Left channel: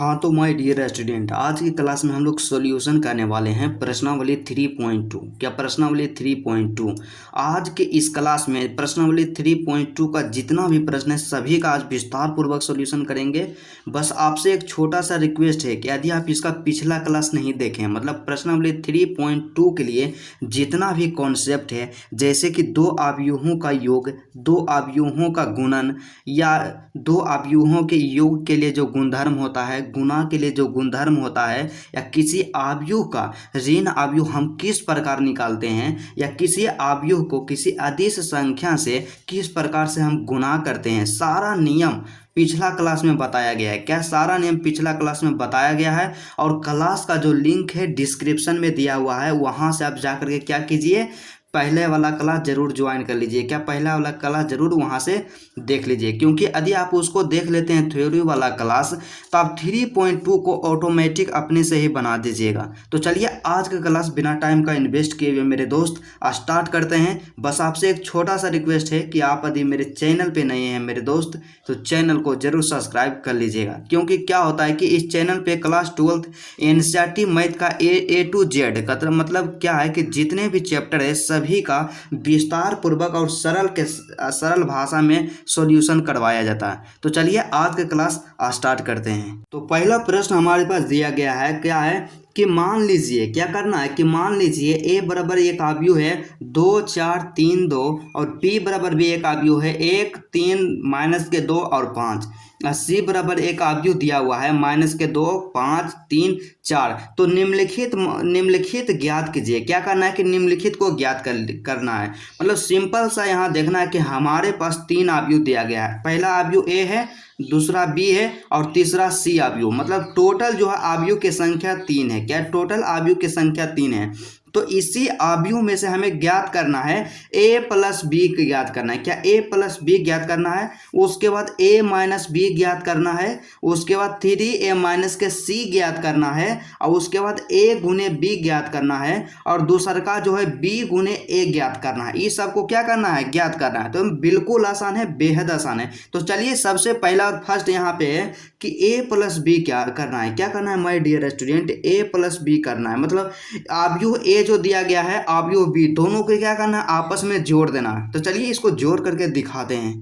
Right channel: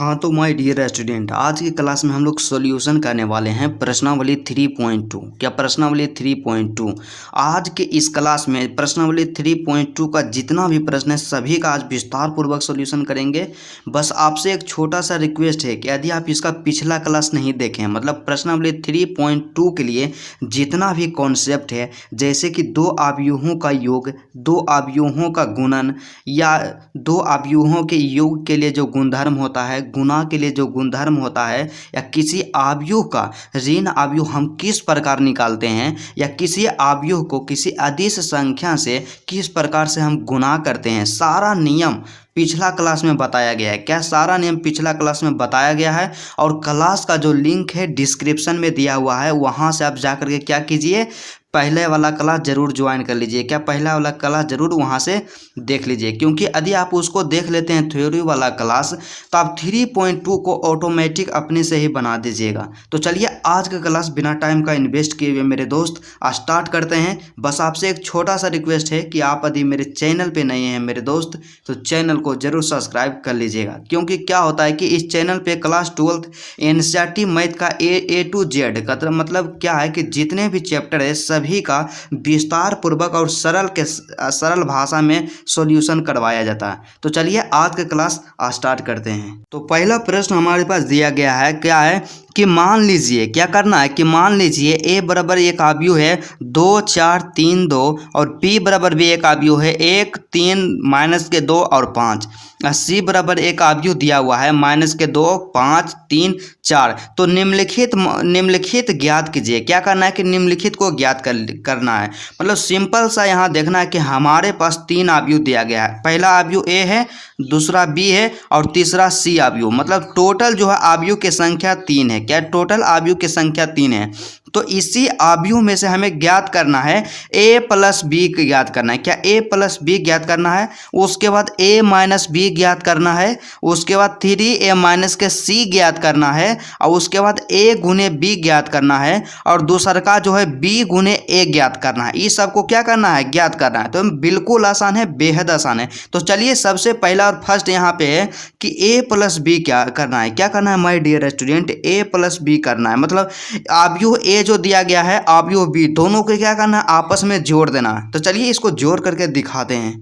हाँ तो my dear student, आज की क्लास में हम लोग सॉल्यूशन करने वाले हैं प्रश्नावली 3.2। क्या प्रश्नावली 3.2? आज के इस क्लास में प्रश्नावली 3.2 का जितना भी प्रश्न है सभी का आज विस्तार पूर्वक सॉल्यूशन करेंगे। बस आपसे एक छोटा सा रिक्वेस्ट है कि यदि आप इसका पिछला क्लास नहीं देखें, मतलब प्रश्नावली 3.2 के लिए जितना भी कॉन्सेप्ट है, जैसे कि दो अवयवों का योग, दो अवयवों का गुणन, या दो अवयवों के योग के लिए जो गुणधर्म होता है, गुणा के लिए जो गुणधर्म होता है, या किसी अवयव का ऋण अवयव हम किस प्रकार निकालते हैं, या किसी अवयव को किसी अदिश संख्या से किस प्रकार से हम गुणा करते हैं, सारा नियम पिछला क्लास में बताया गया है। क्या सारा नियम पिछला क्लास में बताया गया है? और क्लास का जो लिंक है डिस्क्रिप्शन में दिया हुआ है, वहां से आप जाकर के क्या कीजिए, पहले वाला क्लास जरूर ज्वाइन कर लीजिए। क्या पहला वाला क्लास जरूर वहां से देख लीजिए, क्योंकि यदि आप उसको देख लेते हैं थ्योरी वाला क्लास, तो आप 3.2 को ऑटोमेटिक अपने से ही बना दीजिएगा। तो चलिए आज का क्लास बिना टाइम का इन्वेस्ट किए हुए मेरे दोस्त स्टार्ट करते हैं। बस आपसे एक छोटा सा रिक्वेस्ट है कि आप यदि मेरे चैनल पे नए हैं मेरे दोस्त, तो चैनल को जरूर सब्सक्राइब कर लीजिएगा। क्योंकि क्या होता है कि इस चैनल पे क्लास 12 एनसीईआरटी मैथ का ए टू जेड का मतलब क्या है कि जितने भी चैप्टर है सभी का विस्तार पूर्वक और सरल भाषा में सॉल्यूशन करवाया जाता है। तो चलिए आज के क्लास स्टार्ट करते हैं। तो पहला प्रश्न हमारे पास दिया गया है, क्या है कि मान लीजिए, क्या करना है कि मान लीजिए ए बराबर एक अवयव है 2 4 3 2, और बी बराबर भी एक अवयव है 1 3 माइनस के 2 और 5, सी बराबर एक अवयव दिया हुआ है माइनस के 2 5 3 4। तो निम्नलिखित ज्ञात कीजिए। क्या करना है कि निम्नलिखित को ज्ञात करना है। मतलब सिंपल सा यहाँ देखना है कि हमारे पास तीन अवयव दिया गया है। पहला अवयव ए है, दूसरा बी है और तीसरा सी अवयव। मतलब टोटल जो है अवयव की संख्या 3 है। क्या टोटल अवयव की संख्या 3 है? तो इसी अवयव में से हमें ज्ञात करना है a प्लस बी ज्ञात करना है। क्या a प्लस बी ज्ञात करना है? उसके बाद a माइनस बी ज्ञात करना है। उसके बाद 3a माइनस के c ज्ञात करना है। और उसके बाद a गुने b ज्ञात करना है। और दूसरा का जो है b गुने a ज्ञात करना है। इस सबको क्या करना है? ज्ञात करना है। तो बिल्कुल आसान है, बेहद आसान है। तो चलिए सबसे पहला और फर्स्ट यहाँ पे है कि a प्लस बी क्या करना है। क्या करना है my dear student? a plus B करना है। मतलब अवयव a जो दिया गया है, अवयव बी, दोनों को क्या करना है? आपस में जोड़ देना है। तो चलिए इसको जोड़ करके दिखाते हैं।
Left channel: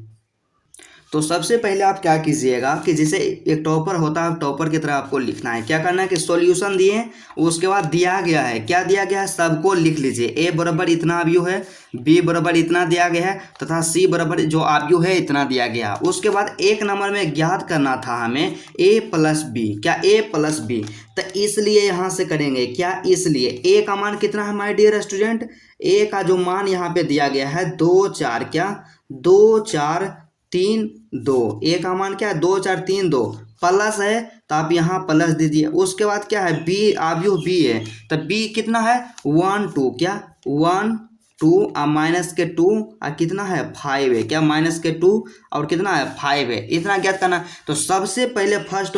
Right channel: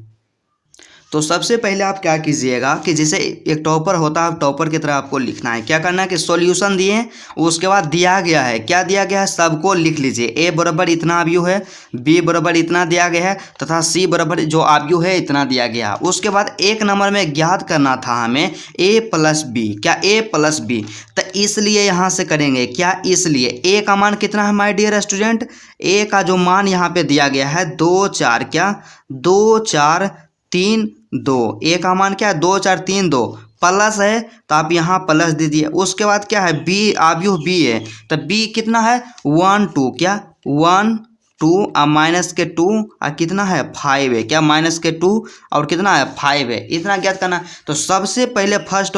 तो सबसे पहले आप क्या कीजिएगा कि जैसे एक टॉपर होता है, टॉपर की तरह आपको लिखना है। क्या करना है कि सॉल्यूशन दिए, उसके बाद दिया गया है, क्या दिया गया है सबको लिख लीजिए। ए बराबर इतना अवयव है, बी बराबर इतना दिया गया है, तथा सी बराबर जो अवयव है इतना दिया गया है। उसके बाद एक नंबर में ज्ञात करना था हमें ए प्लस बी। क्या ए प्लस बी? तो इसलिए यहाँ से करेंगे क्या, इसलिए ए का मान कितना है माय डियर स्टूडेंट? ए का जो मान यहाँ पे दिया गया है 2 4, क्या 2 4 3 2। ए का मान क्या है? 2 4 3 2, प्लस है तो आप यहाँ प्लस दीजिए। उसके बाद क्या है? बी, अवयव बी है, तो बी कितना है? 1 2, क्या 1 2 और माइनस के 2 और कितना है? 5 है। क्या माइनस के 2 और कितना है? 5 है। इतना ज्ञात करना। तो सबसे पहले फर्स्ट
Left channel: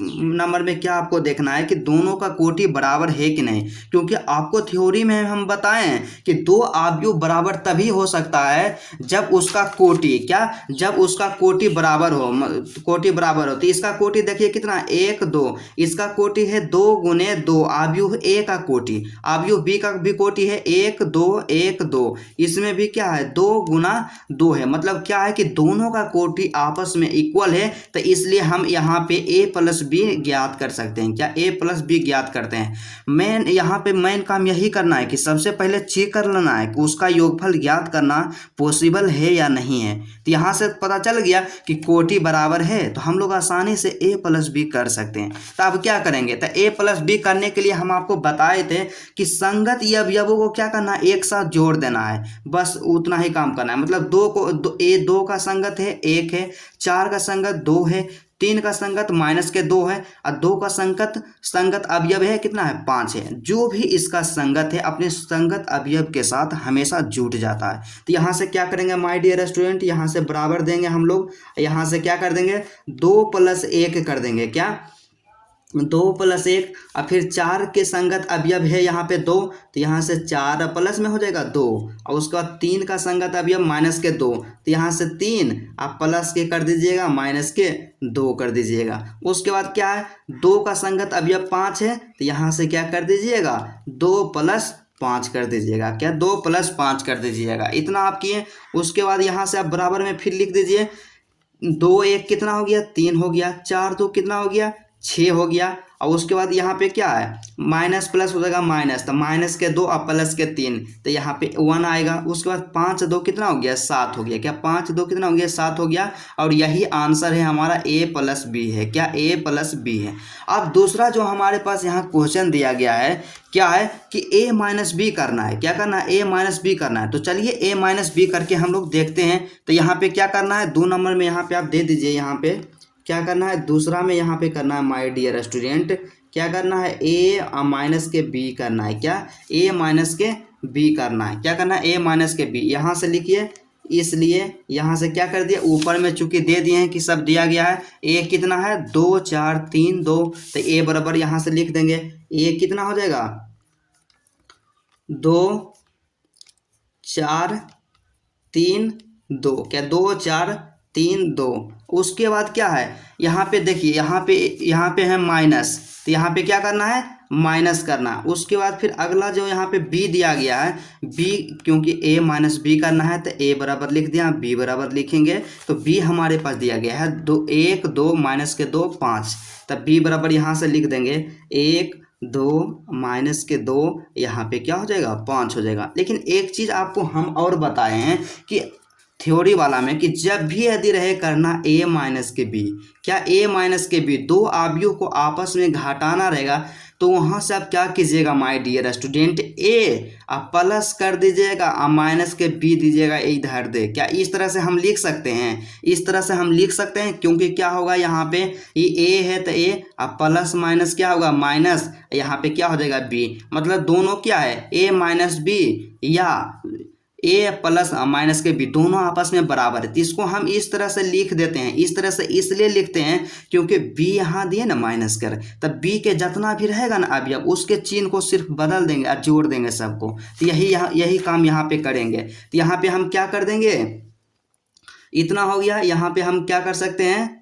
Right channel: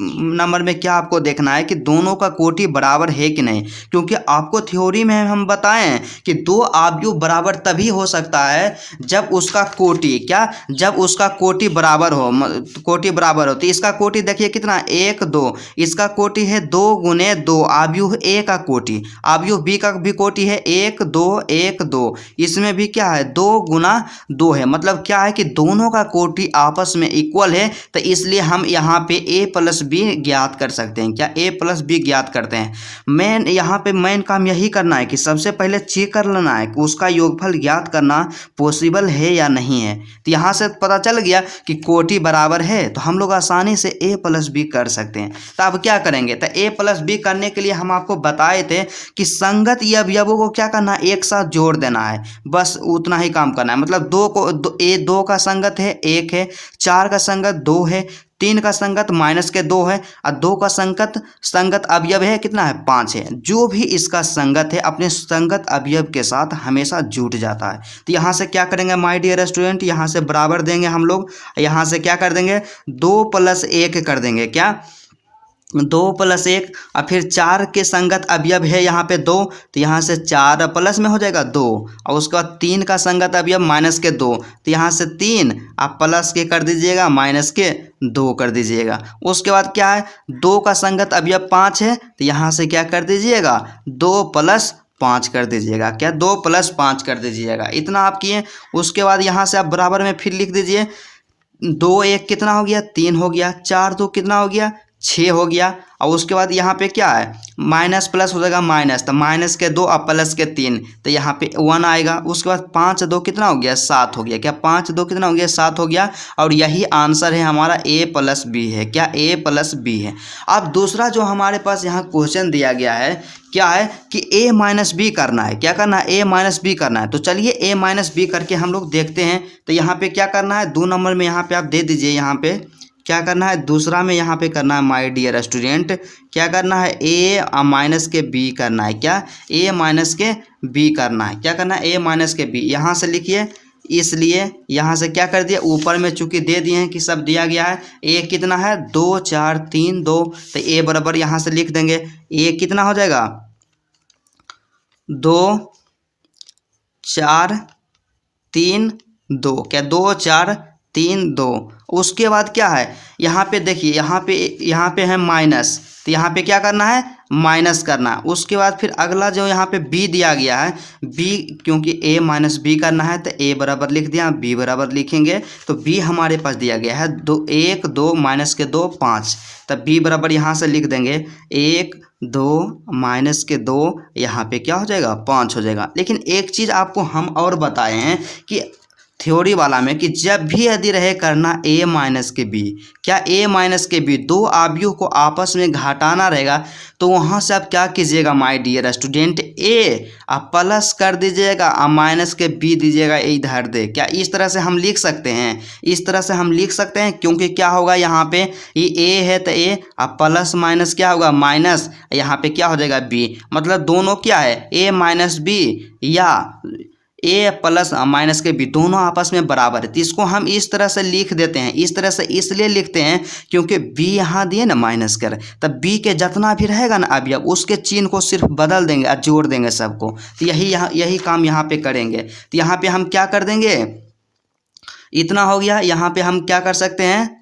नंबर में क्या आपको देखना है कि दोनों का कोटि बराबर है कि नहीं। क्योंकि आपको थ्योरी में हम बताए हैं कि दो अवयव बराबर तभी हो सकता है जब उसका कोटि, क्या जब उसका कोटि बराबर हो, कोटि बराबर हो। तो इसका कोटि देखिए कितना, 1 2, इसका कोटि है 2 गुने 2, अवयव ए का कोटि, अवयव बी का भी कोटि है 1 2 1 2, इसमें भी क्या है? 2 गुना 2 है। मतलब क्या है कि दोनों का कोटि आपस में इक्वल है। तो इसलिए हम यहाँ पे a प्लस बी ज्ञात कर सकते हैं। क्या a प्लस बी ज्ञात करते हैं। मेन यहाँ पे मेन काम यही करना है कि सबसे पहले चेक कर लेना है कि उसका योगफल ज्ञात करना पॉसिबल है या नहीं है। तो यहाँ से पता चल गया कि कोटि बराबर है, तो हम लोग आसानी से a प्लस बी कर सकते हैं। तो अब क्या करेंगे? तो a प्लस बी करने के लिए हम आपको बताए थे कि संगत अवयवों को क्या करना है? एक साथ जोड़ देना है। बस उतना ही काम करना है। मतलब दो का संगत है 1 है, 4 का संगत 2 है, 3 का संगत माइनस के 2 है, और 2 का संगत अवयव है कितना है? 5 है। जो भी इसका संगत है अपने संगत अवयव के साथ हमेशा जुट जाता है। तो यहाँ से क्या करेंगे माय डियर स्टूडेंट? यहाँ से बराबर देंगे हम लोग, यहाँ से क्या कर देंगे? 2 प्लस 1 कर देंगे। क्या 2 + 1 और फिर 4 के संगत अवयव है यहाँ पे 2, तो यहाँ से 4 प्लस में हो जाएगा 2, और उसके बाद 3 का संगत अवयव -2, तो यहाँ से 3 आप प्लस के कर दीजिएगा, -2 कर दीजिएगा। उसके बाद क्या है, 2 का संगत अवयव 5 है, तो यहाँ से क्या कर दीजिएगा, 2 + 5 कर दीजिएगा। क्या, 2 + 5 कर दीजिएगा। इतना आप किए। उसके बाद यहाँ से आप बराबर में फिर लिख दीजिए, 2 1 कितना हो गया, 3 हो गया, 4 2 कितना हो गया, 6 हो गया। और उसके बाद यहाँ पे क्या है, माइनस प्लस हो जाएगा माइनस, तो -2 और +3, तो यहाँ पे 1 आएगा। उसके बाद 5 2 कितना हो गया, 7 हो गया। क्या, 5 2 कितना हो गया, 7 हो गया। और यही आंसर है हमारा A + B है। क्या, A + B है। अब दूसरा जो हमारे पास यहाँ क्वेश्चन दिया गया है, क्या है कि A - B करना है। क्या करना है, A - B करना है। तो चलिए A - B करके हम लोग देखते हैं। तो यहाँ पे क्या करना है, 2 नंबर में यहाँ पे आप दे दीजिए। यहाँ पे क्या करना है, दूसरा में यहाँ पे करना है माय डियर स्टूडेंट, क्या करना है, A - B करना है। क्या, A - B करना है। क्या करना है, A - B। यहाँ से लिखिए, इसलिए यहाँ से क्या कर दिया, ऊपर में चूंकि दे दिए हैं कि सब दिया गया है। A कितना है, 2 4 3 2, तो A बराबर यहाँ से लिख देंगे। A कितना हो जाएगा, 2 4 3 2। क्या, 2 4 3 2। उसके बाद क्या है, यहाँ पे देखिए, यहाँ पे है माइनस, तो यहाँ पे क्या करना है, माइनस करना है। उसके बाद फिर अगला जो यहाँ पे B दिया गया है, B क्योंकि A - B करना है, तो A बराबर लिख दिया, B बराबर लिखेंगे। तो B हमारे पास दिया गया है 2 1 2 -2 5, तब B बराबर यहाँ से लिख देंगे 1 2 -2, यहाँ पे क्या हो जाएगा, 5 हो जाएगा। लेकिन एक चीज़ आपको हम और बताए हैं कि थ्योरी वाला में, कि जब भी यदि रहे करना A - B, क्या, A - B, दो अवयव को आपस में घटाना रहेगा, तो वहाँ से आप क्या कीजिएगा माय डियर स्टूडेंट, A आप प्लस कर दीजिएगा और -B दीजिएगा इधर दे। क्या, इस तरह से हम लिख सकते हैं, इस तरह से हम लिख सकते हैं। क्योंकि क्या होगा, यहाँ पे ये A है, तो A और प्लस माइनस क्या होगा, माइनस, यहाँ पे क्या हो जाएगा, B। मतलब दोनों क्या है, A - B या A + -B दोनों आपस में बराबर है। तो इसको हम इस तरह से लिख देते हैं। इस तरह से इसलिए लिखते हैं क्योंकि B यहाँ दिए ना माइनस कर, तब B के जितना भी रहेगा ना अवयव, उसके चिन्ह को सिर्फ बदल देंगे और जोड़ देंगे सबको। तो यही काम यहाँ पे करेंगे। तो यहाँ पे हम क्या कर देंगे, इतना हो गया। यहाँ पे हम क्या कर सकते हैं,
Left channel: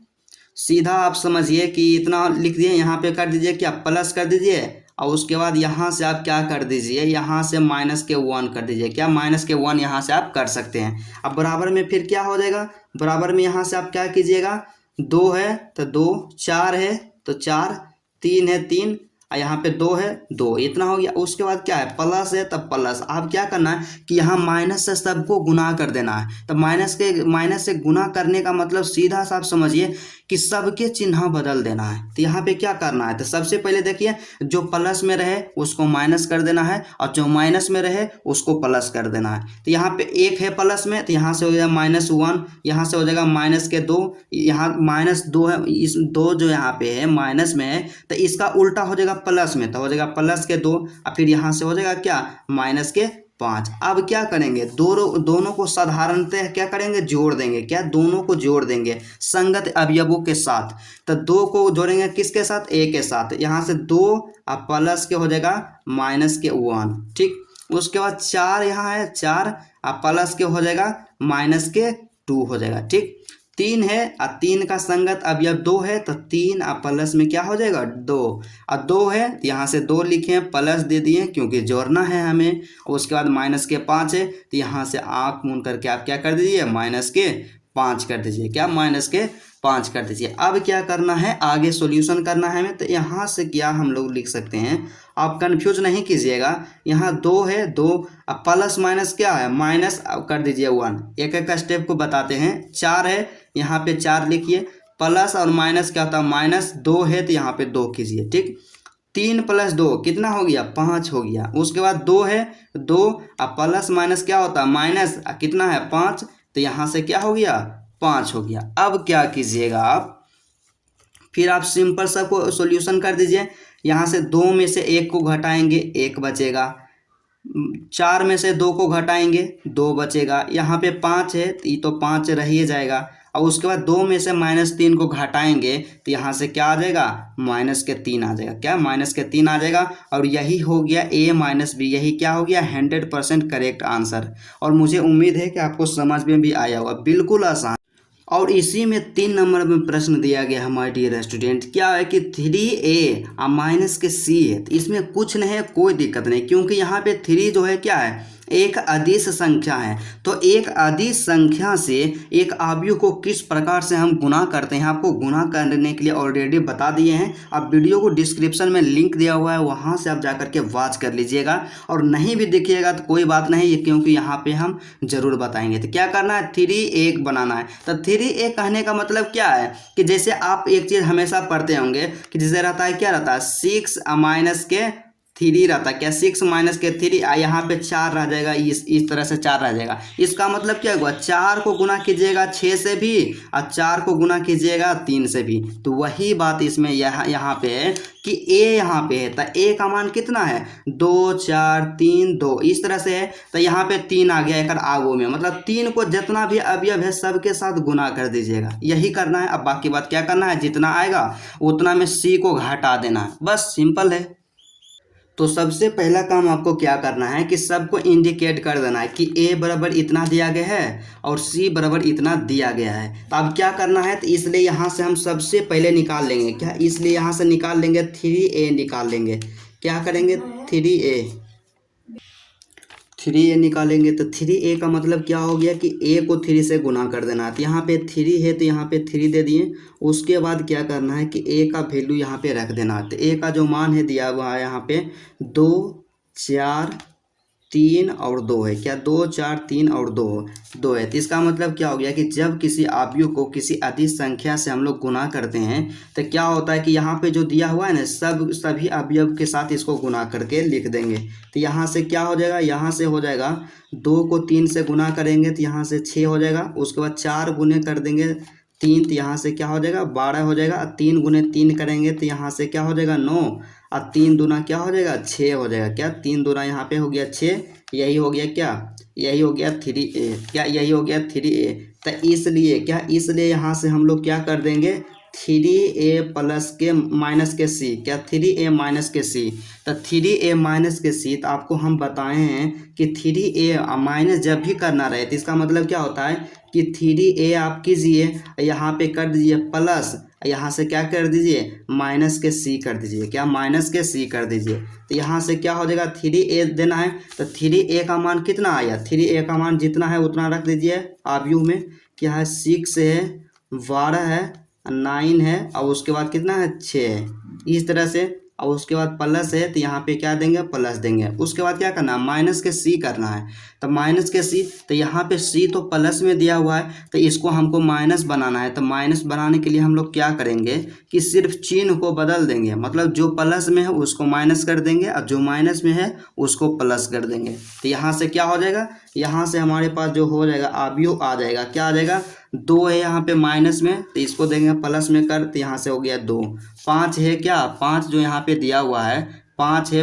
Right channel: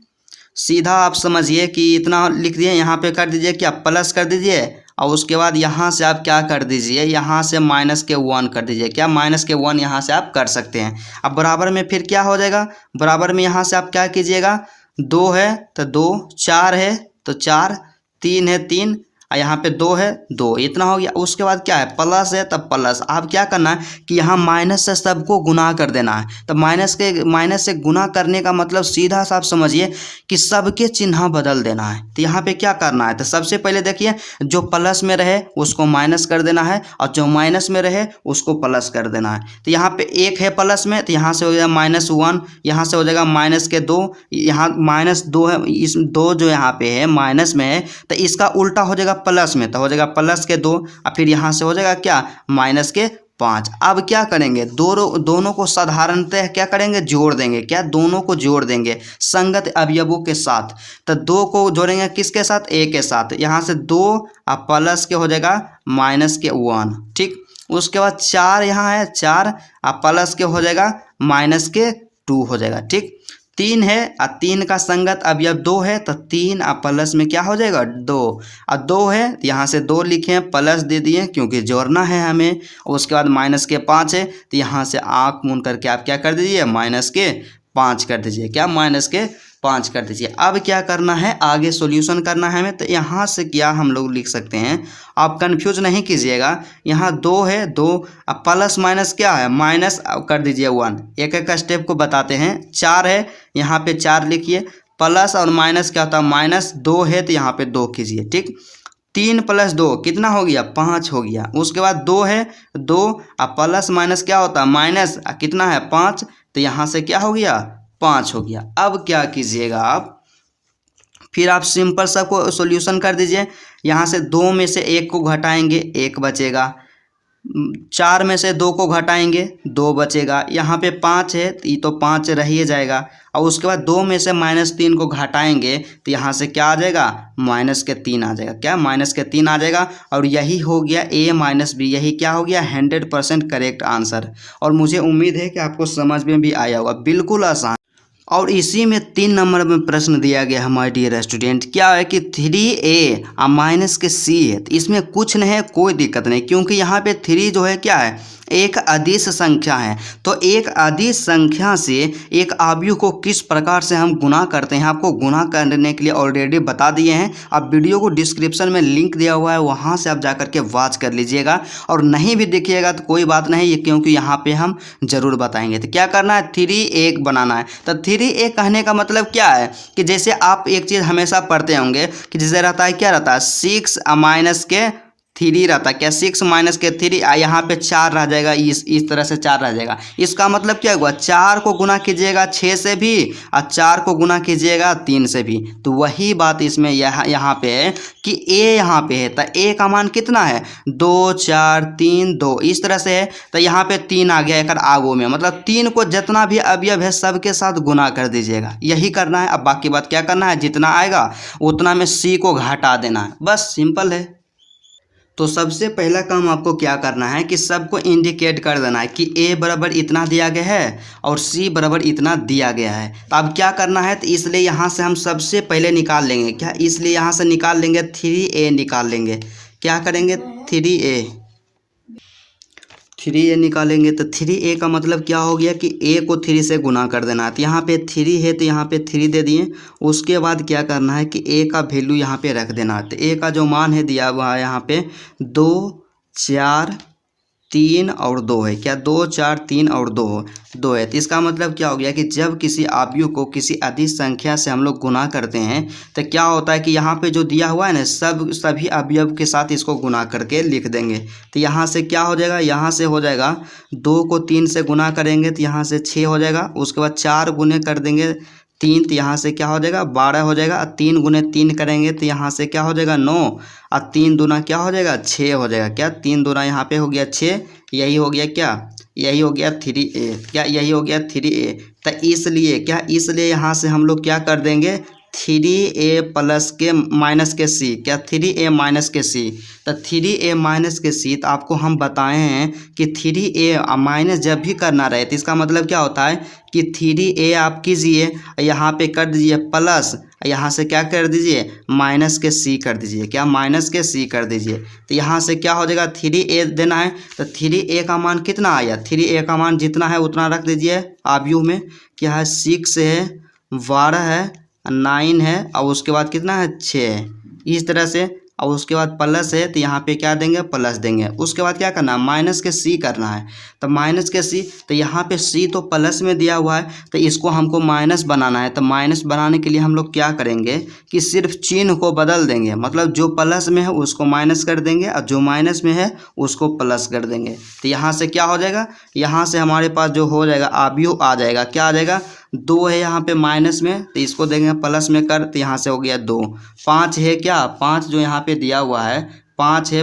सीधा आप समझिए कि इतना लिख दिए, यहाँ पे कर दीजिए, क्या, प्लस कर दीजिए। और उसके बाद यहाँ से आप क्या कर दीजिए, यहाँ से -1 कर दीजिए। क्या, -1 यहाँ से आप कर सकते हैं। अब बराबर में फिर क्या हो जाएगा, बराबर में यहाँ से आप क्या कीजिएगा, 2 है तो 2, 4 है तो 4, 3 है 3, और यहाँ पे 2 है 2, इतना हो गया। उसके बाद क्या है, प्लस है तब प्लस। आप क्या करना है कि यहाँ माइनस से सबको गुना कर देना है। तो माइनस से गुना करने का मतलब सीधा सा आप समझिए कि सबके चिन्ह बदल देना है। तो यहाँ पे क्या करना है, तो सबसे पहले देखिए, जो प्लस में रहे उसको माइनस कर देना है, और जो माइनस में रहे उसको प्लस कर देना है। तो यहाँ पे 1 है प्लस में, तो यहाँ से हो जाएगा -1, यहाँ से हो जाएगा -2, यहाँ -2 है, इस 2 जो यहाँ पे है माइनस में है, तो इसका उल्टा हो जाएगा प्लस में, तो हो जाएगा +2, और फिर यहाँ से हो जाएगा क्या, -5। अब क्या करेंगे, दोनों को साधारणतः क्या करेंगे, जोड़ देंगे। क्या, दोनों को जोड़ देंगे संगत अवयवों के साथ। तो 2 को जोड़ेंगे किसके साथ, A के साथ। यहाँ से 2 और प्लस के हो जाएगा -1, ठीक। उसके बाद 4 यहाँ है, 4 और प्लस के हो जाएगा -2 हो जाएगा, ठीक। 3 है और 3 का संगत अवयव 2 है, तो 3 और प्लस में क्या हो जाएगा, 2, और 2 है यहाँ से 2 लिखे, प्लस दे दिए क्योंकि जोड़ना है हमें। और उसके बाद -5 है, तो यहाँ से आँख मूंद करके आप क्या कर दीजिए, -5 कर दीजिए। क्या, -5 कर दीजिए। अब क्या करना है, आगे सॉल्यूशन करना है हमें। तो यहाँ से क्या हम लोग लिख सकते हैं, आप कंफ्यूज नहीं कीजिएगा। यहाँ 2 है, 2 अब प्लस माइनस क्या है, माइनस कर दीजिए 1। एक एक स्टेप को बताते हैं। 4 है, यहाँ पे 4 लिखिए, प्लस और माइनस क्या होता है, -2 है, तो यहाँ पे 2 कीजिए, ठीक। 3 + 2 कितना हो गया, 5 हो गया। उसके बाद 2 है, 2 और प्लस माइनस क्या होता है, माइनस, कितना है, 5, तो यहाँ से क्या हो गया, 5 हो गया। अब क्या कीजिएगा आप, फिर आप सिंपल सा को सॉल्यूशन कर दीजिए। यहाँ से 2 में से 1 को घटाएंगे, 1 बचेगा। 4 में से 2 को घटाएंगे, 2 बचेगा। यहाँ पे 5 है, तो ये तो 5 रह ही जाएगा। और उसके बाद 2 में से -3 को घटाएंगे तो यहाँ से क्या आ जाएगा, -3 आ जाएगा। क्या, -3 आ जाएगा। और यही हो गया A-B, यही क्या हो गया, 100% करेक्ट आंसर। और मुझे उम्मीद है कि आपको समझ में भी आया होगा, बिल्कुल आसान। और इसी में 3 नंबर में प्रश्न दिया गया हमारे डियर स्टूडेंट, क्या है कि 3A -C है। तो इसमें कुछ नहीं है, कोई दिक्कत नहीं, क्योंकि यहाँ पे 3 जो है क्या है, एक अदिश संख्या है। तो एक अदिश संख्या से एक अवयव को किस प्रकार से हम गुना करते हैं, आपको गुना करने के लिए ऑलरेडी बता दिए हैं। आप वीडियो को डिस्क्रिप्शन में लिंक दिया हुआ है, वहाँ से आप जा करके वॉच कर लीजिएगा। और नहीं भी देखिएगा तो कोई बात नहीं, क्योंकि यहाँ पे हम जरूर बताएंगे। तो क्या करना है, 3A बनाना है। तो 3A कहने का मतलब क्या है कि जैसे आप एक चीज़ हमेशा पढ़ते होंगे कि जैसे रहता है, क्या रहता है, 6 -3 रहता है। क्या, 6 -3, यहाँ पे 4 रह जाएगा, इस तरह से 4 रह जाएगा। इसका मतलब क्या हुआ, 4 को गुना कीजिएगा 6 से भी और 4 को गुना कीजिएगा 3 से भी। तो वही बात इसमें यहाँ पे है कि A यहाँ पे है। तो A का मान कितना है, 2 4 3 2, इस तरह से है। तो यहाँ पे 3 आ गया एक आगू में, मतलब 3 को जितना भी अवयव है सबके साथ गुना कर दीजिएगा, यही करना है। अब बाकी बात क्या करना है, जितना आएगा उतना में C को घटा देना है, बस सिंपल है। तो सबसे पहला काम आपको क्या करना है कि सबको इंडिकेट कर देना है कि A बराबर इतना दिया गया है और C बराबर इतना दिया गया है। तो अब क्या करना है, तो इसलिए यहाँ से हम सबसे पहले निकाल लेंगे, क्या, इसलिए यहाँ से निकाल लेंगे 3A निकाल लेंगे। क्या करेंगे, 3A निकालेंगे। तो 3A का मतलब क्या हो गया कि A को 3 से गुना कर देना है। तो यहाँ पे 3 है तो यहाँ पे 3 दे दिए। उसके बाद क्या करना है कि A का वैल्यू यहाँ पे रख देना है। तो A का जो मान है दिया हुआ है यहाँ पे 2 4 3 और 2 है। क्या, 2 4 3 और 2 है। तो इसका मतलब क्या हो गया कि जब किसी अवयव को किसी अदिश संख्या से हम लोग गुना करते हैं तो क्या होता है कि यहाँ पे जो दिया हुआ है ना, सभी अवयव के साथ इसको गुना करके लिख देंगे। तो यहाँ से क्या हो जाएगा, यहाँ से हो जाएगा 2 को 3 से गुना करेंगे तो यहाँ से 6 हो जाएगा। उसके बाद 4 गुने कर देंगे 3, तो यहाँ से क्या हो जाएगा, 12 हो जाएगा। 3 गुने 3 करेंगे तो यहाँ से क्या हो जाएगा, 9, और 3 दूना क्या हो जाएगा, 6 हो जाएगा। क्या, 3 दूना यहाँ पे हो गया 6, यही हो गया क्या, यही हो गया 3A। क्या, यही हो गया 3A। तो इसलिए क्या, इसलिए यहाँ से हम लोग क्या कर देंगे, 3A प्लस के माइनस के C। क्या, 3A माइनस के C। तो 3A माइनस के C, तो आपको हम बताए हैं कि 3A माइनस जब भी करना रहे तो इसका मतलब क्या होता है कि 3A आप कीजिए, यहाँ पे कर दीजिए प्लस, यहाँ से क्या कर दीजिए, माइनस के C कर दीजिए। क्या, माइनस के C कर दीजिए। तो यहाँ से क्या हो जाएगा, 3A देना है। तो 3A का मान कितना आया, 3A का मान जितना है उतना रख दीजिए अवयव में। क्या है, 6 है, 12 है, 9 है, और उसके बाद कितना है, 6 है, इस तरह से। और उसके बाद प्लस है तो यहाँ पे क्या देंगे, प्लस देंगे। उसके बाद क्या करना है, माइनस के C करना है। तो माइनस के C, तो यहाँ पे C तो प्लस में दिया हुआ है तो इसको हमको माइनस बनाना है। तो माइनस बनाने के लिए हम लोग क्या करेंगे कि सिर्फ चिन्ह को बदल देंगे, मतलब जो प्लस में है उसको माइनस कर देंगे और जो माइनस में है उसको प्लस कर देंगे। तो यहाँ से क्या हो जाएगा, यहाँ से हमारे पास जो हो जाएगा अवयव आ जाएगा, क्या आ जाएगा, 2 है यहाँ पे माइनस में तो इसको देंगे प्लस में कर, तो यहाँ से हो गया 2। 5 है, क्या, 5 जो यहाँ पे दिया हुआ है 5 है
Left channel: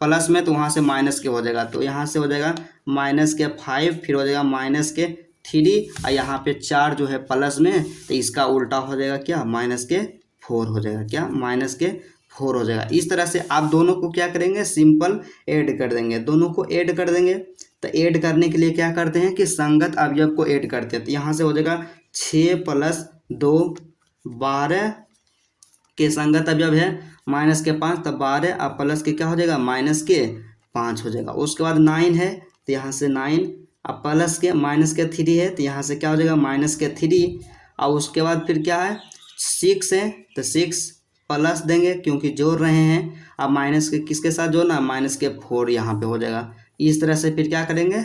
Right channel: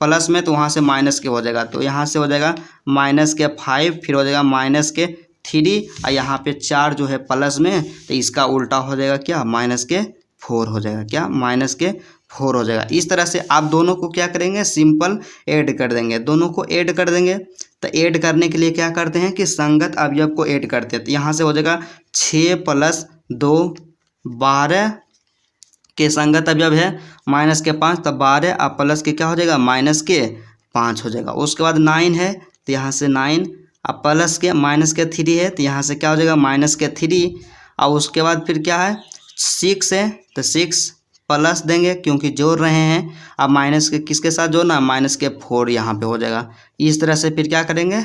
प्लस में, तो वहाँ से माइनस के हो जाएगा। तो यहाँ से हो जाएगा -5, फिर हो जाएगा -3, और यहाँ पे 4 जो है प्लस में तो इसका उल्टा हो जाएगा क्या, -4 हो जाएगा। क्या, -4 हो जाएगा। इस तरह से आप दोनों को क्या करेंगे, सिंपल ऐड कर देंगे, दोनों को ऐड कर देंगे। तो ऐड करने के लिए क्या करते हैं कि संगत अवयव को ऐड करते हैं। तो यहाँ से हो जाएगा 6 + 2 12 के संगत अवयव है -5, तो 12 और प्लस के क्या हो जाएगा, -5 हो जाएगा। उसके बाद 9 है तो यहाँ से 9 और प्लस के -3 है तो यहाँ से क्या हो जाएगा, -3। और उसके बाद फिर क्या है, 6 है तो 6 प्लस देंगे क्योंकि जोड़ रहे हैं। अब माइनस के किसके साथ जोड़ना, -4 यहाँ पे हो जाएगा। इस तरह से फिर क्या करेंगे,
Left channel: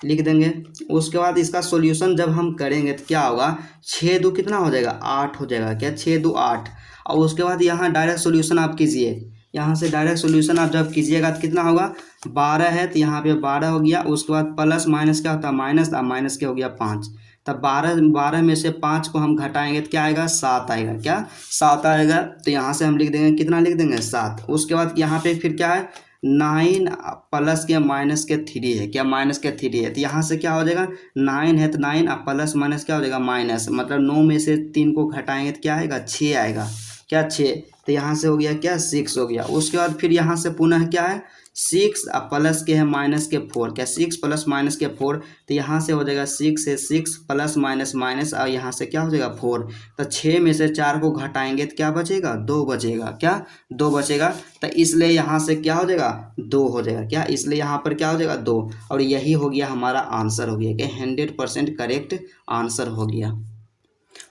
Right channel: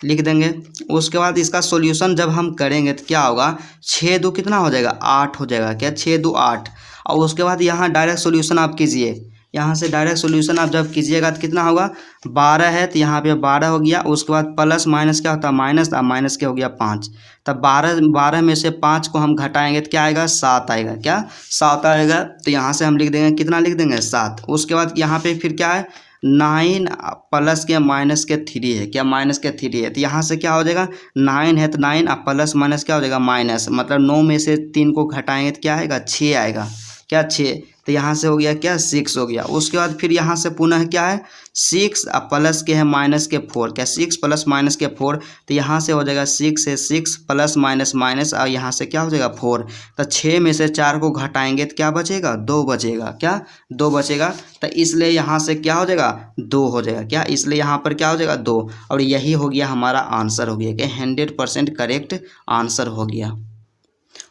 लिख देंगे। उसके बाद इसका सॉल्यूशन जब हम करेंगे तो क्या होगा, 6 2 कितना हो जाएगा, 8 हो जाएगा। क्या, 6 2 8। और उसके बाद यहाँ डायरेक्ट सॉल्यूशन आप कीजिए, यहाँ से डायरेक्ट सॉल्यूशन आप जब कीजिएगा तो कितना होगा, 12 है तो यहाँ पे 12 हो गया। उसके बाद प्लस माइनस क्या होता है, माइनस, और माइनस क्या हो गया 5। तब 12 में से 5 को हम घटाएंगे तो क्या आएगा, 7 आएगा। क्या, 7 आएगा। तो यहाँ से हम लिख देंगे, कितना लिख देंगे, 7। उसके बाद यहाँ पे फिर क्या है, 9 प्लस के माइनस के 3 है, क्या माइनस के 3 है, तो यहाँ से क्या हो जाएगा 9 है तो 9 अब प्लस माइनस क्या हो जाएगा माइनस, मतलब 9 में से 3 को घटाएंगे तो क्या आएगा 6 आएगा, क्या 6, तो यहाँ से हो गया क्या 6 हो गया। उसके बाद फिर यहाँ से पुनः क्या है 6 अब प्लस के है माइनस के 4, क्या 6 प्लस माइनस के 4, तो यहाँ से हो जाएगा 6 है 6 प्लस माइनस माइनस और यहाँ से क्या हो जाएगा 4, तो 6 में से 4 को घटाएंगे तो क्या बचेगा 2 बचेगा, क्या 2 बचेगा, तो इसलिए यहाँ से क्या हो जाएगा 2 हो जाएगा, क्या इसलिए यहाँ पर क्या हो जाएगा 2, और यही हो गया हमारा आंसर हो गया, क्या 100% करेक्ट आंसर हो गया।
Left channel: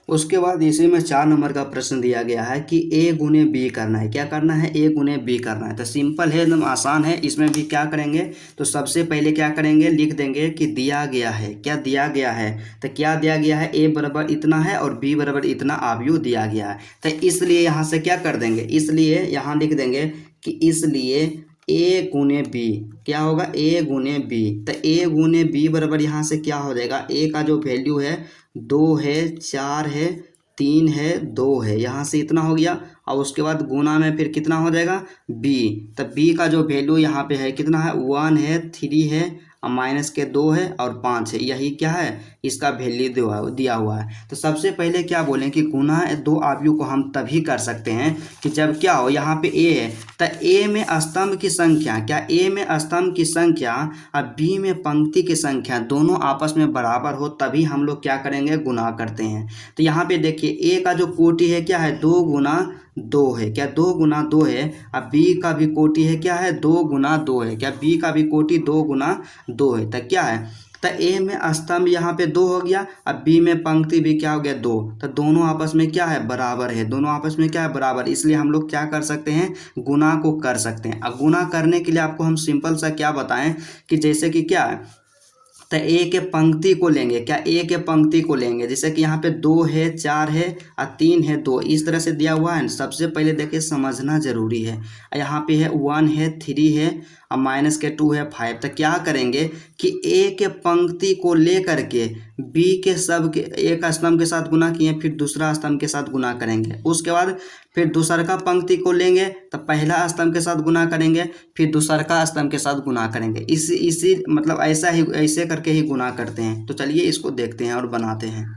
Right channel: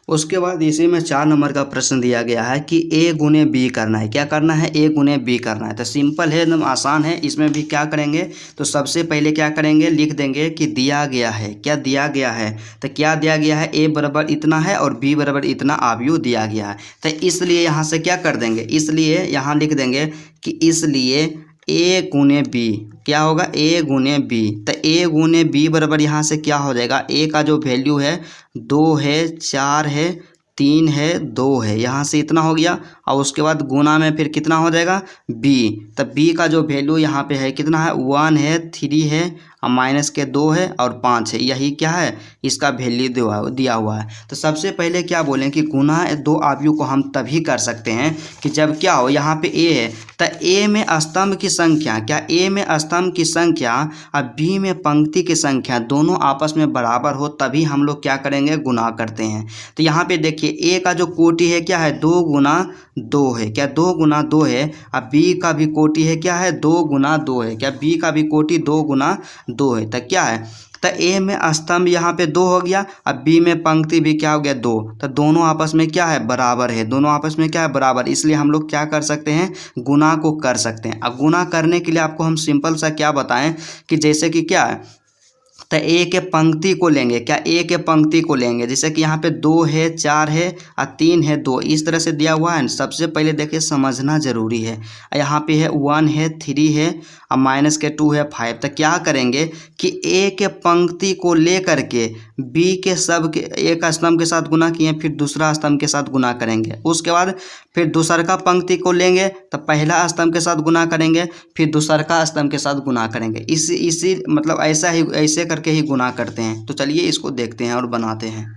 उसके बाद इसी में 4 नंबर का प्रश्न दिया गया है कि ए गुने बी करना है, क्या करना है ए गुने बी करना है, तो सिंपल है एकदम आसान है। इसमें भी क्या करेंगे तो सबसे पहले क्या करेंगे लिख देंगे कि दिया गया है, क्या दिया गया है, तो क्या दिया गया है ए बराबर इतना है और बी बराबर इतना आव्यूह दिया गया है, तो इसलिए यहाँ से क्या कर देंगे, इसलिए यहाँ लिख देंगे कि इसलिए ए गुने बी क्या होगा ए गुने बी, तो ए गुने बी बराबर यहाँ से क्या हो जाएगा ए का जो वैल्यू है 2 है 4 है 3 है 2 है, यहाँ से इतना हो गया, और उसके बाद गुना में फिर कितना हो जाएगा बी, तो बी का जो वैल्यू यहाँ पे है कितना है 1 है 3 है और माइनस के 2 है और 5 है, यही क्या है इसका वैल्यू दिया हुआ है। तो सबसे पहले क्या बोलें कि गुना दो आव्यूह को हम तभी कर सकते हैं कि जब क्या हो यहाँ पे ए है तो ए में स्तंभ की संख्या, क्या ए में स्तंभ की संख्या और बी में पंक्ति की संख्या दोनों आपस में बराबर हो, तभी हम लोग क्या करेंगे गुना करते हैं। तो यहाँ पे देखिए ए का जो कोटि है क्या है 2 गुना 2 है, क्या 2 गुना 2 है, अब बी का भी कोटि है क्या है 2 गुना 2 है, क्या बी का भी कोटि 2 गुना 2 है, तो क्या है तो ए में स्तंभ यहाँ पे 2 हो गया, अब बी में पंक्ति भी क्या हो गया 2, तो दोनों आपस में क्या है बराबर है, दोनों आपस में क्या है बराबर, इसलिए हम लोग क्या कर सकते हैं गुना को कर सकते हैं। अब गुना करने के लिए आपको हम सिंपल सा क्या बताएं कि जैसे कि क्या है तो ए के पंक्ति को लेंगे, क्या ए के पंक्ति को लेंगे, जैसे कि यहाँ पे 2 है 4 है और 3 है 2, इस तरह से दिया हुआ है। सबसे पहले देखिए समझना जरूरी है, यहाँ पे है 1 है 3 है और माइनस के 2 है 5, तो क्या करेंगे कि ए के पंक्ति को ले करके बी के सब के एक स्तंभ के साथ गुना किए, फिर दूसरा स्तंभ के साथ गुना करेंगे, उसके बाद फिर दूसरका पंक्ति को लेंगे तो पहला स्तंभ के साथ गुना करेंगे, फिर दूसरका स्तंभ के साथ गुना करेंगे, इसी मतलब ऐसे करके ही गुना करते हैं। तो चलिए इसको देखते हैं और बनाते हैं।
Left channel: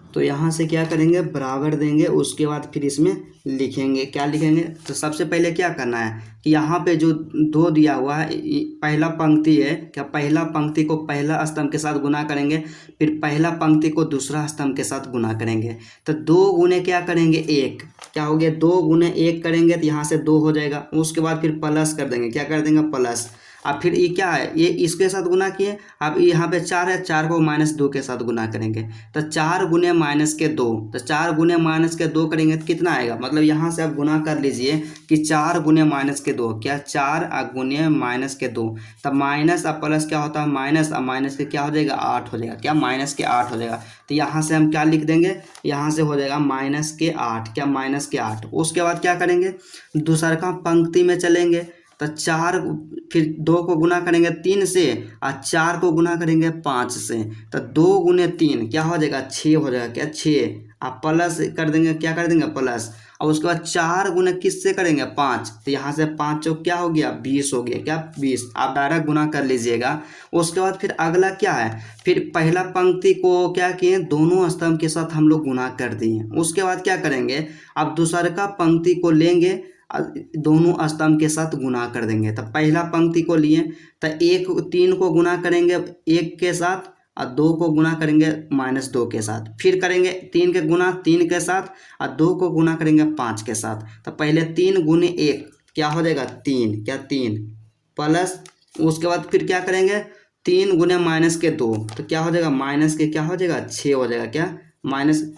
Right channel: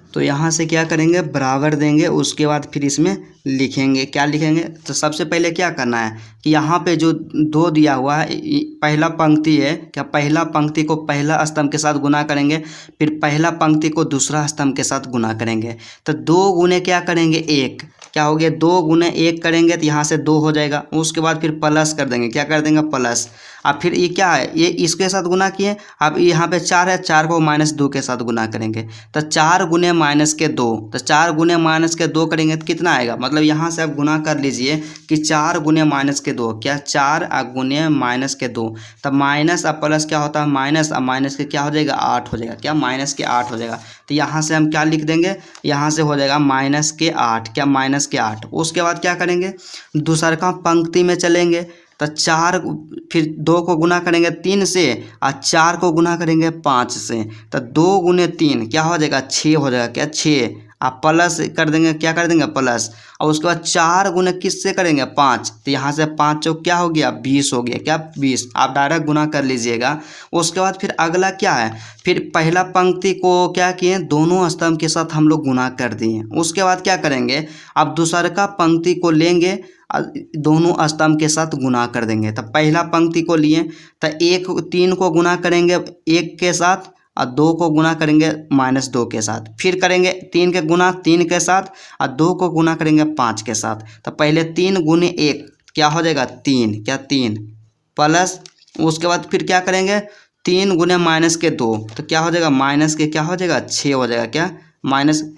तो यहाँ से क्या करेंगे बराबर देंगे, उसके बाद फिर इसमें लिखेंगे, क्या लिखेंगे तो सबसे पहले क्या करना है कि यहाँ पे जो 2 दिया हुआ है पहला पंक्ति है, क्या पहला पंक्ति को पहला स्तंभ के साथ गुना करेंगे, फिर पहला पंक्ति को दूसरा स्तंभ के साथ गुना करेंगे, तो 2 गुने क्या करेंगे 1, क्या हो गया 2 गुने 1 करेंगे तो यहाँ से 2 हो जाएगा, उसके बाद फिर प्लस कर देंगे, क्या कर देंगे प्लस, अब फिर ये क्या है ये इसके साथ गुना किए, अब यहाँ पे 4 है 4 को -2 के साथ गुना करेंगे, तो 4 गुने -2, तो 4 गुने -2 करेंगे तो कितना आएगा, मतलब यहाँ से आप गुना कर लीजिए कि 4 गुने -2, क्या 4 गुने -2, तब माइनस अब प्लस क्या होता है माइनस, अब माइनस के क्या हो जाएगा 8 हो जाएगा, क्या -8 हो जाएगा, तो यहाँ से हम क्या लिख देंगे यहाँ से हो जाएगा -8, क्या -8। उसके बाद क्या करेंगे दूसरका पंक्ति में चलेंगे, तो 4 फिर 2 को गुना करेंगे 3 से और 4 को गुना करेंगे 5 से, तो 2 गुने 3 क्या हो जाएगा 6 हो जाएगा, क्या 6, आप प्लस कर देंगे, क्या कर देंगे प्लस, और उसके बाद 4 गुने किससे करेंगे 5, तो यहाँ से 5 चौक क्या हो गया 20 हो गया, क्या 20, आप डायरेक्ट गुना कर लीजिएगा। उसके बाद फिर अगला क्या है फिर पहला पंक्ति को क्या किए दोनों स्तंभ के साथ हम लोग गुना कर दिए, उसके बाद क्या करेंगे अब दूसरका पंक्ति को लेंगे दोनों स्तंभ के साथ गुना कर देंगे, तो पहला पंक्ति को लिए तो 3 को गुना करेंगे 1 के साथ और 2 को गुना करेंगे -2 के साथ, फिर करेंगे 3 के गुना 3 के साथ और 2 को गुना करेंगे 5 के साथ, तो पहले 3 गुने 1 क्या हो जाएगा 3, क्या 3 प्लस, उसके बाद फिर क्या करेंगे 3 गुने -2 तो क्या हो जाएगा माइनस के क्या हो जाएगा 6 हो जाएगा, क्या -3,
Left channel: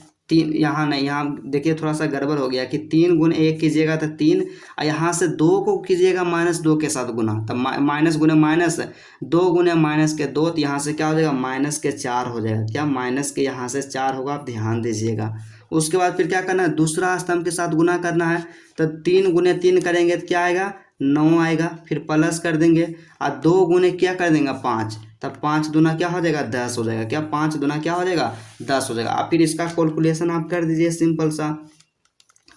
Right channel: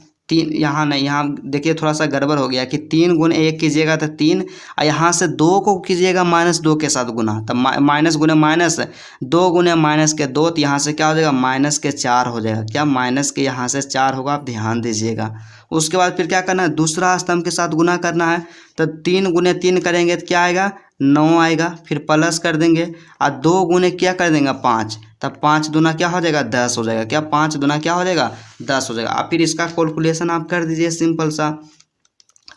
यहाँ नहीं यहाँ देखिए थोड़ा सा गड़बड़ हो गया कि 3 गुने 1 कीजिएगा तो 3 और यहाँ से 2 को कीजिएगा -2 के साथ गुना, तो माइनस गुने माइनस 2 गुने -2, तो यहाँ से क्या हो जाएगा -4 हो जाएगा, क्या माइनस के यहाँ से 4 होगा, आप ध्यान दीजिएगा। उसके बाद फिर क्या करना है दूसरा स्तंभ के साथ गुना करना है, तो 3 गुने 3 करेंगे तो क्या आएगा 9 आएगा, फिर प्लस कर देंगे और 2 गुने क्या कर देंगे 5, तब 5 दूना क्या हो जाएगा 10 हो जाएगा, क्या 5 दूना क्या हो जाएगा 10 हो जाएगा। अब फिर इसका कैलकुलेशन आप कर दीजिए सिंपल सा,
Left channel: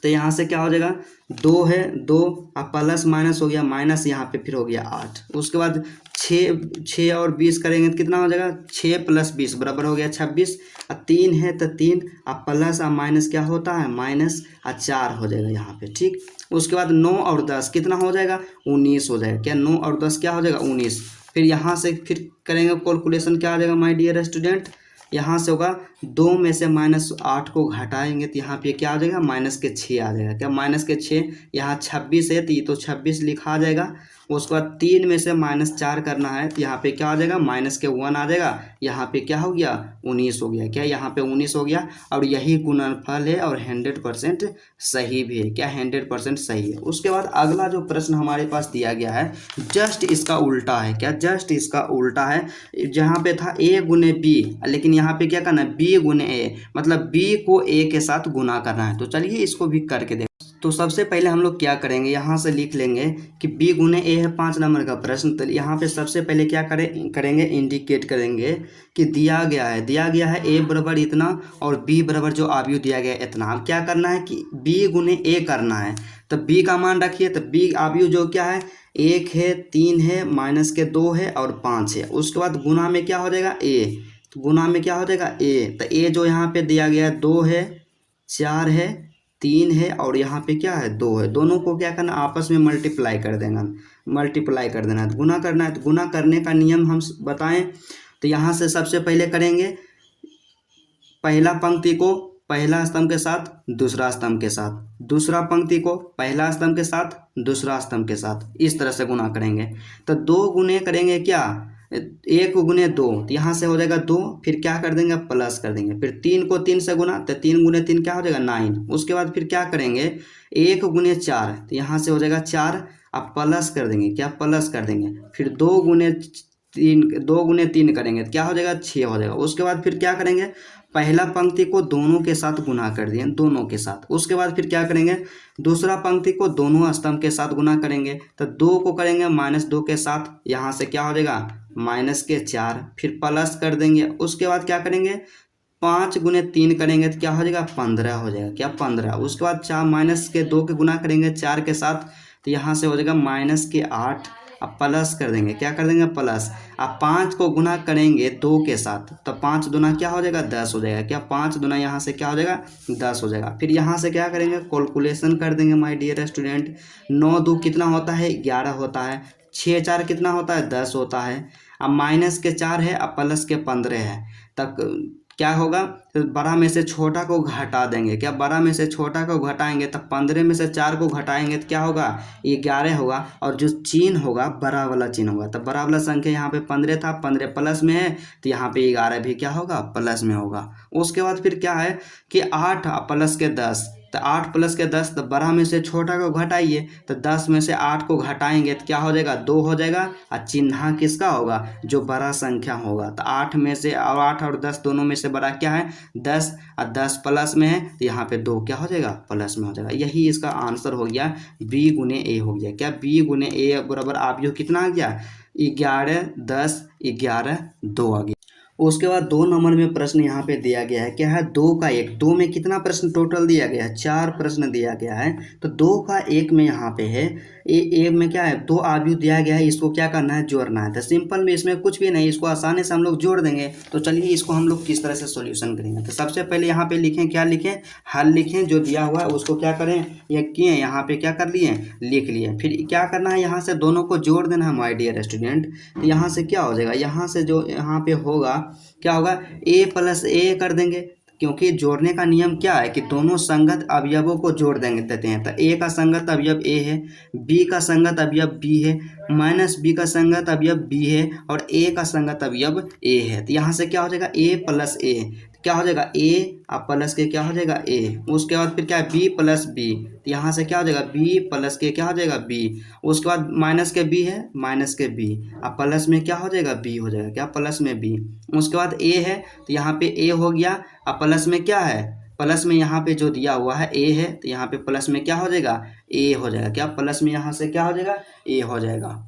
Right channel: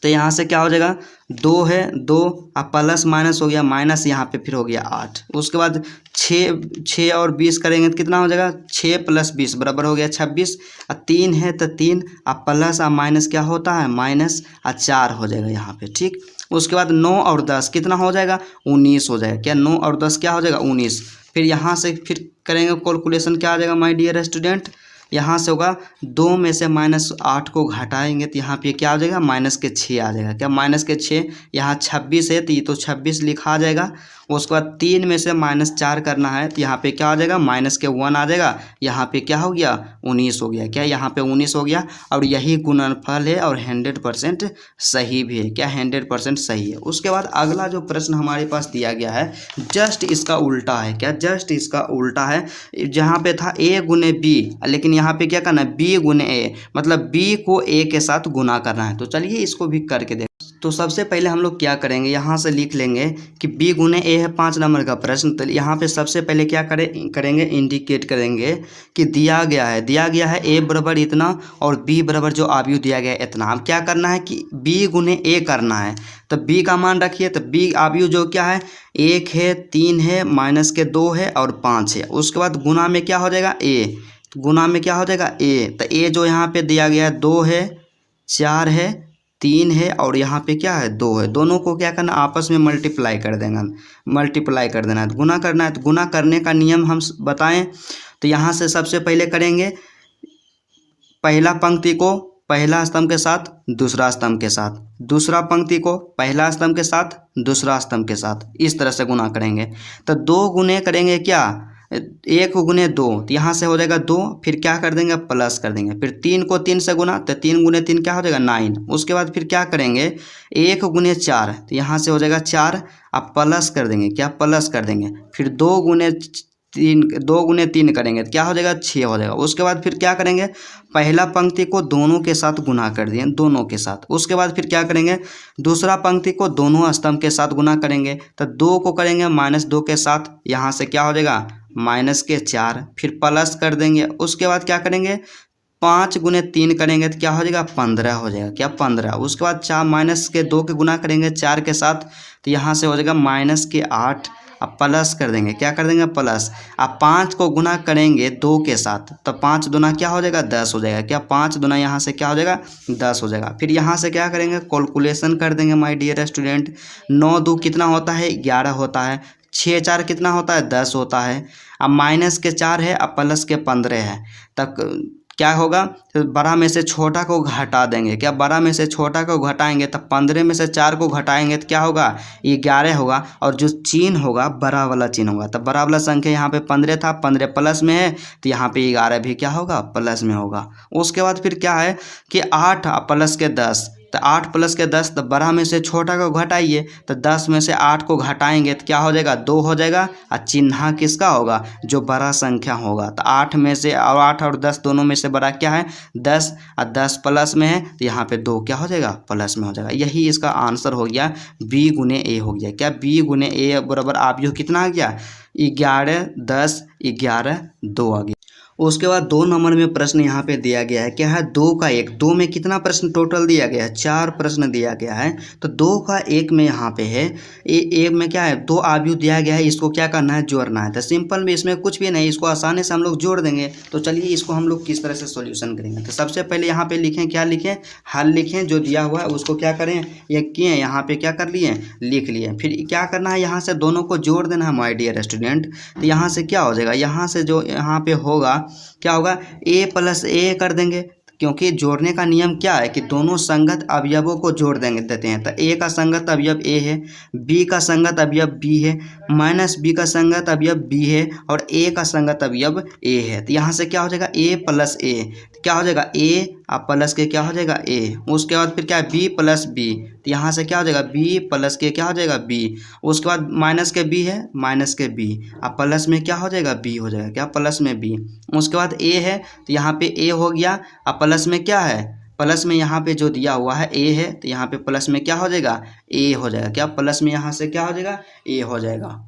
तो यहाँ से क्या हो जाएगा, 2 है, 2 अब प्लस माइनस हो गया, माइनस यहाँ पे फिर हो गया 8। उसके बाद 6 और 20 करेंगे तो कितना हो जाएगा, 6 + 20 बराबर हो गया 26। और 3 है तो 3 अब प्लस और माइनस क्या होता है, माइनस और 4 हो जाएगा यहाँ पे, ठीक। उसके बाद 9 और 10 कितना हो जाएगा, 19 हो जाएगा। क्या 9 और 10 क्या हो जाएगा, 19। फिर यहाँ से फिर करेंगे कैलकुलेशन, क्या आ जाएगा माय डियर स्टूडेंट, यहाँ से होगा 2 में से -8 को घटाएंगे तो यहाँ पे क्या आ जाएगा, -6 आ जाएगा। क्या -6, यहाँ 26 है तो ये तो 26 लिखा आ जाएगा। उसके बाद 3 में से -4 करना है तो यहाँ पे क्या आ जाएगा, -1 आ जाएगा। यहाँ पे क्या हो गया, 19 हो गया। क्या यहाँ पे 19 हो गया और यही गुणनफल है और 100% सही भी है। क्या 100% सही है। उसके बाद अगला जो प्रश्न हमारे पास दिया गया है जस्ट इसका उल्टा है। क्या जस्ट इसका उल्टा है, जहाँ पे था a गुने b, लेकिन यहाँ पे क्या करना है, b गुने a, मतलब b को a के साथ गुना करना है। तो चलिए इसको भी करके देख। तो सबसे पहले हम लोग क्या करेंगे, यहाँ से लिख लेंगे कि b गुने a है 5 नंबर का प्रश्न। तो यहाँ पे सबसे पहले क्या करेंगे, इंडिकेट करेंगे कि दिया गया है a बराबर इतना और b बराबर जो अवयव दिया गया है इतना। हम क्या करना है कि b गुने a करना है। तो b का मान रखिए, तो b अवयव जो क्या है, 1 है, 3 है, -2 है और 5 है। उसके बाद गुना में क्या हो जाएगा, a, गुना में क्या हो जाएगा a। तो a जो यहाँ पे दिया गया है 2 है, 4 है, 3 है और यहाँ पे क्या है 2 है। दोनों को क्या करना, आपस में मल्टीप्लाई कर देना है। तो गुना करना है। तो गुना करने का नियम हम बताएं तो यहाँ से सबसे पहले करेंगे पहला पंक्ति को पहला स्तंभ के साथ दूसरा स्तंभ के साथ, दूसरा पंक्ति को पहला स्तंभ के साथ दूसरा स्तंभ के साथ, इस तरह से गुना करेंगे। तो 2 गुने करेंगे क्या, 1 गुने 2, तो यहाँ से हो जाएगा 2, फिर क्या कर देंगे, प्लस कर देंगे। फिर 3 को 3 से गुना, तो 3 गुने 3 क्या हो जाएगा, 9। उसके बाद फिर क्या करेंगे, 1 गुने 4, तो यहाँ से हो जाएगा 4, अब प्लस कर देंगे। क्या प्लस कर देंगे। फिर 2 गुने 3 करेंगे तो क्या हो जाएगा, 6 हो जाएगा। उसके बाद फिर क्या करेंगे, पहला पंक्ति को दोनों के साथ गुना कर दिए, दोनों के साथ। उसके बाद फिर क्या करेंगे, दूसरा पंक्ति को दोनों स्तंभ के साथ गुना करेंगे। तो 2 को करेंगे -2 के साथ, यहाँ से क्या हो जाएगा, -4, फिर प्लस कर देंगे। उसके बाद क्या करेंगे, 5 गुने 3 करेंगे तो क्या हो जाएगा, 15 हो जाएगा। क्या 15। उसके बाद -2 के गुना करेंगे 4 के साथ, तो यहाँ से हो जाएगा -8, अब प्लस कर देंगे। क्या कर देंगे, प्लस। अब 5 को गुना करेंगे 2 के साथ, तो 5 दूना क्या हो जाएगा, 10 हो जाएगा। क्या 5 दूना यहाँ से क्या हो जाएगा, 10 हो जाएगा। फिर यहाँ से क्या करेंगे, कैलकुलेशन कर देंगे माय डियर स्टूडेंट। 9 2 कितना होता है, 11 होता है। 6 4 कितना होता है, 10 होता है। अब -4 है, अब प्लस के 15 है। तब क्या होगा, तो बड़ा में से छोटा को घटा देंगे। क्या बड़ा में से छोटा को घटाएंगे, तब 15 में से 4 को घटाएंगे तो क्या होगा, 11 होगा। और जो चिन्ह होगा बड़ा वाला चिन्ह होगा। तब बड़ा वाला संख्या यहाँ पे 15 था, 15 प्लस में है तो यहाँ पे 11 भी क्या होगा, प्लस में होगा। उसके बाद फिर क्या है कि 8 प्लस के 10, तो 8 प्लस के 10, तो बड़ा में से छोटा को घटाइए, तो 10 में से 8 को घटाएंगे तो क्या हो जाएगा, 2 हो जाएगा। और चिन्ह किसका होगा, जो बड़ा संख्या होगा। तो 8 में से, और 8 और 10 दोनों में से बड़ा क्या है, 10, और 10 प्लस में है तो यहाँ पे 2 क्या हो जाएगा, प्लस में हो जाएगा। यही इसका आंसर हो गया, b गुने a हो गया। क्या b गुने a बराबर अवयव कितना आ गया, 11 10 11 2 आ गया। उसके बाद 2 नंबर में प्रश्न यहाँ पे दिया गया है, क्या है, 2 का 1। 2 में कितना प्रश्न टोटल दिया गया है, 4 प्रश्न दिया गया है। तो 2 का 1 में यहाँ पे है, एक में क्या है, 2 अवयव दिया गया है, इसको क्या करना है, जोड़ना है। तो सिंपल में इसमें कुछ भी नहीं, इसको आसानी से हम लोग जोड़ देंगे। तो चलिए इसको हम लोग किस तरह से सोल्यूशन करेंगे। तो सबसे पहले यहाँ पे लिखें, क्या लिखें, हल लिखें। जो दिया हुआ है उसको क्या करें, ये किए, यहाँ पे क्या कर लिए, लिख लिए। फिर क्या करना है, यहाँ से दोनों को जोड़ देना है माय डियर स्टूडेंट। तो यहाँ से क्या हो जाएगा, यहाँ से जो यहाँ पे होगा क्या होगा, a + a कर देंगे, क्योंकि जोड़ने का नियम क्या है कि दोनों संगत अवयवों को जोड़ देते हैं। तो a का संगत अवयव a है, b का संगत अवयव b है, -b का संगत अवयव b है और a का संगत अवयव a है। तो यहाँ से क्या हो जाएगा, a + a, क्या हो जाएगा, a और प्लस के क्या हो जाएगा, a। उसके बाद फिर क्या है, b + b, तो यहाँ से क्या हो जाएगा, b + के क्या हो जाएगा, b। उसके बाद माइनस के b है, माइनस के b, अब प्लस में क्या हो जाएगा, b हो जाएगा। क्या प्लस में b। उसके बाद a है, तो यहाँ पे a हो गया। अब प्लस में क्या है, प्लस में यहाँ पे जो दिया हुआ है a है, तो यहाँ पे प्लस में क्या हो जाएगा, a हो जाएगा। क्या प्लस में यहाँ से क्या हो जाएगा, a हो जाएगा।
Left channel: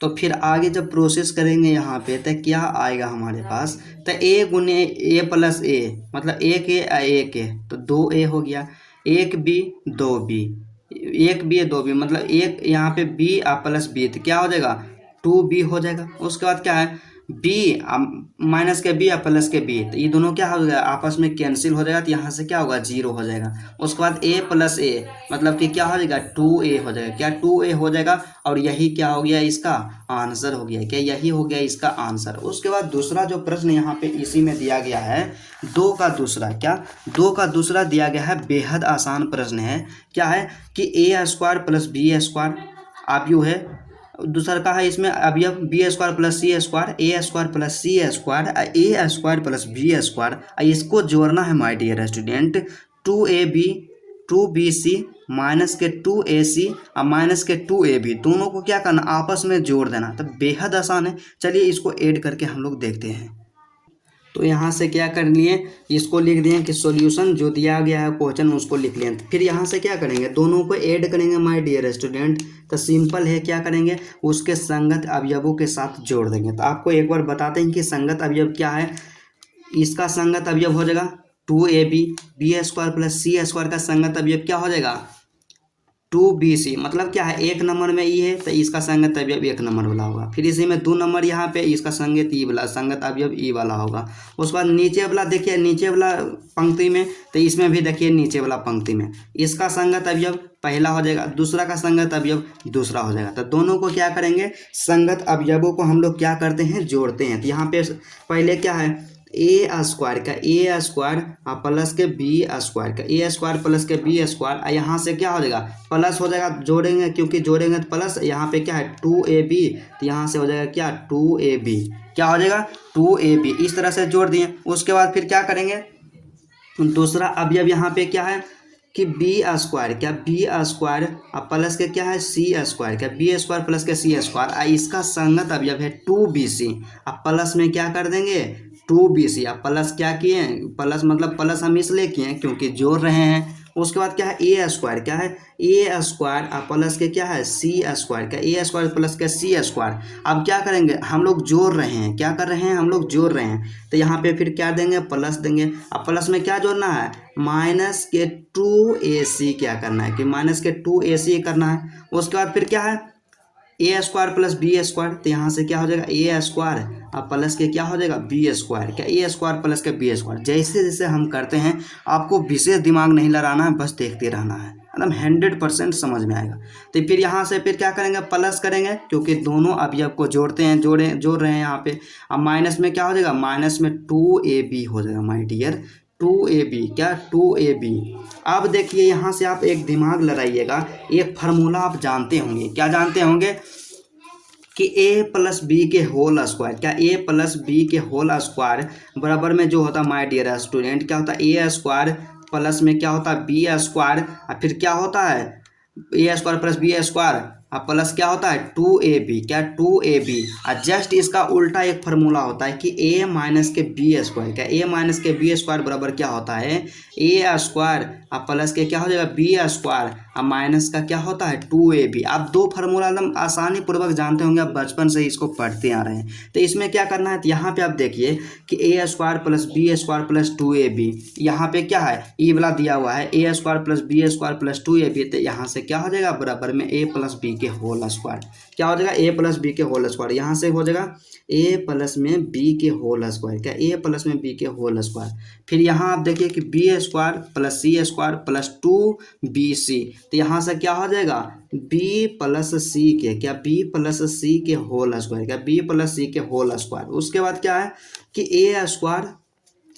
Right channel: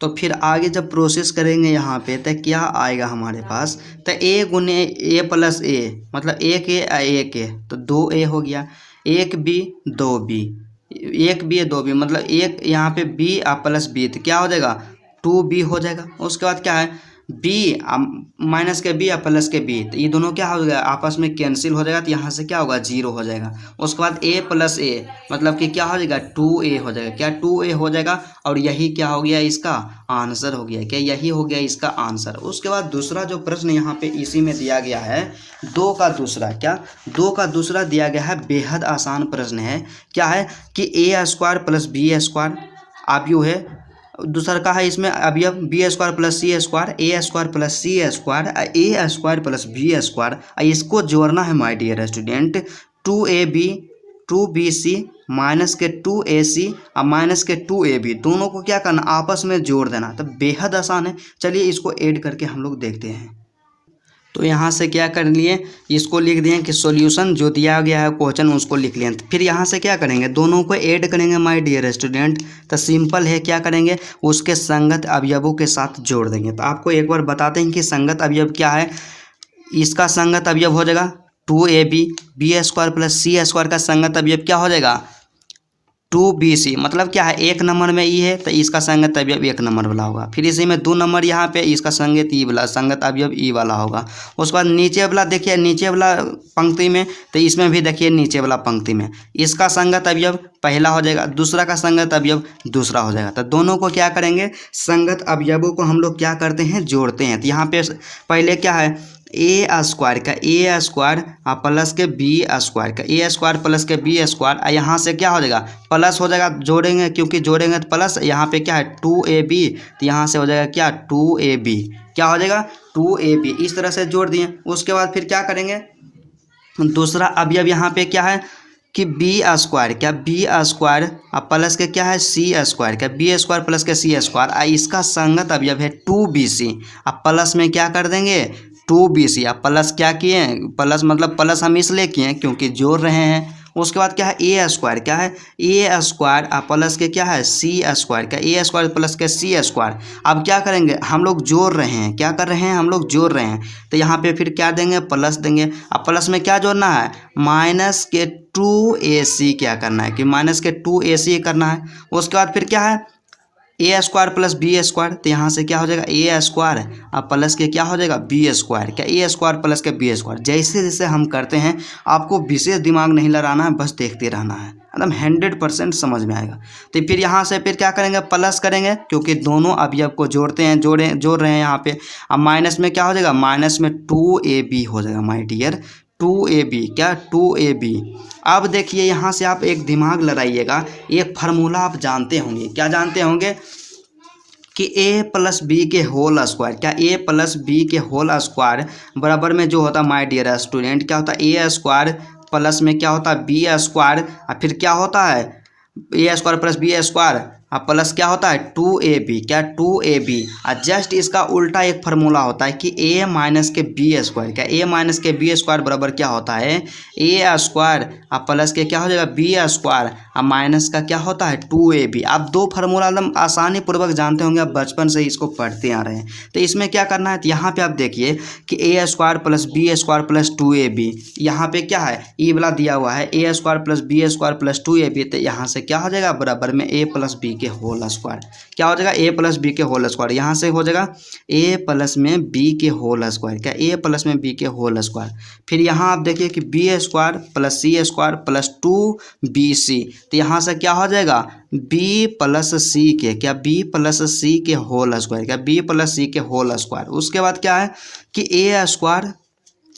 तो फिर आगे जब प्रोसेस करेंगे यहाँ पे तो क्या आएगा हमारे पास, तो a गुने a + a, मतलब 1a 1a, तो 2a हो गया। एक बी दो बी, एक बी दो बी मतलब एक यहाँ पे बी प्लस बी, तो क्या हो जाएगा 2b हो जाएगा। उसके बाद क्या है बी माइनस के बी या प्लस के बी, तो ये दोनों क्या हो जाएगा आपस में कैंसिल हो जाएगा, तो यहाँ से क्या होगा 0 हो जाएगा। उसके बाद a प्लस ए मतलब कि क्या हो जाएगा 2a हो जाएगा, क्या 2a हो जाएगा, और यही क्या हो गया इसका आंसर हो गया, क्या यही हो गया इसका आंसर। उसके बाद दूसरा जो प्रश्न यहाँ पे इसी में दिया गया है, दो का दूसरा, क्या दो का दूसरा दिया गया है, बेहद आसान प्रश्न है। क्या है कि ए स्क्वायर प्लस बी स्क्वायर अवयव है, दूसरा का है इसमें अवयव बी स्क्वायर प्लस सी स्क्वायर, ए स्क्वायर प्लस सी स्क्वायर, ए स्क्वायर प्लस बी स्क्वायर, इसको जोड़ना है my dear student. 2ab 2bc minus के 2ac और माइनस के 2ab दोनों को क्या करना आपस में जोड़ देना, तो बेहद आसान है। चलिए इसको ऐड करके हम लोग देखते हैं। तो यहाँ से क्या कर लिए, इसको लिख दिए कि सॉल्यूशन जो दिया गया है क्वेश्चन उसको लिख लिए। फिर यहाँ से क्या करेंगे दोनों को ऐड करेंगे माय डियर स्टूडेंट, तो सिंपल है, क्या करेंगे उसके संगत अवयवों के साथ जोड़ देंगे। तो आपको एक बार बताते हैं कि संगत अवयव क्या है। इसका संगत अवयव हो जाएगा 2ab, बी स्क्वायर प्लस सी स्क्वायर का संगत अवयव क्या हो जाएगा 2bc, मतलब क्या है एक नंबर में ई है तो इसका संगत अवयव एक नंबर वाला होगा। फिर इसी में 2 नंबर यहाँ पे इसका संगत अवयव ई वाला होगा। उसके बाद नीचे वाला देखिए, नीचे वाला पंक्ति में, तो इसमें भी देखिए नीचे वाला पंक्ति में इसका संगत अवयव पहला हो जाएगा, दूसरा का संगत अवयव दूसरा हो जाएगा। तो दोनों को क्या करेंगे संगत अवयवों को हम लोग क्या करते हैं जोड़ते हैं। तो यहाँ पे पहले क्या है ए स्क्वायर का ए स्क्वायर प्लस के बी स्क्वायर का ए स्क्वायर प्लस के बी स्क्वायर, यहाँ से क्या हो जाएगा प्लस हो जाएगा, जोड़ेंगे क्योंकि जोड़ेंगे तो प्लस, यहाँ पे क्या है 2ab, तो यहाँ से हो जाएगा क्या 2ab, क्या हो जाएगा 2ab, इस तरह से जोड़ दिए। उसके बाद फिर क्या करेंगे दूसरा अवयव यहाँ पे क्या है कि बी स्क्वायर, क्या बी स्क्वायर प्लस के क्या है सी स्क्वायर, क्या बी स्क्वायर प्लस के सी स्क्वायर, इसका संगत अवयव है 2bc, अब प्लस में क्या कर देंगे 2bc, अब प्लस क्या किए प्लस मतलब प्लस हम इसलिए किए क्योंकि जोड़ रहे हैं। उसके बाद क्या है ए स्क्वायर, क्या है ए स्क्वायर प्लस के क्या है सी स्क्वायर, क्या ए स्क्वायर प्लस के सी स्क्वायर। अब क्या करेंगे हम लोग जोड़ रहे हैं, क्या कर रहे हैं हम लोग जोड़ रहे हैं, तो यहाँ पे फिर क्या देंगे प्लस देंगे। अब प्लस में क्या जोड़ना है माइनस के 2ac, क्या करना है कि माइनस के 2ac करना है। उसके बाद फिर क्या है ए स्क्वायर प्लस बी स्क्वायर, तो यहाँ से क्या हो जाएगा ए स्क्वायर अब प्लस के क्या हो जाएगा बी स्क्वायर, क्या ए स्क्वायर प्लस के बी स्क्वायर। जैसे जैसे हम करते हैं आपको विशेष दिमाग नहीं लगाना है, बस देखते रहना है, मतलब 100% समझ में आएगा। तो फिर यहाँ से फिर क्या करेंगे प्लस करेंगे क्योंकि दोनों अवयव को जोड़ते हैं, जोड़ रहे हैं यहाँ पे। अब माइनस में क्या हो जाएगा माइनस में 2ab हो जाएगा माय डियर 2ab, क्या 2ab। अब देखिए यहाँ से आप एक दिमाग लगाइएगा, एक फार्मूला आप जानते होंगे, क्या जानते होंगे कि a प्लस बी के होल स्क्वायर, क्या a प्लस बी के होल स्क्वायर बराबर में जो होता है माय डियर स्टूडेंट क्या होता है a स्क्वायर प्लस में क्या होता है बी स्क्वायर, और फिर क्या होता है a square plus B square अब प्लस क्या होता है 2ab, क्या 2ab। और जस्ट इसका उल्टा एक फार्मूला होता है कि a माइनस के बी स्क्वायर, क्या a माइनस के बी स्क्वायर बराबर क्या होता है a स्क्वायर अब प्लस के क्या हो जाएगा बी स्क्वायर अब माइनस का क्या होता है 2ab। आप दो फार्मूला एकदम आसानी पूर्वक जानते होंगे, आप बचपन से इसको पढ़ते आ रहे हैं। तो इसमें क्या करना है तो यहाँ पे आप देखिए कि a square plus B square plus 2ab, यहाँ पे क्या है ई वाला दिया हुआ है a square plus B square plus 2ab, तो यहाँ से क्या हो जाएगा बराबर में a प्लस बी के होल स्क्वायर, क्या हो जाएगा a प्लस बी के होल स्क्वायर, यहाँ से हो जाएगा a प्लस में बी के होल स्क्वायर, क्या a प्लस में बी के होल स्क्वायर। फिर यहाँ आप देखिए कि बी स्क्वायर प्लस सी स्क्वायर प्लस 2bc, तो यहाँ से क्या हो जाएगा b प्लस सी के, क्या b प्लस सी के होल स्क्वायर, क्या b प्लस सी के होल स्क्वायर। उसके बाद क्या है कि a स्क्वायर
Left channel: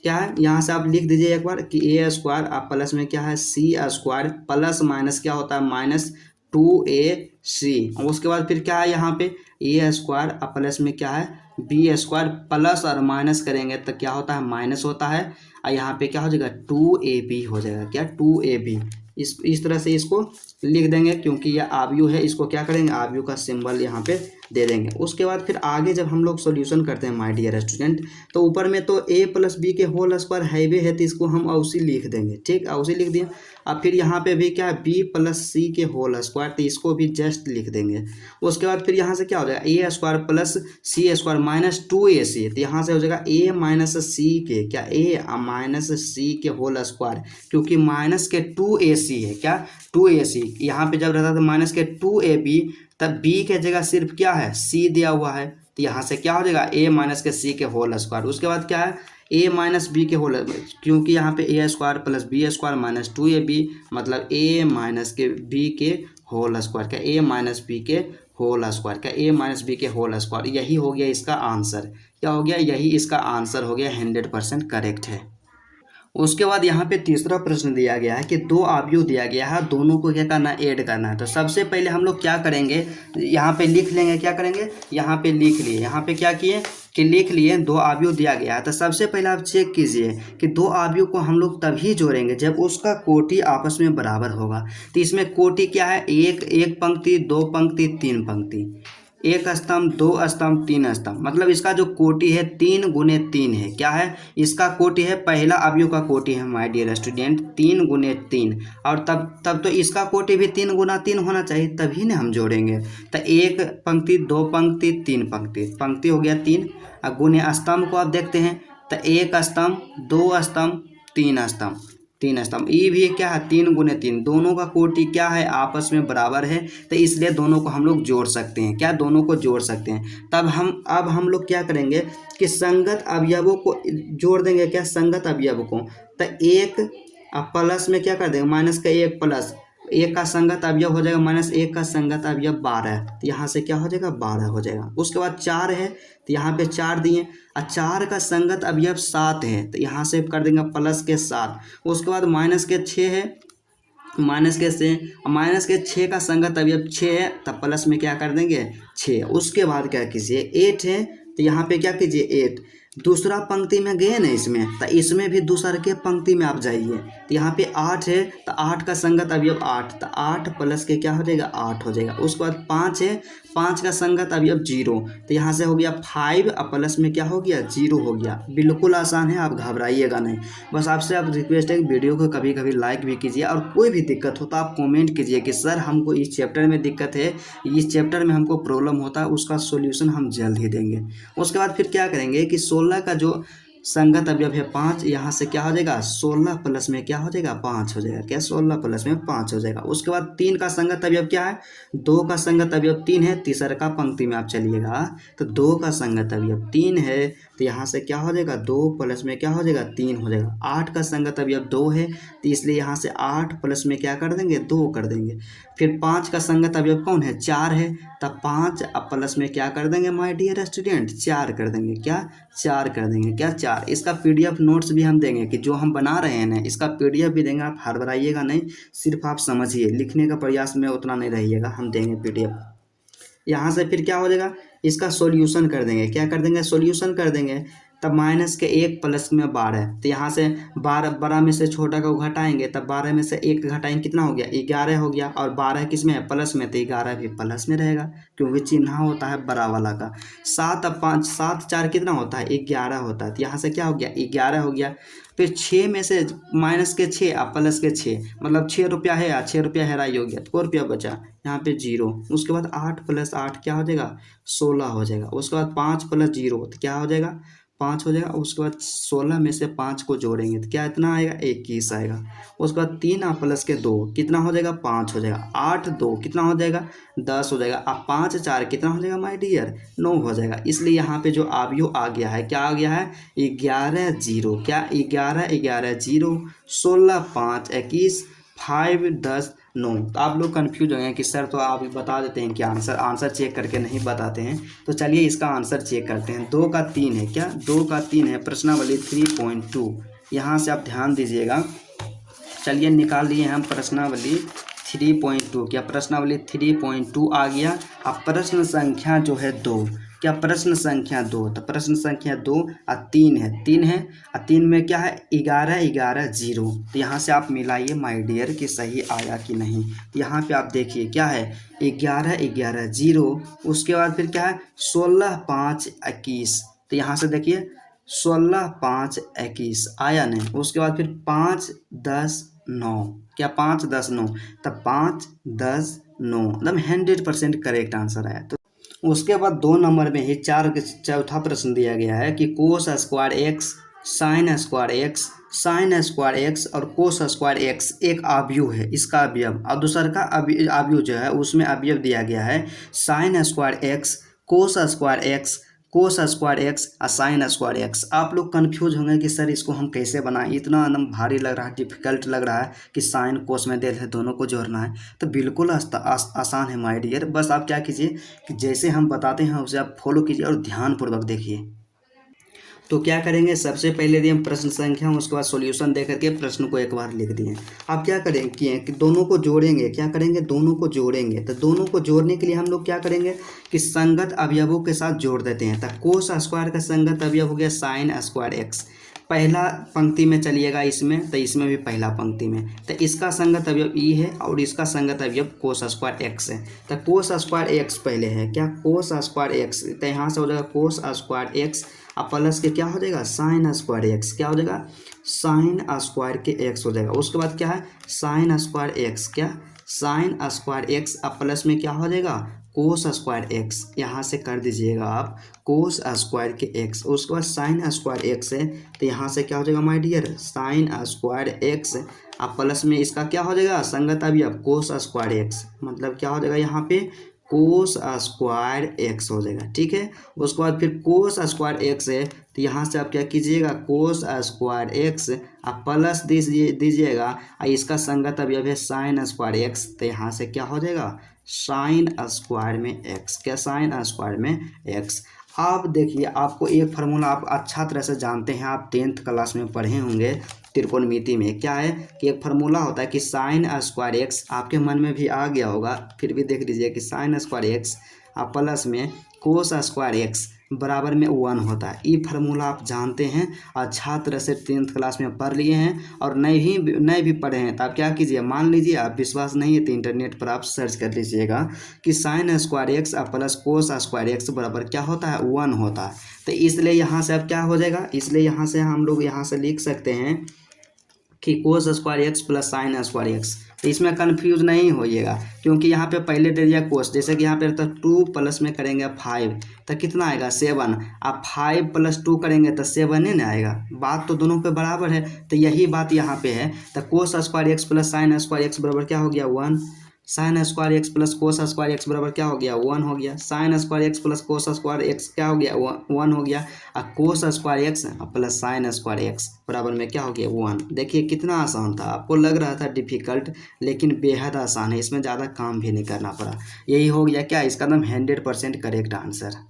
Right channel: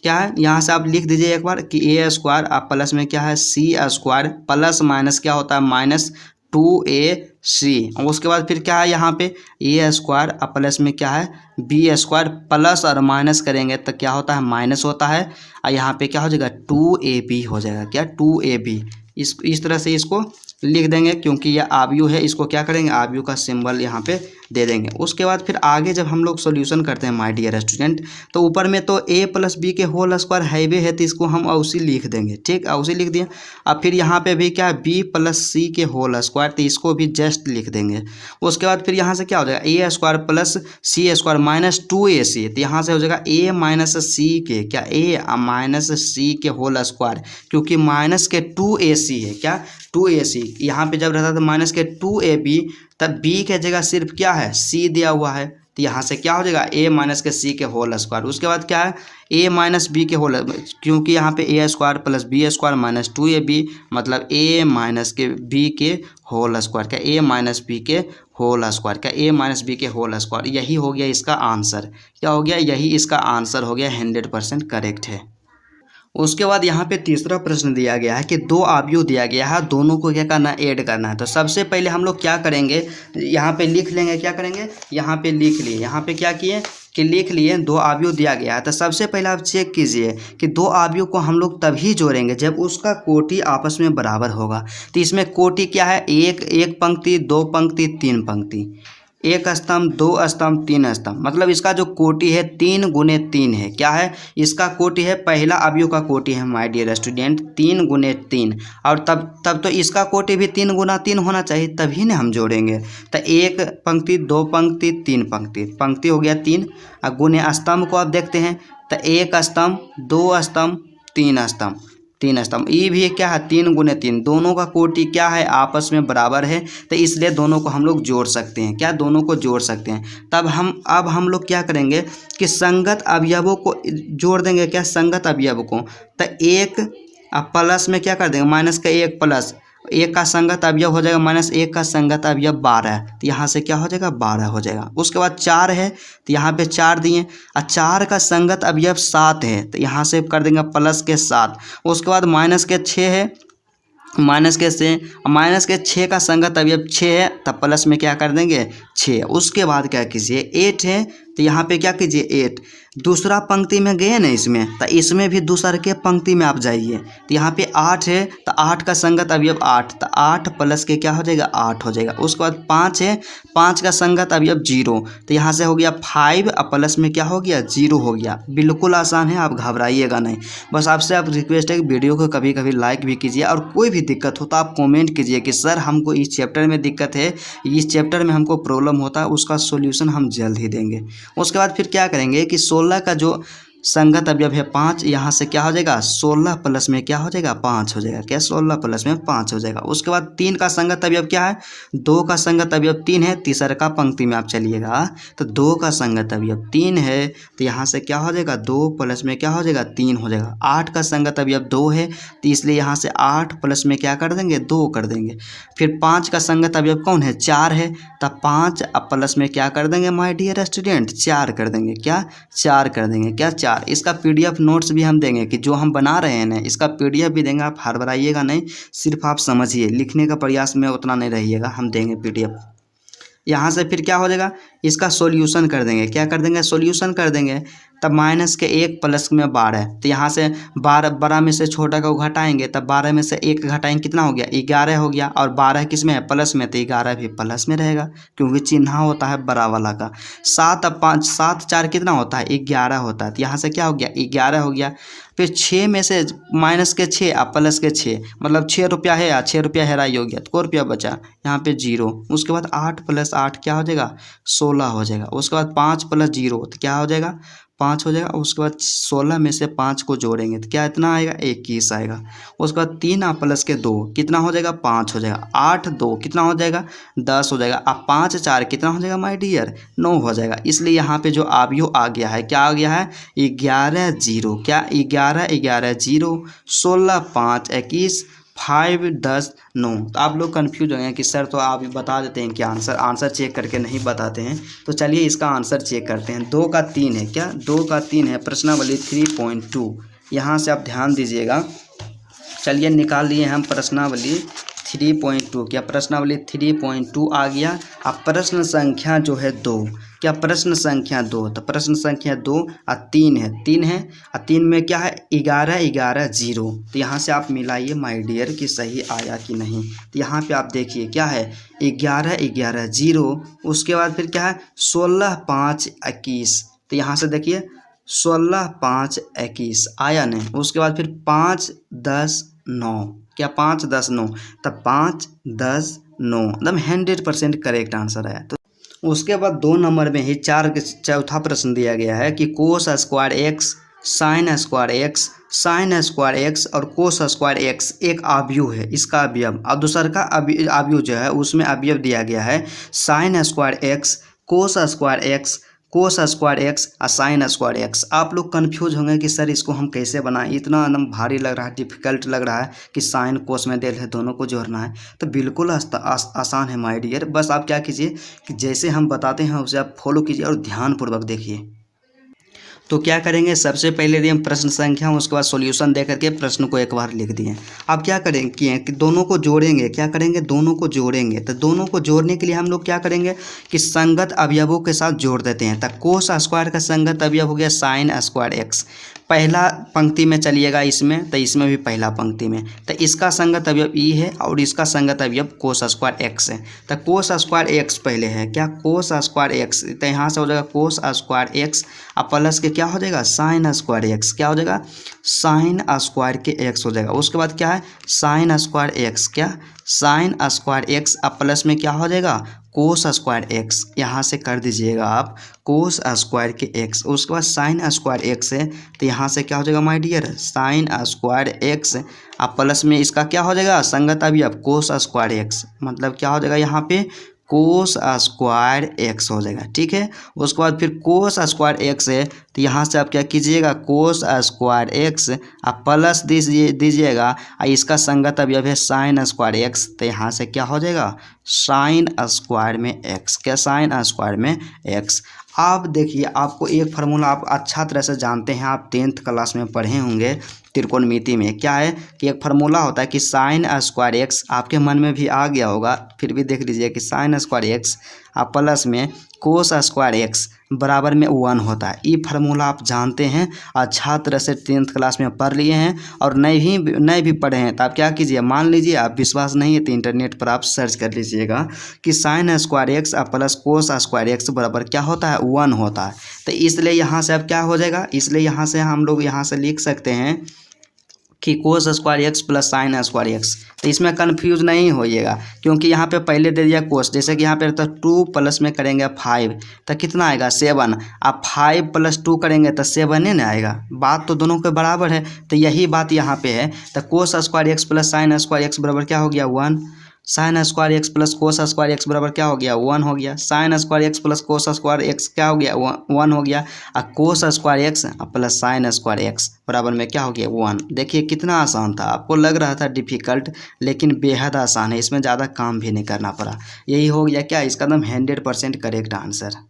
क्या है यहाँ से आप लिख दीजिए एक बार कि a स्क्वायर आप प्लस में क्या है सी स्क्वायर प्लस माइनस क्या होता है माइनस 2ac। उसके बाद फिर क्या है यहाँ पे a स्क्वायर अब प्लस में क्या है बी स्क्वायर प्लस और माइनस करेंगे तो क्या होता है माइनस होता है, और यहाँ पे क्या हो जाएगा 2ab हो जाएगा, क्या 2ab। इस तरह से इसको लिख देंगे, क्योंकि यह आव्यूह है, इसको क्या करेंगे, आव्यूह का सिंबल यहाँ पे दे देंगे। उसके बाद फिर आगे जब हम लोग सॉल्यूशन करते हैं माय डियर स्टूडेंट, तो ऊपर में तो a प्लस बी के होल स्क्वायर हाईवे है, तो इसको हम औसी लिख देंगे, ठीक, औसी लिख दिए। अब फिर यहाँ पे भी क्या है, b प्लस सी के होल स्क्वायर, तो इसको भी जस्ट लिख देंगे। उसके बाद फिर यहाँ से क्या हो जाएगा, ए स्क्वायर प्लस सी स्क्वायर माइनस 2ac, तो यहाँ से हो जाएगा a माइनस सी के क्या, a माइनस सी के होल स्क्वायर, क्योंकि माइनस के 2ac है क्या, 2ac, यहाँ पे जब रहता था माइनस के 2ab, तब b के जगह सिर्फ क्या है, c दिया हुआ है, तो यहाँ से क्या हो जाएगा, a माइनस के c के होल स्क्वायर। उसके बाद क्या है, a माइनस बी के होल, क्योंकि यहाँ पे a square plus B square minus 2ab, मतलब a माइनस के b के होल स्क्वायर, क्या a माइनस बी के होल स्क्वायर, क्या a माइनस बी के होल स्क्वायर। यही हो गया इसका आंसर, क्या हो गया, यही इसका आंसर हो गया, 100% करेक्ट है। उसके बाद यहाँ पे तीसरा प्रश्न दिया गया है कि दो आव्यूह दिया गया है, दोनों को क्या करना है, ऐड करना है। तो सबसे पहले हम लोग क्या करेंगे, यहाँ पे लिख लेंगे, क्या करेंगे, यहाँ पे लिख लिए, यहाँ पे क्या किए कि लिख लिए दो आव्यूह दिया गया है। तो सबसे पहले आप चेक कीजिए कि दो आव्यूह को हम लोग तभी जोड़ेंगे जब उसका कोटि आपस में बराबर होगा। तो इसमें कोटि क्या है, एक पंक्ति, दो पंक्ति, तीन पंक्ति, एक स्तंभ, दो स्तंभ, तीन स्तंभ, मतलब इसका जो कोटि है 3 गुने 3 है, क्या है, इसका कोटि है, पहला अवयव का कोटि है माय डियर स्टूडेंट 3 गुने 3, और तब तो इसका कोटि भी 3 गुना 3 होना चाहिए, तभी ना हम जोड़ेंगे। तो एक पंक्ति, दो पंक्ति, तीन पंक्ति, पंक्ति हो गया 3, और गुने स्तंभ को आप देखते हैं, तो एक स्तंभ, दो स्तंभ, तीन स्तंभ, तीन स्तंभ, ये भी क्या है 3 गुने 3, दोनों का कोटि क्या है, आपस में बराबर है, तो इसलिए दोनों को हम लोग जोड़ सकते हैं, क्या, दोनों को जोड़ सकते हैं। तब अब हम लोग क्या करेंगे कि संगत अवयवों को जोड़ देंगे, क्या, संगत अवयव को। तो एक प्लस में क्या कर देंगे, माइनस का एक प्लस एक का संगत अवयव हो जाएगा, माइनस एक का संगत अवयव 12, तो यहाँ से क्या हो जाएगा, 12 हो जाएगा। उसके बाद 4 है, तो यहाँ पे 4 दिए, और 4 का संगत अवयव 7 है, तो यहाँ से कर देंगे प्लस के 7। उसके बाद माइनस के 6 है, माइनस के 6 का संगत अवयव 6 है, तब प्लस में क्या कर देंगे 6। उसके बाद क्या कीजिए, 8 है, तो यहाँ पे क्या कीजिए 8, दूसरा पंक्ति में गए ना इसमें, तो इसमें भी दूसरे के पंक्ति में आप जाइए, तो यहाँ पे 8 है, तो 8 का संगत अवयव 8, तो 8 प्लस के क्या हो जाएगा, 8 हो जाएगा। उसके बाद 5 है, 5 का संगत अवयव 0, तो यहाँ से हो गया 5, और प्लस में क्या हो गया, 0 हो गया। बिल्कुल आसान है, आप घबराइएगा नहीं। बस आपसे आप रिक्वेस्ट है कि वीडियो को कभी कभी लाइक भी कीजिए, और कोई भी दिक्कत हो तो आप कमेंट कीजिए कि सर हमको इस चैप्टर में दिक्कत है, इस चैप्टर में हमको प्रॉब्लम होता है, उसका सॉल्यूशन हम जल्द ही देंगे। उसके बाद फिर क्या करेंगे कि 16 का जो संगत अवयव है 5, यहाँ से क्या हो जाएगा, 16 प्लस में क्या हो जाएगा, 5 हो जाएगा, क्या, 16 प्लस में 5 हो जाएगा। उसके बाद 3 का संगत अवयव क्या है, 2 का संगत अवयव 3 है, तीसरा का पंक्ति में आप चलिएगा, तो 2 का संगत अवयव 3 है, तो यहाँ से क्या हो जाएगा, 2 प्लस में क्या हो जाएगा, 3 हो जाएगा। 8 का संगत अवयव 2 है, तो इसलिए यहाँ से 8 प्लस में क्या कर देंगे, 2 कर देंगे। फिर 5 का संगत अवयव कौन है, 4 है, तब 5 प्लस में क्या कर देंगे माय डियर स्टूडेंट, 4 कर देंगे, क्या, 4 कर देंगे, क्या, 4। इसका PDF नोट्स भी हम देंगे, कि जो हम बना रहे हैं ना इसका PDF भी देंगे, आप हड़बड़ाइएगा नहीं, सिर्फ आप समझिए, लिखने का प्रयास में उतना नहीं रहिएगा, हम देंगे PDF। यहाँ से फिर क्या हो जाएगा, इसका सॉल्यूशन कर देंगे, क्या कर देंगे, सॉल्यूशन कर देंगे। तब माइनस के 1 प्लस में 12, तो यहाँ से 12 में से छोटा को घटाएंगे, तब 12 में से 1 घटाएंगे, कितना हो गया, 11 हो गया, और 12 किस में है, प्लस में, तो 11 भी प्लस में रहेगा, क्योंकि चिन्ह होता है बड़ा वाला का। 7 अब 5, 7 4 कितना होता है, 11 होता है, तो यहाँ से क्या हो गया, 11 हो गया। फिर 6 में से माइनस के 6 और प्लस के 6, मतलब 6 रुपया है, या 6 रुपया हेराई हो गया, तो 4 रुपया बचा, यहाँ पे 0। उसके बाद 8 प्लस 8 क्या हो जाएगा, 16 हो जाएगा। उसके बाद 5 प्लस 0 तो क्या हो जाएगा, 5 हो जाएगा। उसके बाद 16 में से 5 को जोड़ेंगे तो क्या इतना आएगा, 21 आएगा। उसके बाद 3 प्लस के 2 कितना हो जाएगा, 5 हो जाएगा। 8 2 कितना हो जाएगा, 10 हो जाएगा। अब 5 4 कितना हो जाएगा माय डियर, 9 हो जाएगा। इसलिए यहाँ पे जो अवयव आ गया है, क्या आ गया है, 11 0, क्या 11 11 0, 16 5 21, 5 10 9। तो आप लोग कन्फ्यूज हो गए कि सर तो आप बता देते हैं कि आंसर चेक करके नहीं बताते हैं, तो चलिए इसका आंसर चेक करते हैं। 2 का 3 है, क्या 2 का 3 है, प्रश्नावली 3.2। यहाँ से आप ध्यान दीजिएगा। चलिए निकाल लिए हम प्रश्नावली 3.2। क्या प्रश्नावली 3.2 आ गया। अब प्रश्न संख्या जो है 2, क्या प्रश्न संख्या 2, तो प्रश्न संख्या 2 और 3 है, 3 है और 3 में क्या है 11 11 0। तो यहाँ से आप मिलाइए माय डियर कि सही आया कि नहीं। तो यहाँ पे आप देखिए क्या है 11 11 0, उसके बाद फिर क्या है 16 5 21। तो यहाँ से देखिए 16 5 21 आया नहीं। उसके बाद फिर 5 10 9, क्या 5 10 9, तब 5 10 9 एकदम 100% करेक्ट आंसर है। तो उसके बाद 2 नंबर में ही चौथा प्रश्न दिया गया है कि cos square x sign square x, sign square X और कोस स्क्वायर एक्स एक अवयव है, इसका अवयव। और दूसरा का अवयव जो है उसमें अवयव दिया गया है sign square x, cos square x, cos square X और साइन स्क्वायर एक्स। आप लोग कंफ्यूज होंगे कि सर इसको हम कैसे बनाएं, इतना एकदम भारी लग रहा है, डिफिकल्ट लग रहा है कि साइन कोस में दे दोनों को जोड़ना है। तो बिल्कुल आसान है माय डियर। बस आप क्या कीजिए कि जैसे हम बताते हैं उसे आप फॉलो कीजिए और ध्यानपूर्वक देखिए। तो क्या करेंगे, सबसे पहले दिए हम प्रश्न संख्या, उसके बाद सॉल्यूशन दे करके प्रश्न को एक बार लिख दिए। अब क्या करेंगे कि दोनों को जोड़ेंगे, क्या करेंगे दोनों को जोड़ेंगे। तो दोनों को जोड़ने के लिए हम लोग क्या करेंगे कि संगत अवयवों के साथ जोड़ देते हैं। तो कोस स्क्वायर का संगत अवयव हो गया साइन स्क्वायर एक्स, पहला पंक्ति में चलिएगा इसमें, तो इसमें भी पहला पंक्ति में। तो इसका संगत अवयव ई है और इसका संगत अवयव कोस स्क्वायर एक्स है। तो कोस स्क्वायर एक्स पहले है, क्या कोस स्क्वायर एक्स, तो यहाँ से हो जाएगा कोस स्क्वायर एक्स और प्लस के क्या हो जाएगा साइन स्क्वायर एक्स, क्या हो जाएगा साइन स्क्वायर के एक्स हो जाएगा। उसके बाद क्या है साइन स्क्वायर एक्स, क्या साइन स्क्वायर एक्स और प्लस में क्या हो जाएगा कोस स्क्वायर एक्स, यहाँ से कर दीजिएगा आप कोस स्क्वायर के एक्स। उसके बाद साइन स्क्वायर एक्स है, तो यहाँ से क्या हो जाएगा my dear sine square X और प्लस में इसका क्या हो जाएगा संगत अवयव कोस स्क्वायर एक्स, मतलब क्या हो जाएगा यहाँ पे कोस स्क्वायर एक्स हो जाएगा। ठीक है, उसके बाद फिर कोस स्क्वायर एक्स है, तो यहाँ से आप क्या कीजिएगा कोस स्क्वायर एक्स आप प्लस दीजिएगा और इसका संगत अवयव है साइन स्क्वायर एक्स, तो यहाँ से क्या हो जाएगा साइन स्क्वायर में एक्स, क्या साइन स्क्वायर में एक्स। आप देखिए आपको एक फार्मूला आप अच्छा तरह से जानते हैं, आप 10th क्लास में पढ़े होंगे त्रिकोणमिति में, क्या है कि एक फार्मूला होता है कि साइन स्क्वायर एक्स, आपके मन में भी आ गया होगा, फिर भी देख लीजिए कि साइन स्क्वायर एक्स प्लस में कोस स्क्वायर एक्स बराबर में 1 होता है। ये फार्मूला आप जानते हैं, अच्छा तरह से 10th क्लास में पढ़ लिए हैं, और नहीं भी पढ़े हैं तो आप क्या कीजिए, मान लीजिए आप विश्वास नहीं है तो इंटरनेट पर आप सर्च कर लीजिएगा कि sign square x plus cos square x बराबर क्या होता है 1 होता है। तो इसलिए यहाँ से अब क्या हो जाएगा, इसलिए यहाँ से हम लोग यहाँ से लिख सकते हैं कि cos square x plus sign square x. तो इसमें कन्फ्यूज नहीं होइएगा, क्योंकि यहाँ पे पहले दे दिया कोस, जैसे कि यहाँ पे तो 2 प्लस में करेंगे 5 तो कितना आएगा 7, आप 5 + 2 करेंगे तो 7 ही ना आएगा, बात तो दोनों के बराबर है। तो यही बात यहाँ पे है, तो cos square x plus sign square x बराबर क्या हो गया 1, sign square x plus cos square x बराबर क्या हो गया 1 हो गया, sign square x plus cos square x क्या हो गया 1 हो गया, और cos square x plus sign square x बराबर में क्या हो गया 1। देखिए कितना आसान था, आपको लग रहा था डिफिकल्ट, लेकिन बेहद आसान है, इसमें ज़्यादा काम भी नहीं करना पड़ा। यही हो गया क्या इसका एकदम 100% करेक्ट आंसर।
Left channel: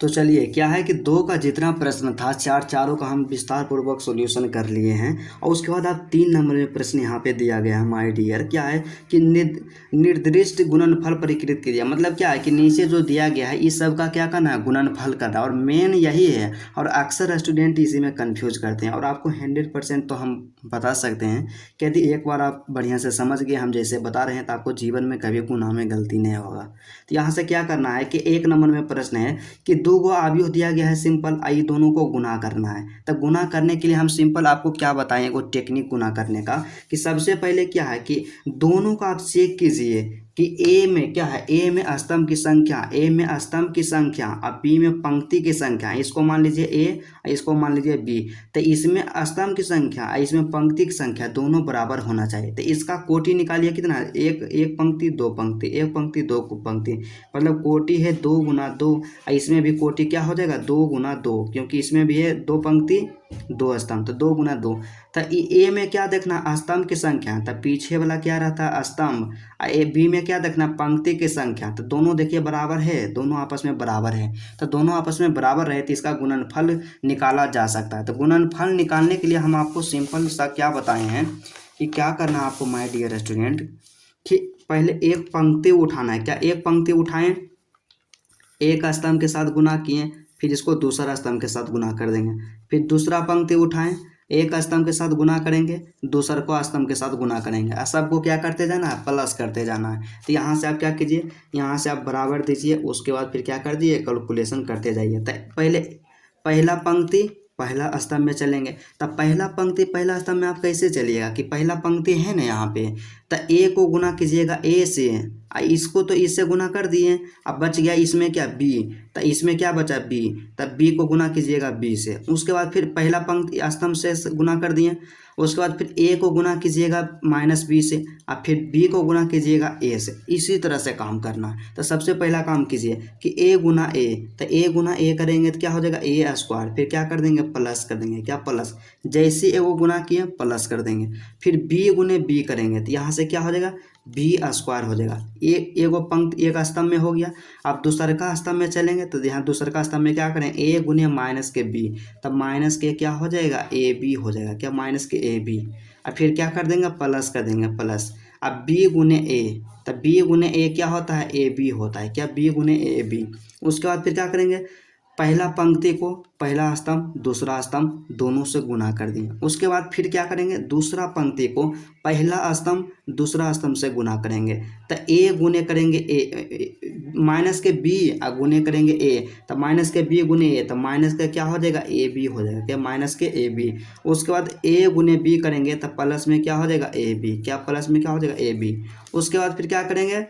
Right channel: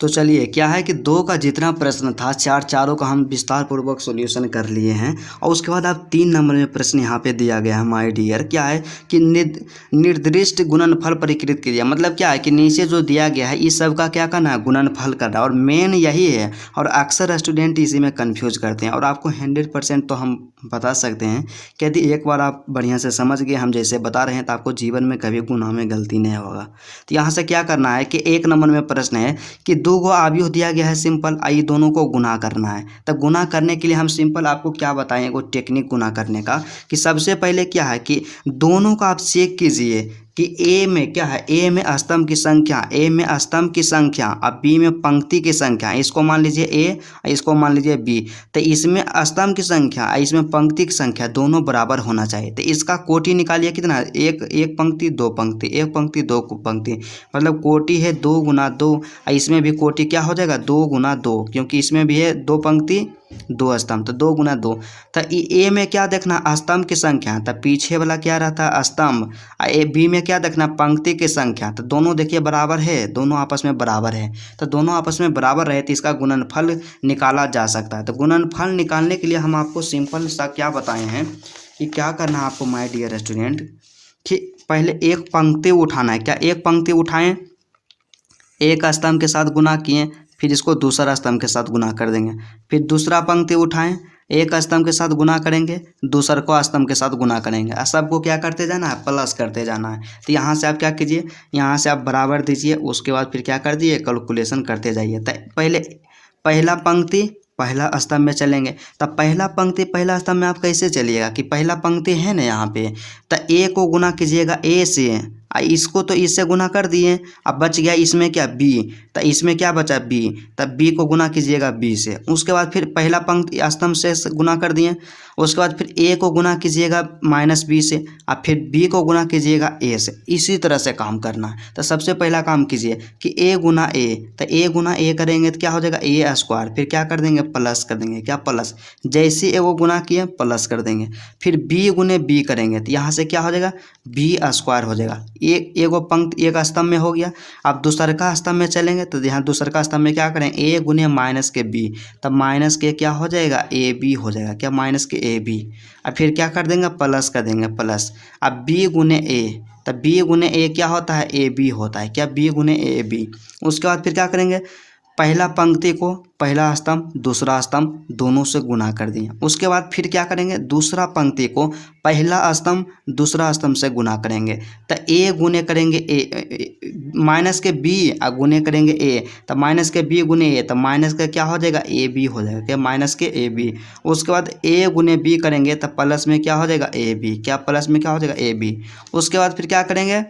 तो चलिए क्या है कि 2 का जितना प्रश्न था चारों का हम विस्तार पूर्वक सॉल्यूशन कर लिए हैं, और उसके बाद अब 3 नंबर में प्रश्न यहाँ पे दिया गया है माय डियर, क्या है कि निर्दिष्ट गुणनफल परिकृत कीजिए। मतलब क्या है कि नीचे जो दिया गया है इस सब का क्या करना है गुणनफल करना, और मेन यही है, और अक्सर स्टूडेंट इसी में कन्फ्यूज करते हैं, और आपको 100% तो हम बता सकते हैं कि यदि एक बार आप बढ़िया से समझ गए हम जैसे बता रहे हैं तो आपको जीवन में कभी गुनाह में गलती नहीं होगा। तो यहाँ से क्या करना है कि 1 नंबर में प्रश्न है कि 2 गो अवयव दिया गया है सिंपल, आइए दोनों को गुना करना है। तो गुना करने के लिए हम सिंपल आपको क्या बताएं वो टेक्निक गुना करने का, कि सबसे पहले क्या है कि दोनों का आप चेक कीजिए कि ए में क्या है, ए में स्तंभ की संख्या, ए में स्तंभ की संख्या और बी में पंक्ति की संख्या, इसको मान लीजिए ए, इसको मान लीजिए बी। तो इसमें स्तंभ की संख्या इसमें पंक्ति की संख्या दोनों बराबर होना चाहिए। तो इसका कोटि निकालिए कितना, एक पंक्ति 2 पंक्ति, एक पंक्ति 2 पंक्ति, मतलब कोटि है 2 × 2, इसमें भी कोटि क्या हो जाएगा 2 × 2, क्योंकि इसमें भी है 2 पंक्ति 2 स्तंभ, तो 2 × 2। तो ए में क्या देखना स्तंभ की संख्या, तो पीछे वाला क्या रहता है स्तंभ, ए बी में क्या देखना पंक्ति की संख्या, तो दोनों देखिए बराबर है, दोनों आपस में बराबर है। तो दोनों आपस में बराबर रहे तो इसका गुणनफल निकाला जा सकता है। तो गुणनफल निकालने के लिए हम आपको सिंपल सा क्या बताए हैं कि क्या करना है आपको माय डियर स्टूडेंट, कि पहले एक पंक्ति उठाना है। क्या एक पंक्ति उठाएं, एक स्तंभ के साथ गुना किए, फिर इसको दूसरा स्तंभ के साथ गुना कर देंगे, फिर दूसरा पंक्ति उठाएं, एक स्तंभ के साथ गुना करेंगे, दूसर को स्तंभ के साथ गुना करेंगे, और सबको क्या करते जाना है, प्लस करते जाना है। तो यहाँ से आप क्या कीजिए, यहाँ से आप बराबर दीजिए, उसके बाद फिर क्या कर दिए, कैलकुलेशन करते जाइए। तो पहले पहला पंक्ति पहला स्तंभ में चलेंगे, तब पहला पंक्ति पहला स्तंभ में आप कैसे चलिएगा कि पहला पंक्ति है ना यहाँ पे, तो ए को गुना कीजिएगा ए से, इसको तो इससे गुना कर दिए, अब बच गया इसमें क्या बी, तो इसमें क्या बचा बी, तब बी को गुना कीजिएगा बी से। उसके बाद फिर पहला पंक्ति स्तंभ से गुना कर दिए, उसके बाद फिर ए को गुना कीजिएगा माइनस बी से, और फिर बी को गुना कीजिएगा ए से। इसी तरह से काम करना है। तो सबसे पहला काम कीजिए कि ए गुना ए, तो ए गुना ए करेंगे तो क्या हो जाएगा ए स्क्वायर, फिर क्या कर देंगे प्लस कर देंगे, क्या प्लस, जैसे ए को गुना किए प्लस कर देंगे, फिर बी गुने बी करेंगे तो यहाँ से क्या हो जाएगा बी स्क्वायर हो जाएगा। एगो पंक्ति एक स्तंभ में हो गया। अब दूसरका स्तंभ में चलेंगे तो यहाँ दूसरका स्तंभ में क्या करें ए गुने माइनस के बी, तब माइनस के क्या हो जाएगा ए बी हो जाएगा, क्या माइनस के ए बी, और फिर क्या कर देंगे प्लस कर देंगे प्लस। अब बी गुने ए, तब बी गुने ए क्या होता है ए बी होता है, क्या बी गुने ए बी। उसके बाद फिर क्या करेंगे पहला पंक्ति को पहला स्तंभ दूसरा स्तंभ दोनों से गुना कर दिए। उसके बाद फिर क्या करेंगे दूसरा पंक्ति को पहला स्तंभ दूसरा स्तंभ से गुना करेंगे, तो ए गुने करेंगे ए माइनस के बी और गुने करेंगे ए, तो माइनस के बी गुने ए, तो माइनस का क्या हो जाएगा ए बी हो जाएगा, क्या माइनस के ए बी। उसके बाद ए गुने बी करेंगे तो प्लस में क्या हो जाएगा ए बी, क्या प्लस में क्या हो जाएगा ए बी। उसके बाद फिर क्या करेंगे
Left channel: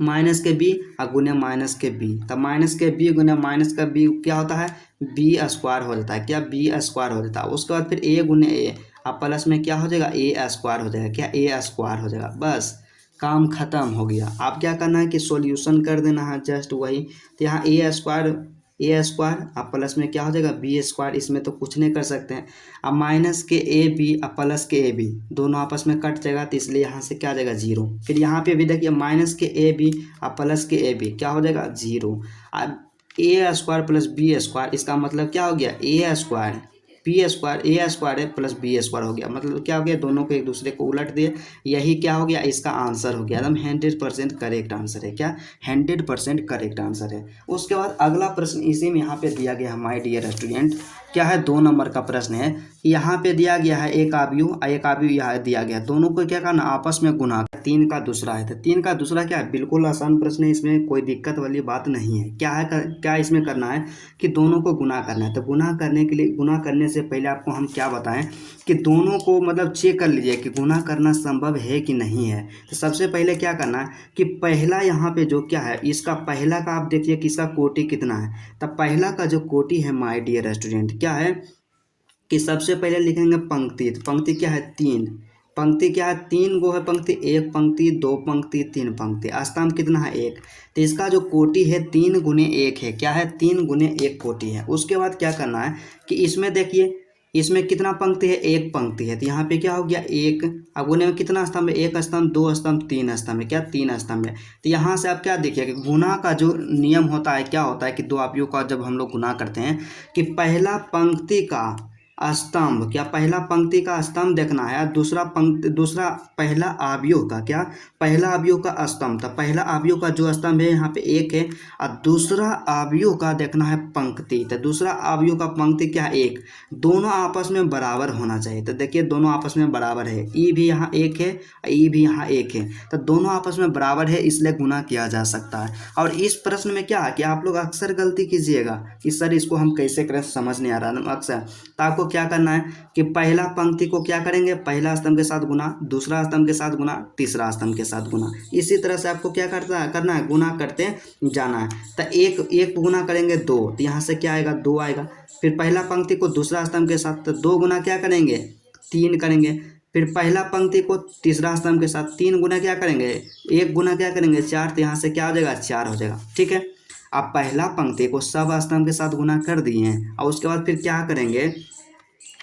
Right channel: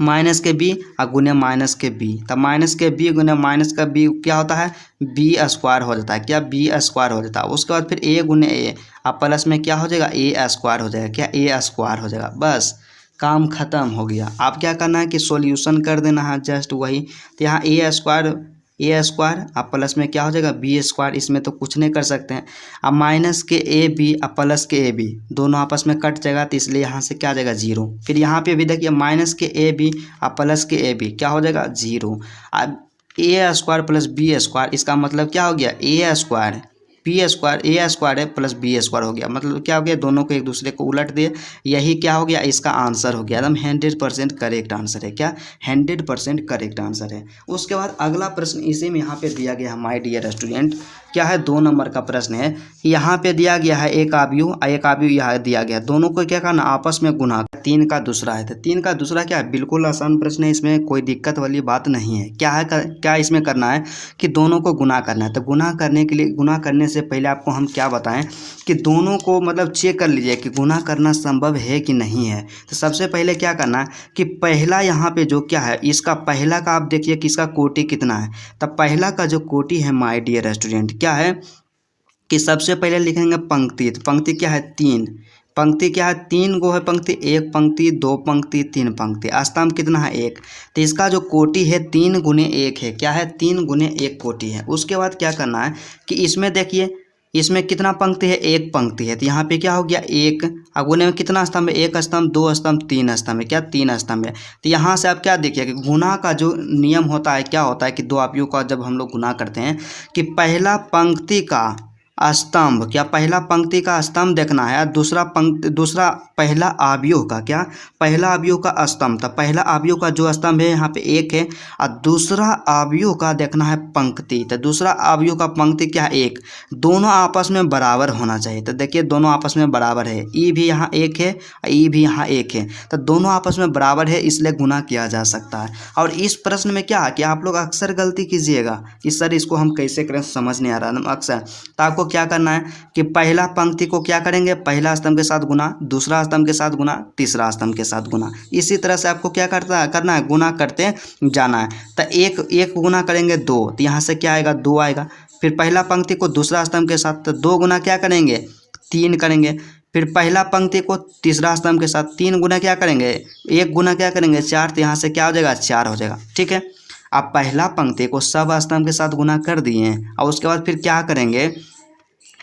माइनस के बी और गुने माइनस के बी, तब माइनस के बी गुने माइनस का बी क्या होता है बी स्क्वायर हो जाता है, क्या बी स्क्वायर हो जाता है। उसके बाद फिर ए गुने ए और प्लस में क्या हो जाएगा ए स्क्वायर हो जाएगा, क्या ए स्क्वायर हो जाएगा। बस काम खत्म हो गया। आप क्या करना है कि सॉल्यूशन कर देना है जस्ट वही। तो यहाँ ए स्क्वायर अब प्लस में क्या हो जाएगा बी स्क्वायर, इसमें तो कुछ नहीं कर सकते हैं। अब माइनस के ए बी और प्लस के ए बी दोनों आपस में कट जाएगा, तो इसलिए यहाँ से क्या आ जाएगा जीरो। फिर यहाँ पे भी देखिए माइनस के ए बी और प्लस के ए बी क्या हो जाएगा जीरो। अब ए स्क्वायर प्लस बी स्क्वायर इसका मतलब क्या हो गया ए स्क्वायर बी स्क्वायर, ए स्क्वायर है प्लस बी स्क्वायर हो गया, मतलब क्या हो गया दोनों को एक दूसरे को उलट दिए। यही क्या हो गया इसका आंसर हो गया, एकदम 100% करेक्ट आंसर है, क्या 100% करेक्ट आंसर है। उसके बाद अगला प्रश्न इसी में यहाँ पे दिया गया है माय डियर स्टूडेंट, क्या है 2 नंबर का प्रश्न है कि यहाँ पे दिया गया है एक आव्यूह यहाँ दिया गया, दोनों को क्या करना आपस में गुना, 3 का दूसरा है। तो 3 का दूसरा क्या है, बिल्कुल आसान प्रश्न है, इसमें कोई दिक्कत वाली बात नहीं है। क्या है क्या इसमें करना है कि दोनों को गुना करना है। तो गुना करने के लिए गुना करने से पहले आपको हम क्या बताएं कि दोनों को मतलब चेक कर लीजिए कि गुना करना संभव है कि नहीं है। तो सबसे पहले क्या करना है कि पहला यहाँ पे जो क्या है इसका पहला का आप देखिए कि इसका कोटि कितना है। तब पहला का जो कोटि है माय डियर स्टूडेंट क्या है कि सबसे पहले लिखेंगे पंक्ति। तो पंक्ति क्या है 3, पंक्ति क्या है 3 गो है पंक्ति, 1 पंक्ति 2 पंक्ति 3 पंक्ति, स्तंभ कितना है 1। तो इसका जो कोटि है 3 गुने 1 है, क्या है 3 गुने 1 कोटि है। उसके बाद क्या करना है कि इसमें देखिए इसमें कितना पंक्ति है 1 पंक्ति है, तो यहाँ पे क्या हो गया 1 और गुने में कितना स्तंभ है 1 स्तंभ 2 स्तंभ 3 स्तंभ है, क्या 3 स्तंभ है। तो यहाँ से आप क्या देखिए कि गुना का जो नियम होता है क्या होता है कि 2 आव्यूह का जब हम लोग गुना करते हैं कि पहला पंक्ति का स्तंभ, क्या पहला पंक्ति का स्तंभ देखना है, दूसरा पहला आव्यूह का, क्या पहला आव्यूह का स्तंभ। तो पहला आव्यूह का जो स्तंभ है यहाँ पे 1 है और दूसरा आव्यूह का देखना है पंक्ति। तो दूसरा आव्यूह का पंक्ति क्या है 1, दोनों आपस में बराबर होना चाहिए। तो देखिए दोनों आपस में बराबर है, ई भी यहाँ 1 है ई भी यहाँ 1 है, तो दोनों आपस में बराबर है इसलिए गुना किया जा सकता है। और इस प्रश्न में क्या है कि आप लोग अक्सर गलती कीजिएगा कि सर इसको हम कैसे करें समझ नहीं आ रहा अक्सर। तो आपको क्या करना है कि पहला पंक्ति को क्या करेंगे पहला स्तंभ के साथ गुना, दूसरा स्तंभ के साथ गुना, तीसरा स्तंभ के साथ गुना, इसी तरह से आपको क्या करना है गुना करते जाना है। तो एक गुना करेंगे 2, तो यहाँ से क्या आएगा 2 आएगा। फिर पहला पंक्ति को दूसरा स्तंभ के साथ तो 2 गुना क्या करेंगे 3 करेंगे। फिर पहला पंक्ति को तीसरा स्तंभ के साथ 3 गुना क्या करेंगे 1 गुना क्या करेंगे 4, तो यहाँ से क्या हो जाएगा 4 हो जाएगा। ठीक है, आप पहला पंक्ति को सब स्तंभ के साथ गुना कर दिए और उसके बाद फिर क्या करेंगे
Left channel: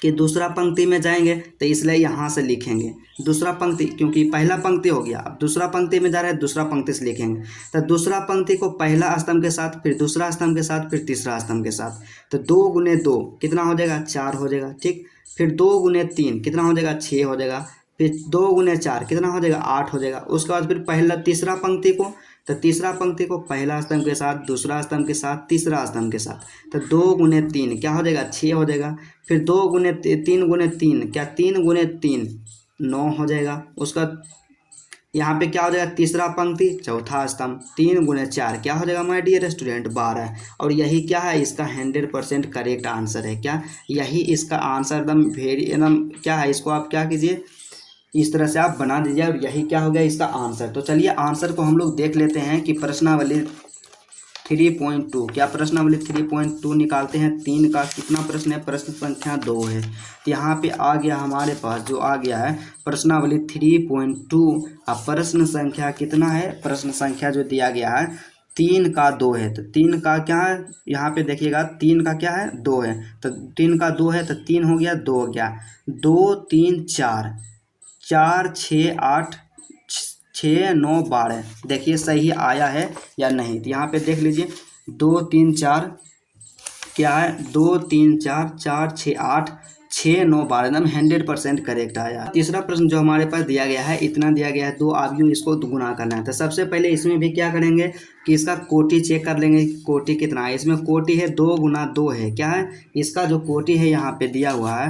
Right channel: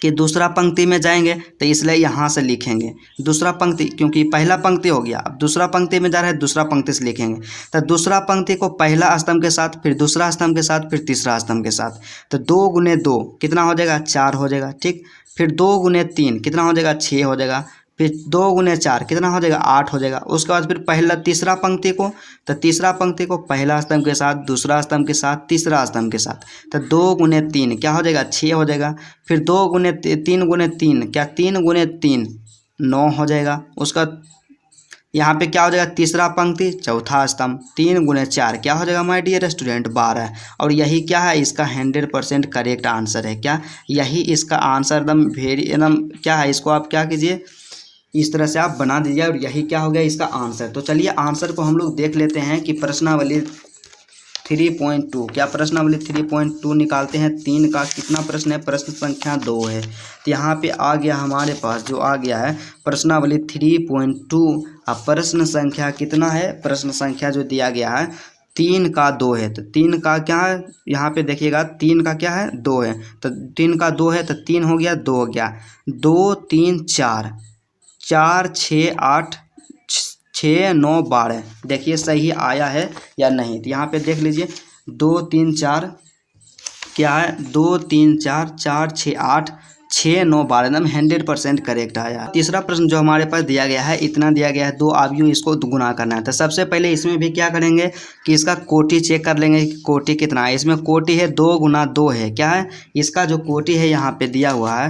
कि दूसरा पंक्ति में जाएंगे, तो इसलिए यहाँ से लिखेंगे दूसरा पंक्ति, क्योंकि पहला पंक्ति हो गया अब दूसरा पंक्ति में जा रहा है दूसरा पंक्ति से लिखेंगे। तो दूसरा पंक्ति को पहला स्तंभ के साथ, फिर दूसरा स्तंभ के साथ, फिर तीसरा स्तंभ के साथ, तो 2 गुने 2 कितना हो जाएगा 4 हो जाएगा। ठीक, फिर 2 गुने 3 कितना हो जाएगा 6 हो जाएगा। फिर 2 गुने 4 कितना हो जाएगा 8 हो जाएगा। उसके बाद फिर पहला तीसरा पंक्ति को, तो तीसरा पंक्ति को पहला स्तंभ के साथ, दूसरा स्तंभ के साथ, तीसरा स्तंभ के साथ, तो 2 गुने 3 क्या हो जाएगा 6 हो जाएगा। फिर 2 गुने 3 गुने 3 क्या 3 गुने 3 9 हो जाएगा। उसका यहाँ पे क्या हो जाएगा तीसरा पंक्ति चौथा स्तंभ 3 गुने 4 क्या हो जाएगा माय डियर स्टूडेंट 12। और यही क्या है इसका 100% करेक्ट आंसर है। क्या यही इसका आंसर एकदम एकदम क्या है, इसको आप क्या कीजिए इस तरह से आप बना दीजिए और यही क्या हो गया इसका आंसर। तो चलिए आंसर को हम लोग देख लेते हैं कि प्रश्नावली 3.2 क्या प्रश्नावली 3.2 निकालते हैं। 3 का कितना प्रश्न है, प्रश्न संख्या 2 है। तो यहाँ पे आ गया हमारे पास जो आ गया है प्रश्नावली 3.2। अब प्रश्न संख्या कितना है, प्रश्न संख्या जो दिया गया है 3 का 2 है। तो 3 का क्या है यहाँ पे देखिएगा 3 का क्या है 2 है, तो 3 का 2 है तो 3 हो गया 2 हो गया 2 3 4 4 6 8 6 9 12 देखिए सही आया है या नहीं। तो यहाँ पे देख लीजिए 2 3 4 क्या है 2 3 4 4 6 8 6 9 12 एकदम 100% करेक्ट आया। तीसरा प्रश्न जो हमारे पास दिया गया है इतना दिया गया है 2 अवयव इसको गुना करना है। तो सबसे पहले इसमें भी क्या करेंगे कि इसका कोटि चेक कर लेंगे कि कोटि कितना है। इसमें कोटि है 2 गुना 2 है, क्या है इसका जो कोटि है यहाँ पे दिया हुआ है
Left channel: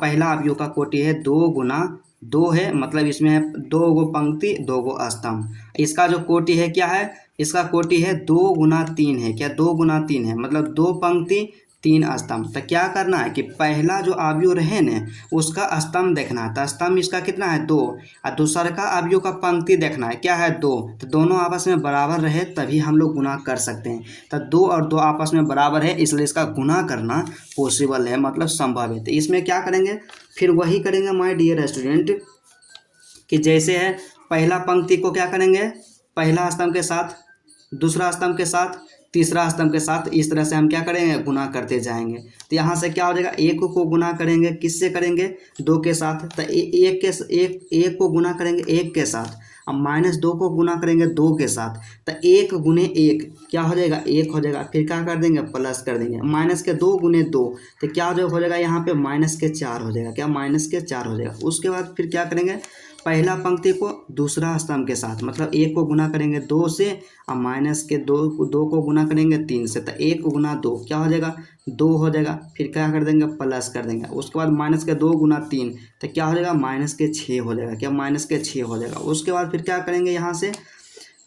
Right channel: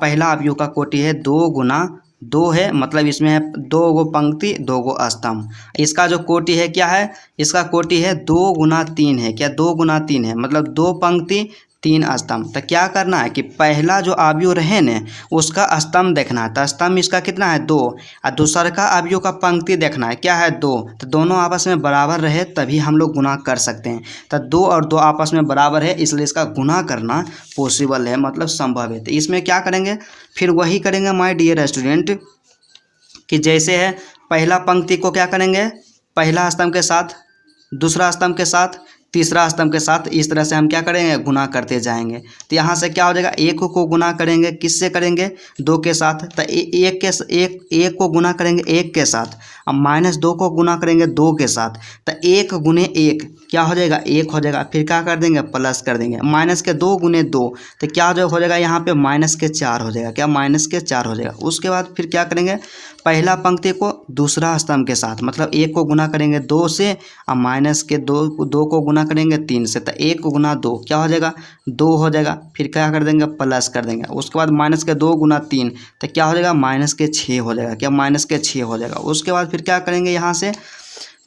पहला अवयव का कोटि है 2 गुना 2 है, मतलब इसमें है 2 गो पंक्ति 2 गो स्तंभ। इसका जो कोटि है क्या है, इसका कोटि है 2 गुना 3 है, क्या 2 गुना 3 है मतलब 2 पंक्ति 3 स्तंभ। तो क्या करना है कि पहला जो अवयव रहे न उसका स्तंभ देखना है। तो स्तंभ इसका कितना है 2 और दूसरा का अवयव का पंक्ति देखना है क्या है 2। तो दोनों आपस में बराबर रहे तभी हम लोग गुना कर सकते हैं। तो 2 और 2 आपस में बराबर है इसलिए इसका गुना करना पॉसिबल है, मतलब संभव है। तो इसमें क्या करेंगे फिर वही करेंगे माय डियर स्टूडेंट कि जैसे है पहला पंक्ति को क्या करेंगे पहला स्तंभ के साथ, दूसरा स्तंभ के साथ, तीसरा स्तंभ के साथ, इस तरह से हम क्या करेंगे गुना करते जाएंगे। तो यहाँ से क्या हो जाएगा 1 को गुना करेंगे किससे करेंगे 2 के साथ, तो 1 को गुना करेंगे 1 के साथ, अब -2 को गुना करेंगे 2 के साथ, तो 1 गुने 1 क्या हो जाएगा 1 हो जाएगा। फिर क्या कर देंगे प्लस कर देंगे -2 गुने 2 तो क्या हो जाएगा यहाँ पे -4 हो जाएगा, क्या -4 हो जाएगा। उसके बाद फिर क्या करेंगे पहला पंक्ति को दूसरा स्तंभ के साथ, मतलब 1 को गुना करेंगे 2 से और -2 को गुना करेंगे 3 से, तो 1 गुना 2 क्या हो जाएगा 2 हो जाएगा। फिर क्या कर देंगे प्लस कर देंगे। उसके बाद -2 गुना 3 तो क्या हो जाएगा -6 हो जाएगा, क्या -6 हो जाएगा। उसके बाद फिर क्या करेंगे यहाँ से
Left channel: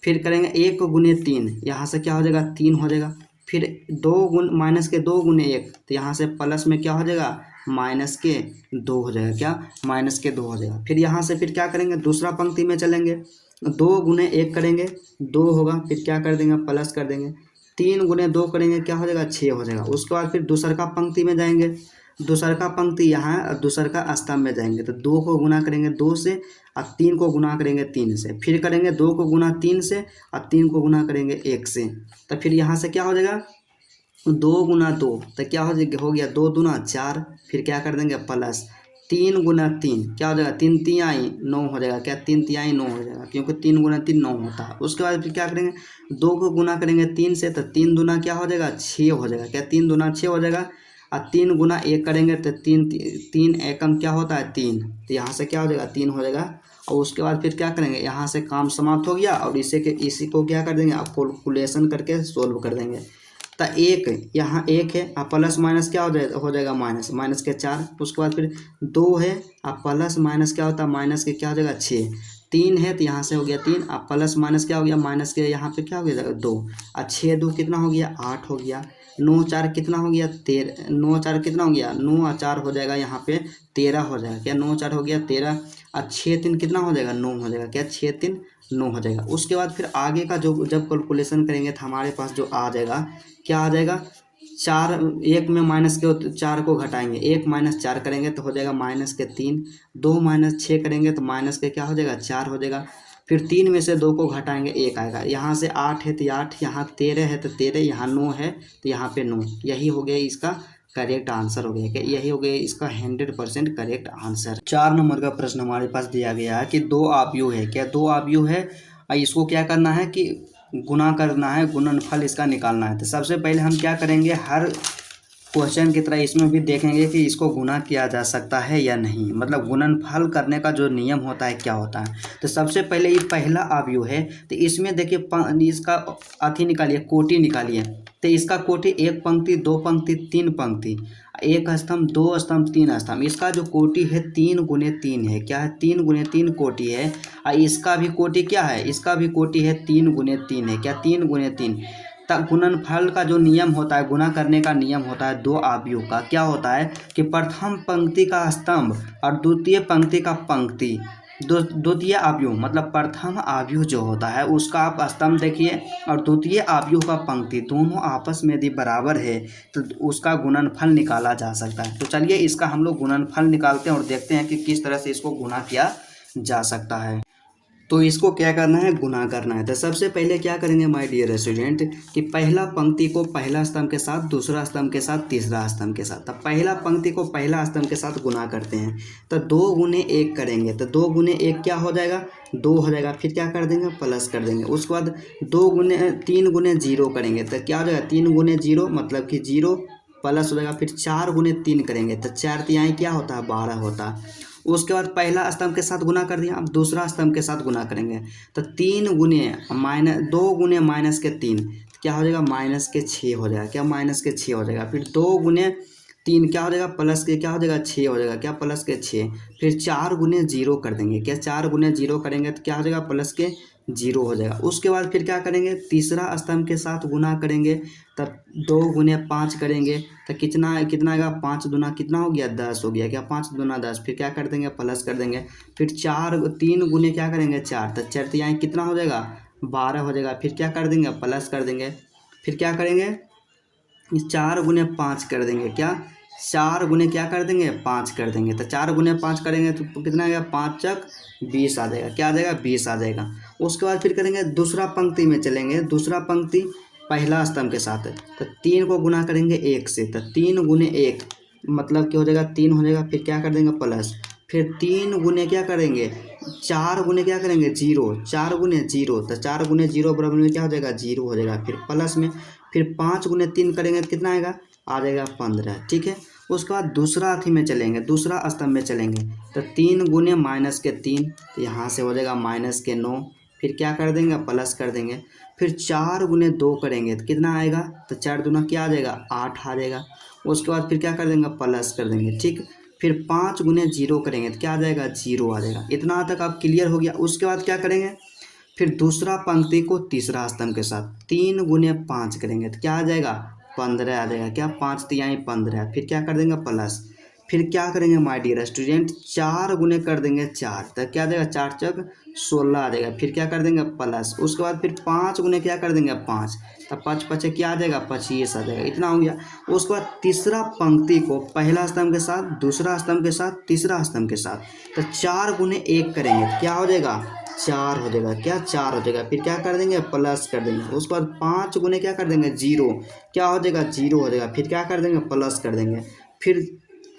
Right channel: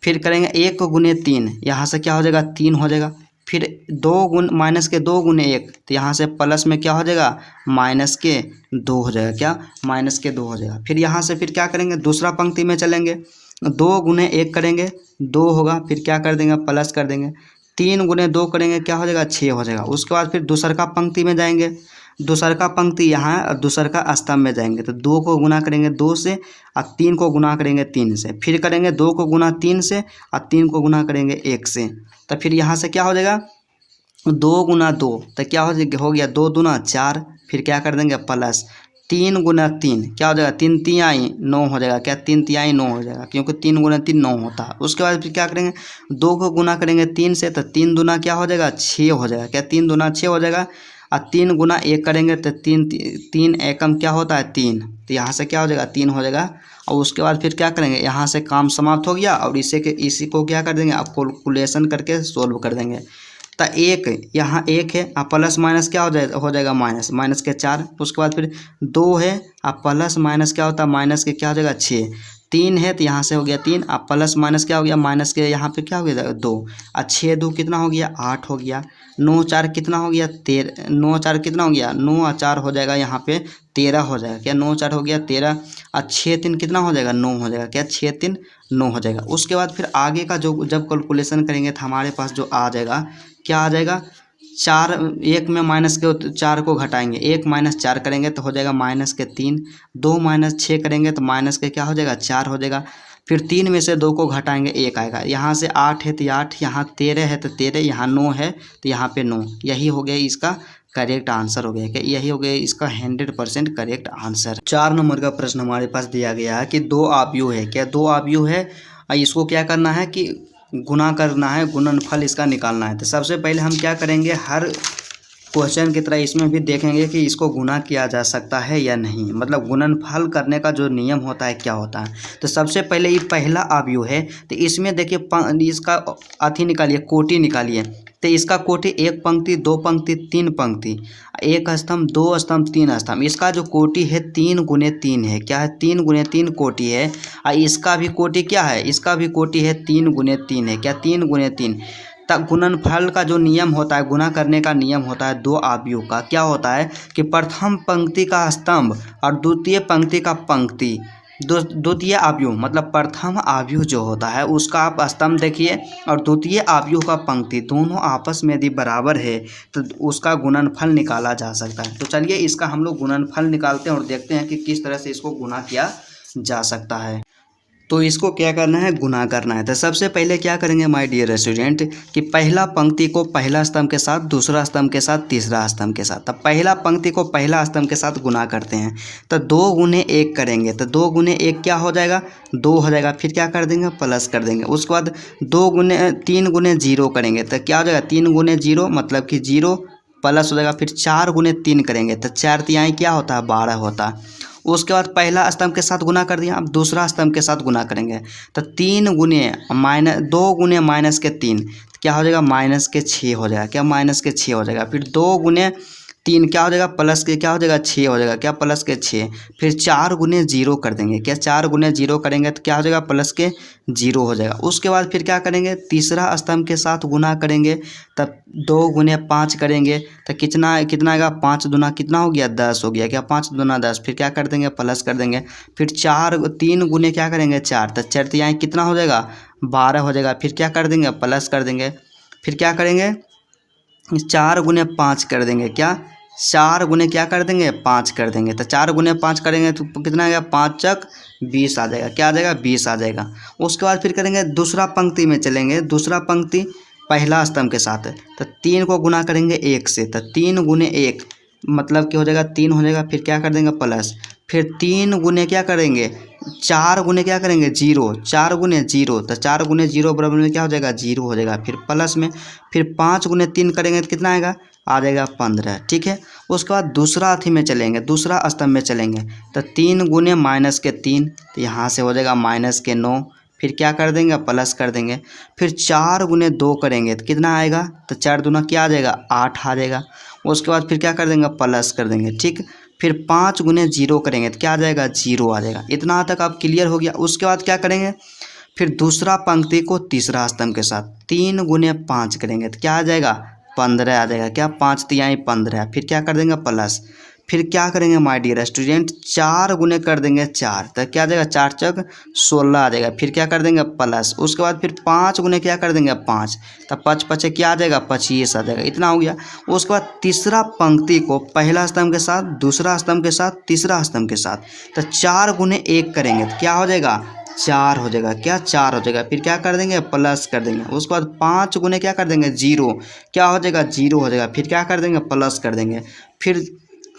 फिर करेंगे 1 गुने 3 यहाँ से क्या हो जाएगा 3 हो जाएगा। फिर -2 गुने 1 तो यहाँ से प्लस में क्या हो जाएगा -2 हो जाएगा, क्या -2 हो जाएगा। फिर यहाँ से फिर क्या करेंगे दूसरा पंक्ति में चलेंगे 2 गुने 1 करेंगे 2 होगा, फिर क्या कर देंगे प्लस कर देंगे 3 गुने 2 करेंगे क्या हो जाएगा 6 हो जाएगा। उसके बाद फिर दूसरा का पंक्ति में जाएंगे, दूसरा का पंक्ति यहाँ और दूसरा का स्तंभ में जाएंगे, तो 2 को गुना करेंगे 2 से और 3 को गुना करेंगे 3 से, फिर करेंगे 2 को गुना 3 से और 3 को गुना करेंगे 1 से, तो फिर यहाँ से क्या हो जाएगा 2 गुना 2 तो क्या हो गया 2 दूना 4, फिर क्या कर देंगे प्लस 3 गुना 3 क्या हो जाएगा 3 तिहाई 9 हो जाएगा, क्या 3 तिहाई 9 हो जाएगा क्योंकि 3 गुना 3 9 होता है। उसके बाद फिर क्या करेंगे 2 को गुना करेंगे 3 से, तो 3 दूना क्या हो जाएगा 6 हो जाएगा, क्या 3 दूना 6 हो जाएगा। और 3 गुना 1 करेंगे तो 3 एकम क्या होता है 3, तो यहाँ से क्या हो जाएगा 3 हो जाएगा। और उसके बाद फिर क्या करेंगे यहाँ से काम समाप्त हो गया और इसी को क्या कर देंगे आप कैलकुलेशन करके सोल्व कर देंगे। तो 1 यहाँ 1 है और प्लस माइनस क्या हो जाएगा माइनस के 4। उसके बाद फिर 2 है और प्लस माइनस क्या होता है माइनस के क्या हो जाएगा 6, 3 है तो यहाँ से हो गया 3 और प्लस माइनस क्या हो गया माइनस के यहाँ पे क्या हो गया 2 और 6 2 कितना हो गया 8 हो गया, 9 4 कितना हो गया 13, 9 4 कितना हो गया 9 और 4 हो जाएगा यहाँ पे 13 हो जाएगा, क्या 9 4 हो गया 13 और 6 3 कितना हो जाएगा 9 हो जाएगा, क्या 6 3 9 हो जाएगा। उसके बाद फिर आगे का जो जब कैलकुलेशन करेंगे तो हमारे पास जो आ जाएगा क्या आ जाएगा 4 1 में -4 को घटाएंगे 1 - 4 करेंगे तो हो जाएगा -3, 2 - 6 करेंगे तो माइनस के क्या हो जाएगा 4 हो जाएगा। फिर 3 में से 2 को घटाएंगे 1 आएगा, यहाँ से 8 है तो 8, यहाँ 13 है तो 13, यहाँ 9 है तो यहाँ पे 9, यही हो गया इसका करेक्ट आंसर हो गया, कि यही हो गया इसका 100% करेक्ट आंसर। 4 नंबर का प्रश्न हमारे पास दिया गया है कि 2 अवयव है, क्या 2 अवयव है इसको क्या करना है कि गुना करना है, गुणनफल इसका निकालना है। तो सबसे पहले हम क्या करेंगे क्वेश्चन की तरह इसमें भी देखेंगे कि इसको गुना किया जा सकता है या नहीं, मतलब गुणनफल करने का जो नियम होता है क्या होता है। तो सबसे पहले ये पहला अवयव है, तो इसमें देखिए इसका अथी निकालिए, कोटि निकालिए। तो इसका कोटि एक पंक्ति, दो पंक्ति, तीन पंक्ति, एक स्तंभ, दो स्तंभ, तीन स्तंभ। इसका जो कोटि है 3 × 3 है, क्या है 3 × 3 कोटि है। और इसका भी कोटि क्या है, इसका भी कोटि है 3 × 3 है, क्या 3 × 3। तब गुणनफल का जो नियम होता है, गुना करने का नियम होता है दो अवयव का, क्या होता है कि प्रथम पंक्ति का स्तंभ और द्वितीय पंक्ति का पंक्ति, द्वितीय अवयव मतलब प्रथम अवयव जो होता है उसका आप स्तंभ देखिए और द्वितीय अवयव का पंक्ति, दोनों आपस में यदि बराबर है तो उसका गुणनफल निकाला जा सकता है। तो चलिए इसका हम लोग गुणनफल निकालते हैं और देखते हैं कि किस तरह से इसको गुना किया जा सकता है। तो इसको क्या करना है, गुना करना है। तो सबसे पहले क्या करेंगे माय डियर स्टूडेंट कि पहला पंक्ति को पहला स्तंभ के साथ, दूसरा स्तंभ के साथ, तीसरा स्तंभ के साथ। तब पहला पंक्ति को पहला स्तंभ के साथ गुना करते हैं तो 2 × 1 करेंगे, तो 2 × 1 क्या हो जाएगा, 2 हो जाएगा। फिर क्या कर देंगे, प्लस कर देंगे। उसके बाद 3 × 0 करेंगे तो क्या हो जाएगा, 3 × 0 मतलब कि 0 प्लस हो जाएगा। फिर 4 × 3 करेंगे तो 4 तिहाई क्या होता है, 12 होता है। उसके बाद पहला स्तंभ के साथ गुना कर दिया, अब दूसरा स्तंभ के साथ गुना करेंगे तो 2 × क्या हो जाएगा, -6 हो जाएगा, क्या -6 हो जाएगा। फिर 2 × 3 क्या हो जाएगा, प्लस के क्या हो जाएगा, 6 हो जाएगा, क्या प्लस के 6। फिर 4 × 0 कर देंगे, क्या 4 × 0 करेंगे तो क्या हो जाएगा, +0 हो जाएगा। उसके बाद फिर क्या करेंगे, तीसरा स्तंभ के साथ गुना करेंगे तब 2 × 5 करेंगे तो कितना आएगा, 5 दूना कितना हो गया, 10 हो गया, क्या 5 दूना 10। फिर क्या कर देंगे, प्लस कर देंगे। फिर 3 × क्या करेंगे, 4 तो 4 तिहाई कितना हो जाएगा, 12 हो जाएगा। फिर क्या कर देंगे, प्लस कर देंगे। फिर क्या करेंगे, 4 × 5 कर देंगे, क्या 4 × क्या कर देंगे, 5 कर देंगे। तो 4 × 5 करेंगे तो कितना आएगा, 5 × 20 आ जाएगा, क्या आ जाएगा, 20 आ जाएगा। उसके बाद फिर करेंगे दूसरा पंक्ति में चलेंगे, दूसरा पंक्ति पहला स्तंभ के साथ है तो 3 को गुना करेंगे 1 से, तो 3 × 1 मतलब क्या हो जाएगा, 3 हो जाएगा। फिर क्या कर देंगे, प्लस। फिर 3 × क्या करेंगे, 4 × क्या करेंगे, 0, 4 × 0 तो 4 × 0 बराबर में क्या हो जाएगा, 0 हो जाएगा। फिर प्लस में फिर 5 × 3 करेंगे तो कितना आएगा, आ जाएगा 15, ठीक है। उसके बाद दूसरा अथी में चलेंगे, दूसरा स्तंभ में चलेंगे तो 3 × -3 तो यहाँ से हो जाएगा -9। फिर क्या कर देंगे, प्लस कर देंगे। फिर 4 × 2 करेंगे तो कितना आएगा, तो 4 दूना क्या आ जाएगा, 8 आ जाएगा। उसके बाद फिर क्या कर देंगे, प्लस कर देंगे, ठीक। फिर 5 × 0 करेंगे तो क्या आ जाएगा, 0 आ जाएगा। इतना तक आप क्लियर हो गया। उसके बाद क्या करेंगे, फिर दूसरा पंक्ति को तीसरा स्तंभ के साथ 3 × 5 करेंगे तो क्या आ जाएगा, 15 आ जाएगा, क्या 5 तिहाई 15। फिर क्या कर देंगे, प्लस। फिर क्या करेंगे माय डियर स्टूडेंट, 4 × कर देंगे 4 तो क्या आ जाएगा, 4 × 16 आ जाएगा। फिर क्या कर देंगे, प्लस। उसके बाद फिर 5 × क्या कर देंगे, 5 तो 5 × 5 क्या आ जाएगा, 25 आ जाएगा। इतना हो गया। उसके बाद तीसरा पंक्ति को पहला स्तंभ के साथ, दूसरा स्तंभ के साथ, तीसरा स्तंभ के साथ तो 4 × 1 करेंगे तो क्या हो जाएगा, 4 हो जाएगा, क्या 4 हो जाएगा। फिर क्या कर देंगे, प्लस कर देंगे। उसके बाद 5 × क्या कर देंगे, 0, क्या हो जाएगा, 0 हो जाएगा। फिर क्या कर देंगे, प्लस कर देंगे। फिर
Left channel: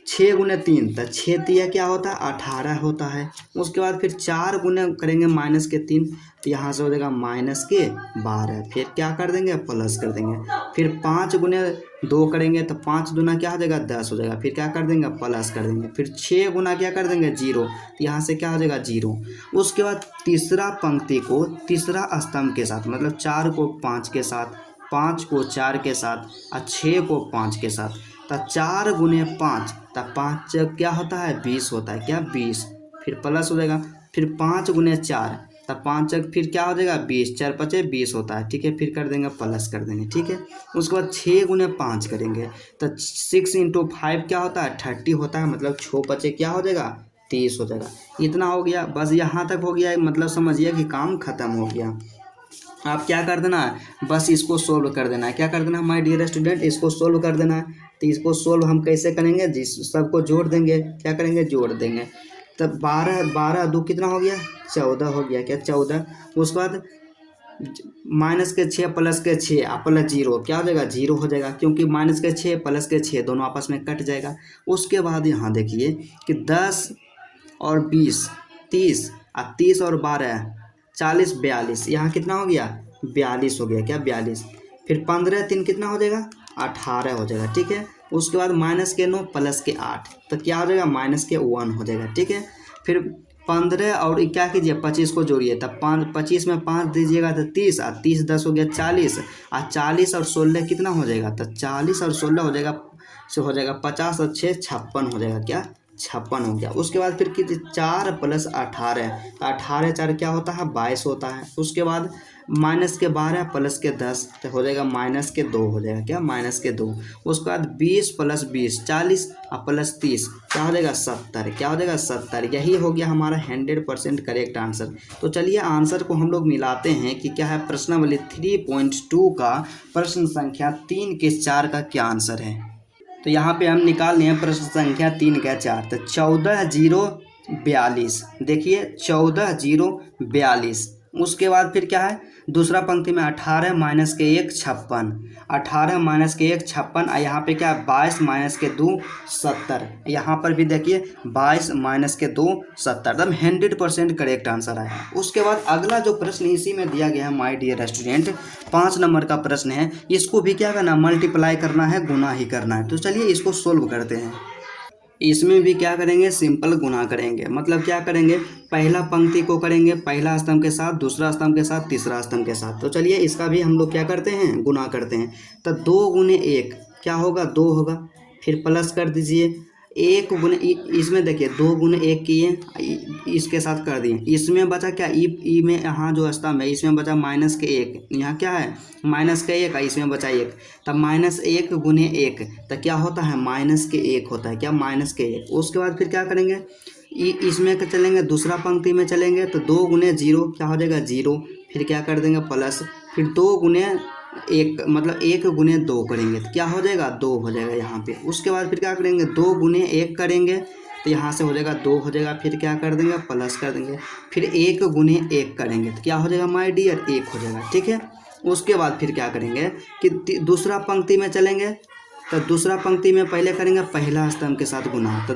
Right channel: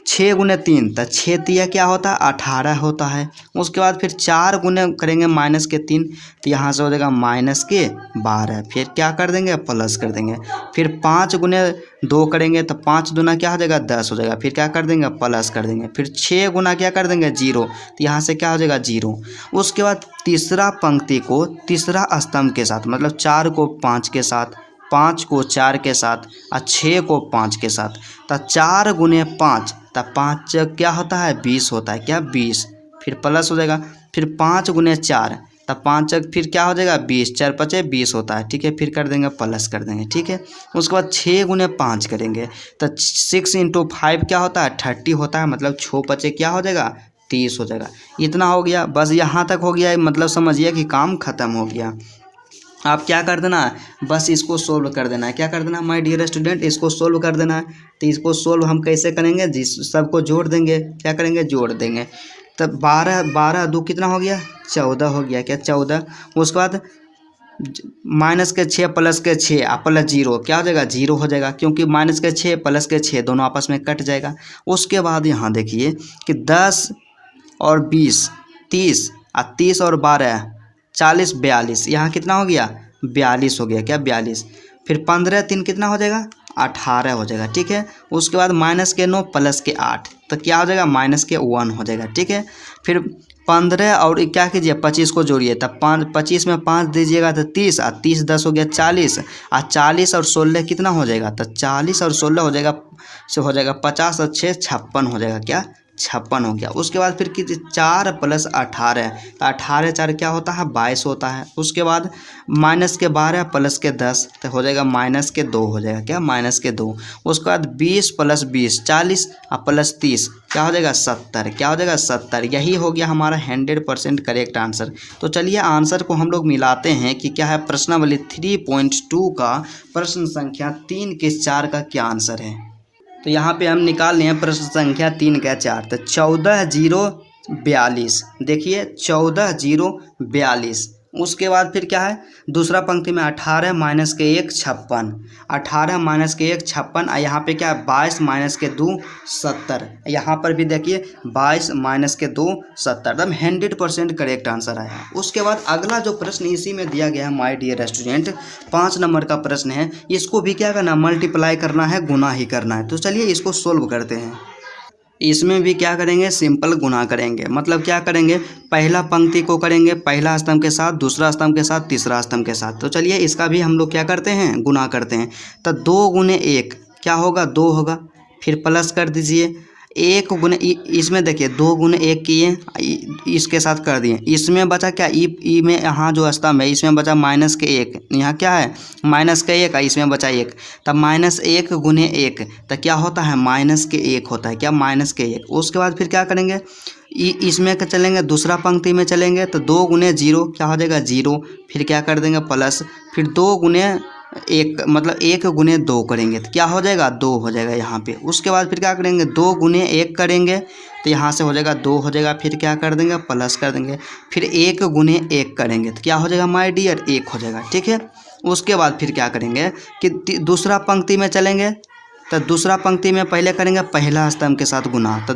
6 × 3 तो 6 तिया क्या होता है, 18 होता है। उसके बाद फिर 4 × करेंगे -3 तो यहाँ से हो जाएगा -12। फिर क्या कर देंगे, प्लस कर देंगे। फिर 5 × 2 करेंगे तो 5 दूना क्या हो जाएगा, 10 हो जाएगा। फिर क्या कर देंगे, प्लस कर देंगे। फिर 6 × क्या कर देंगे, 0 तो यहाँ से क्या हो जाएगा, 0। उसके बाद तीसरा पंक्ति को तीसरा स्तंभ के साथ मतलब 4 को 5 के साथ, 5 को 4 के साथ और 6 को 5 के साथ तो 4 × 5 तो 5 क्या होता है, 20 होता है, क्या 20। फिर प्लस हो जाएगा। फिर 5 × 4 तो 5 फिर क्या हो जाएगा, 20, 4 × 5 20 होता है, ठीक है। फिर कर देंगे, प्लस कर देंगे, ठीक है। उसके बाद 6 × 5 करेंगे तो 6 × 5 क्या होता है, 30 होता है, मतलब 6 × 5 क्या हो जाएगा, 30 हो जाएगा। इतना हो गया, बस यहाँ तक हो गया, मतलब समझिए कि काम खत्म हो गया। आप क्या कर देना, बस इसको सोल्व कर देना है। क्या कर देना माय डियर स्टूडेंट, इसको सोल्व कर देना है। तो इसको सोल्व हम कैसे करेंगे, जिस सबको जोड़ देंगे, क्या करेंगे, जोड़ देंगे। तब 12 2 कितना हो गया, 14 हो गया, क्या 14। उसके बाद -6 प्लस के 6 प्लस 0 क्या हो जाएगा, 0 हो जाएगा, क्योंकि -6 प्लस के 6 दोनों आपस में कट जाएगा। उसके बाद यहाँ देखिए कि 10 और 20 30 और 30 और 12 40 42, यहाँ कितना हो गया, 42 हो गया, क्या 42। फिर 15 3 कितना हो जाएगा, 18 हो जाएगा, ठीक है। उसके बाद माइनस के 9 प्लस के 8, तो क्या हो जाएगा माइनस के 1 हो जाएगा, ठीक है। फिर 15 और क्या कीजिए 25 को जोड़िए, तब 25 में 5 दीजिएगा तो 30, और 30 10 हो गया 40, और 40 और 16 कितना हो जाएगा, तो 40 और 16 हो जाएगा, से हो जाएगा 50 और 6 56 हो जाएगा, क्या 56 हो गया। उसके बाद फिर कीजिए 4 + 18, तो 18 4 क्या होता है 22 होता है। उसके बाद माइनस के 12 प्लस के 10, तो हो जाएगा माइनस के 2 हो जाएगा, क्या माइनस के 2। उसके बाद 20 + 20 40, और प्लस 30 क्या हो जाएगा 70, क्या हो जाएगा 70। यही हो गया हमारा 100% करेक्ट आंसर। तो चलिए आंसर को हम लोग मिलाते हैं कि क्या है। प्रश्नावली 3.2 का प्रश्न संख्या 3 के 4 का क्या आंसर है। तो यहाँ पे हम निकाल रहे हैं प्रश्न संख्या 3 का 4, तो 14,042, देखिए 14,042। उसके बाद फिर क्या है दूसरा पंक्ति में 18 - के 1 56, 18 - के 1 56, और यहाँ पे क्या है 22 - के 2 70। यहाँ पर भी देखिए 22 - के 2 70, एकदम 100% करेक्ट आंसर आया। उसके बाद अगला जो प्रश्न इसी में दिया गया है माय डियर स्टूडेंट, 5 नंबर का प्रश्न है। इसको भी क्या करना मल्टीप्लाई करना है, गुना ही करना है। तो चलिए इसको सोल्व करते हैं। इसमें भी क्या करेंगे सिंपल गुना करेंगे, मतलब क्या करेंगे पहला पंक्ति को करेंगे पहला स्तंभ के साथ, दूसरा स्तंभ के साथ, तीसरा स्तंभ के साथ। तो चलिए इसका भी हम लोग क्या करते हैं गुना करते हैं। तो 2 × 1 क्या होगा 2 होगा, फिर प्लस कर दीजिए 1 × इसमें देखिए 2 × 1 किए, इसके साथ कर दिए। इसमें बचा क्या ई में यहाँ जो स्तंभ है इसमें बचा माइनस के 1, यहाँ क्या है माइनस का 1, इसमें बचा 1, तब -1 × 1 तो क्या होता है -1 होता है, क्या -1। उसके बाद फिर क्या करेंगे इसमें चलेंगे दूसरा पंक्ति में चलेंगे, तो 2 × 0 क्या हो जाएगा 0, फिर क्या कर देंगे प्लस, फिर 2 × 1 मतलब 1 × 2 करेंगे तो क्या हो जाएगा 2 हो जाएगा यहाँ पे। उसके बाद फिर क्या करेंगे 2 × 1 करेंगे तो यहाँ से हो जाएगा 2 हो जाएगा, फिर क्या कर देंगे प्लस कर देंगे, फिर 1 × 1 करेंगे तो क्या हो जाएगा माय डियर 1 हो जाएगा, ठीक है। उसके बाद फिर क्या करेंगे कि दूसरा पंक्ति में चलेंगे, तो दूसरा पंक्ति में पहले करेंगे पहला स्तंभ के साथ गुना, तो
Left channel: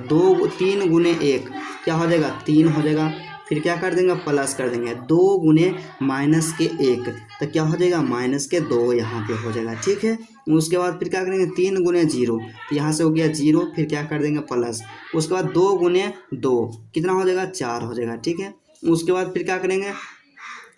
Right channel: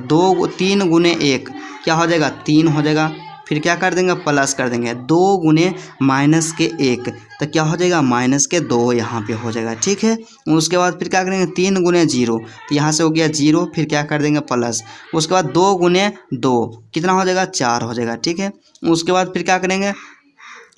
3 × 1 क्या हो जाएगा 3 हो जाएगा, फिर क्या कर देंगे प्लस कर देंगे 2 × -1 तो क्या हो जाएगा -2 यहाँ पे हो जाएगा, ठीक है। उसके बाद फिर क्या करेंगे 3 × 0 तो यहाँ से हो गया 0, फिर क्या कर देंगे प्लस। उसके बाद 2 × 2 कितना हो जाएगा 4 हो जाएगा, ठीक है। उसके बाद फिर क्या करेंगे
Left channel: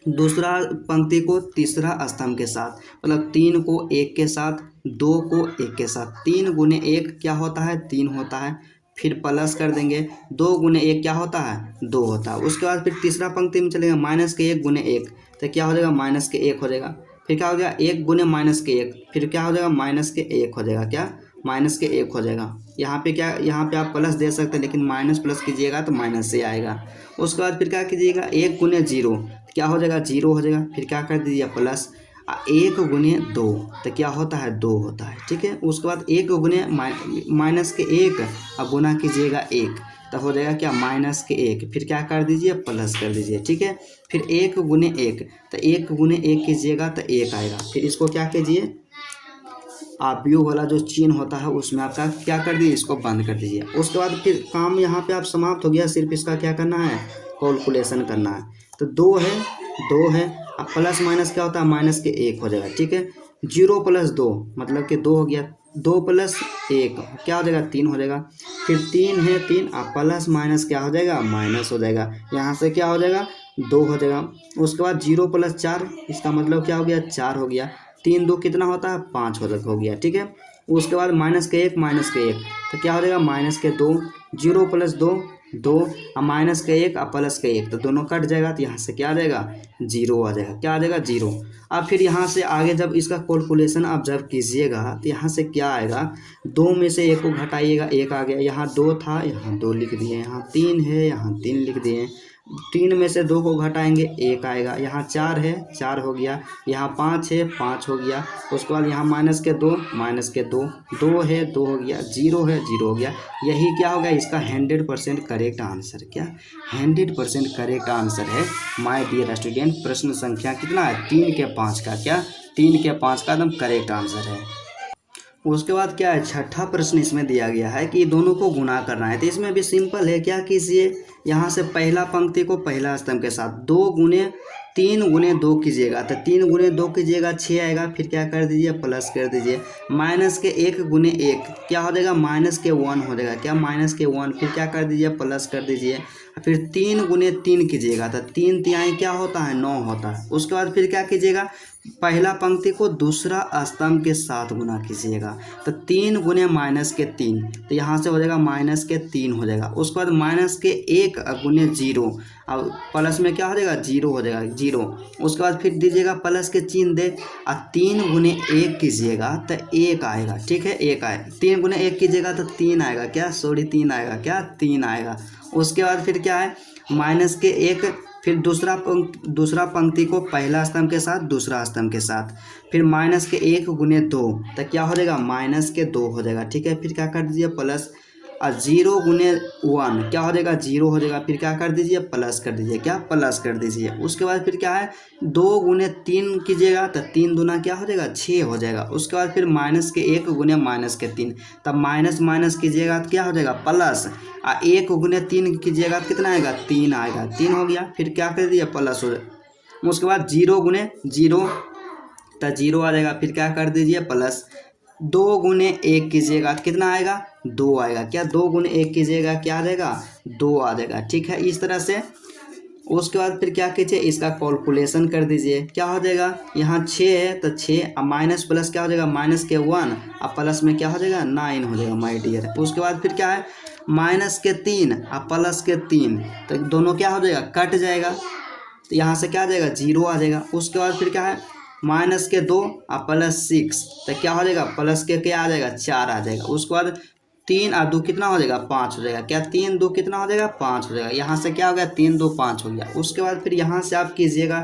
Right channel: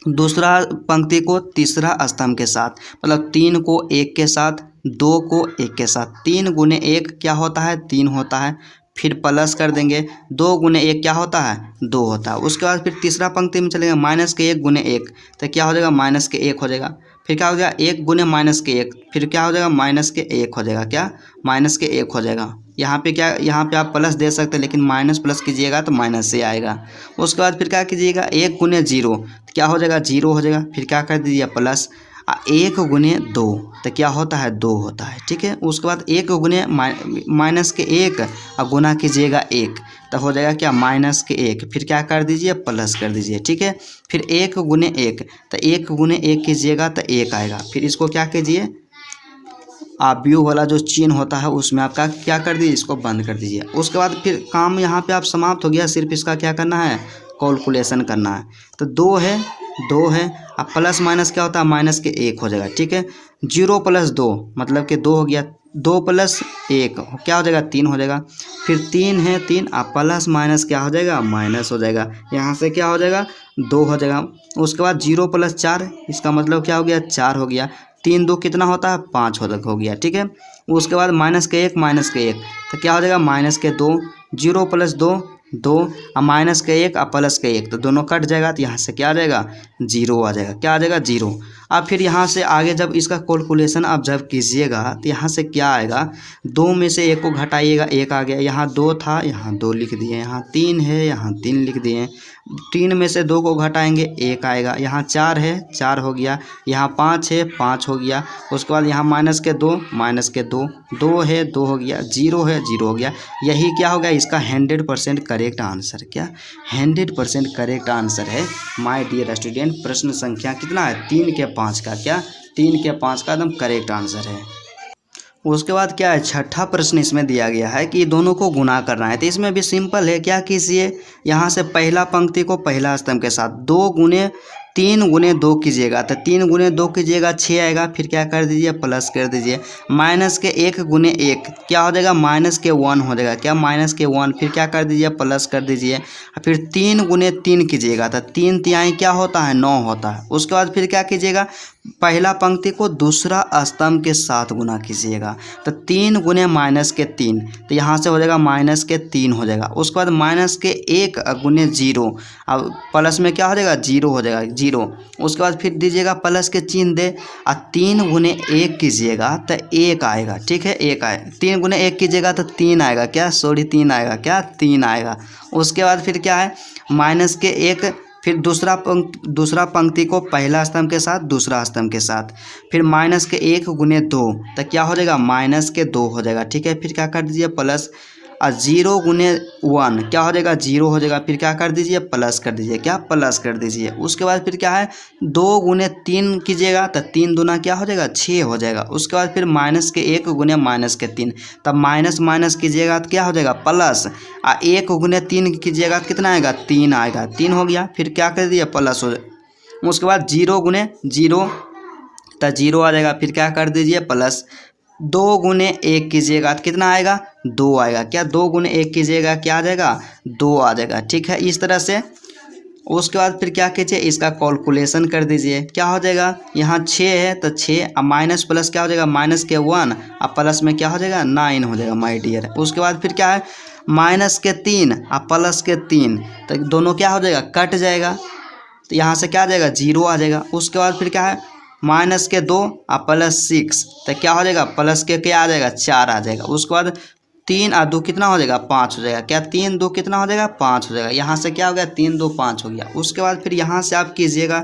दूसरा पंक्ति को तीसरा स्तंभ के साथ, मतलब 3 को 1 के साथ, 2 को 1 के साथ, 3 × 1 क्या होता है 3 होता है, फिर प्लस कर देंगे 2 × 1 क्या होता है 2 होता है। उसके बाद फिर तीसरा पंक्ति में चलेंगे -1 × 1 तो क्या हो जाएगा -1 हो जाएगा, फिर क्या हो जाएगा 1 × -1 फिर क्या हो जाएगा -1 हो जाएगा, क्या -1 हो जाएगा। यहाँ पे क्या यहाँ पे आप प्लस दे सकते हैं, लेकिन माइनस प्लस कीजिएगा तो माइनस से आएगा। उसके बाद फिर क्या कीजिएगा 1 × 0 क्या हो जाएगा 0 हो जाएगा, फिर क्या कर दीजिए प्लस 1 × 2 तो क्या होता है 2 होता है, ठीक है। उसके बाद 1 × -1 और गुना कीजिएगा 1 तो हो जाएगा क्या -1, फिर क्या कर दीजिए प्लस कर दीजिए, ठीक है। फिर 1 × 1 तो 1 × 1 कीजिएगा तो 1 आएगा, फिर इसको क्या कीजिए आप व्यू वाला जो चिन्ह होता है उसमें आपका क्या कर दीजिए इसको बंद कर दीजिए। उसके बाद फिर काम यहाँ पे आप समाप्त हो गया, सिर्फ इसका क्या करना है कैलकुलेशन करना है। तो 2 है अब प्लस माइनस क्या होता है -1 हो जाएगा, ठीक है। 0 + 2 मतलब कि 2 हो गया, 2 + 1 क्या हो जाएगा 3 हो जाएगा, फिर 3 है 3 अब प्लस माइनस क्या हो जाएगा माइनस हो जाएगा, यहाँ से क्या हो जाएगा 2 हो जाएगा। उसके बाद 0 + 4 इसका मतलब क्या हो गया 4 हो गया, 3 2 कितना होता है 5 हो गया, ठीक है। उसके बाद -1 तो क्या हो जाएगा -2, 0 + 2 2 और -1 और +1 तो दोनों कट जाएगा, तो यहाँ से क्या आ जाएगा 0 आ जाएगा, क्या आ जाएगा 0। अब फिर यहाँ से आगे जब इसका कैलकुलेशन आप जब कीजिएगा तो यहाँ से क्या आएगा 2 में से 1 को घटाइएगा 1 आ गया, यहाँ 2 था यहाँ 2 लिख दिए, यहाँ 3 है यहाँ 3 लिख दिए, 3 में से 2 को घटाएंगे 1 आएगा, यहाँ 4 है 4 हो गया, यहाँ 5 है 5 हो गया। उसके बाद यहाँ -2 2 है 2 हो गया, 0 है 0 हो गया। यही क्या हो गया इसका 100% करेक्ट आंसर, क्या 100% करेक्ट आंसर है माय डियर स्टूडेंट। प्रश्न संख्या कितना है 3 के 5 का, क्या 3 के 5 का एकदम करेक्ट आंसर है। उसके बाद क्या है छठा प्रश्न इसमें दिया गया है कि दोनों को गुना करना है। तो इसमें भी सिंपल है, क्या कीजिए यहाँ से पहला पंक्ति को पहला स्तंभ के साथ 2 × 3 × 2 कीजिएगा तो 3 × 2 कीजिएगा 6 आएगा। फिर क्या कर दीजिए प्लस कर दीजिए। माइनस के 1 × 1 क्या हो जाएगा माइनस के 1 हो जाएगा। क्या माइनस के 1। फिर क्या कर दीजिए प्लस कर दीजिए। फिर 3 × 3 कीजिएगा तो 3 तिहाई क्या होता है 9 होता है। उसके बाद फिर क्या कीजिएगा पहला पंक्ति को दूसरा स्तंभ के साथ गुना कीजिएगा तो 3 × -3 तो यहाँ से हो जाएगा -3 हो जाएगा। उसके बाद -1 × 0 अब प्लस में क्या हो जाएगा 0 हो जाएगा 0। उसके बाद फिर दीजिएगा प्लस के चिन्ह दे और 3 × 1 कीजिएगा तो 1 आएगा। ठीक है 1 आए। 3 × 1 कीजिएगा तो 3 आएगा। क्या 3 आएगा। क्या 3 आएगा। उसके बाद फिर क्या है -1 फिर दूसरा पंक्ति को पहला स्तंभ के साथ दूसरा स्तंभ के साथ। फिर -1 × 2 तो क्या हो जाएगा -2 हो जाएगा। ठीक है। फिर क्या कर दीजिए प्लस 0 × 1 क्या हो जाएगा 0 हो जाएगा। फिर क्या कर दीजिए प्लस कर दीजिए। क्या प्लस कर दीजिए। उसके बाद फिर क्या है 2 × 3 कीजिएगा तो 3 दूना क्या हो जाएगा 6 हो जाएगा। उसके बाद फिर -1 × -3 तब माइनस माइनस कीजिएगा तो क्या हो जाएगा प्लस 1 × 3 कीजिएगा कितना आएगा 3 आएगा। 3 हो गया। फिर क्या कर दिए प्लस हो जाए। उसके बाद 0 × 0 तो 0 आ जाएगा। फिर क्या कर दीजिए प्लस 2 × 1 कीजिएगा तो कितना आएगा 2 आएगा। क्या 2 × 1 कीजिएगा क्या आ जाएगा 2 आ जाएगा। ठीक है इस तरह से। उसके बाद फिर क्या कीजिए इसका कैलकुलेशन कर दीजिए। क्या हो जाएगा यहाँ 6 है तो 6 अब माइनस प्लस क्या हो जाएगा -1 अब प्लस में क्या हो जाएगा 9 हो जाएगा माय डियर। उसके बाद फिर क्या है -3 अब +3 तो दोनों क्या हो जाएगा कट जाएगा तो यहाँ से क्या आ जाएगा 0 आ जाएगा। उसके बाद फिर क्या है -2 और +6 तो क्या हो जाएगा प्लस के क्या आ जाएगा 4 आ जाएगा। उसके बाद 3 और 2 कितना हो जाएगा 5 हो जाएगा। क्या 3 2 कितना हो जाएगा 5 हो जाएगा। यहाँ से क्या हो गया 3 2 5 हो गया। उसके बाद फिर यहाँ से आप कीजिएगा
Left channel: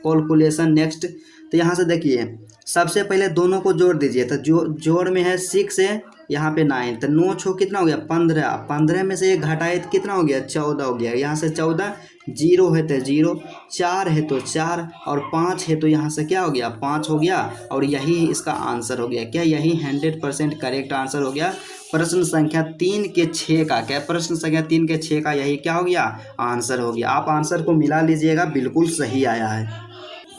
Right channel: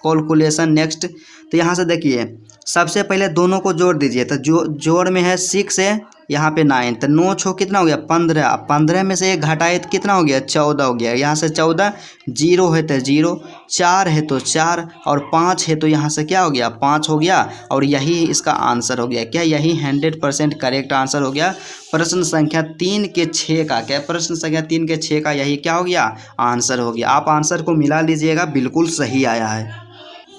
कैलकुलेशन नेक्स्ट। तो यहाँ से देखिए सबसे पहले दोनों को जोड़ दीजिए तो जोड़ में है 6 है यहाँ पे 9 तो 9 छो कितना हो गया 15। 15 में से 1 घटाए तो कितना हो गया 14 हो गया। यहाँ से 14 0 है तो 0 4 है तो 4 और 5 है तो यहाँ से क्या हो गया 5 हो गया और यही इसका आंसर हो गया। क्या यही 100% करेक्ट आंसर हो गया। प्रश्न संख्या 3 के 6 का क्या प्रश्न संख्या 3 के 6 का यही क्या हो गया आंसर हो गया। आप आंसर को मिला लीजिएगा बिल्कुल सही आया है।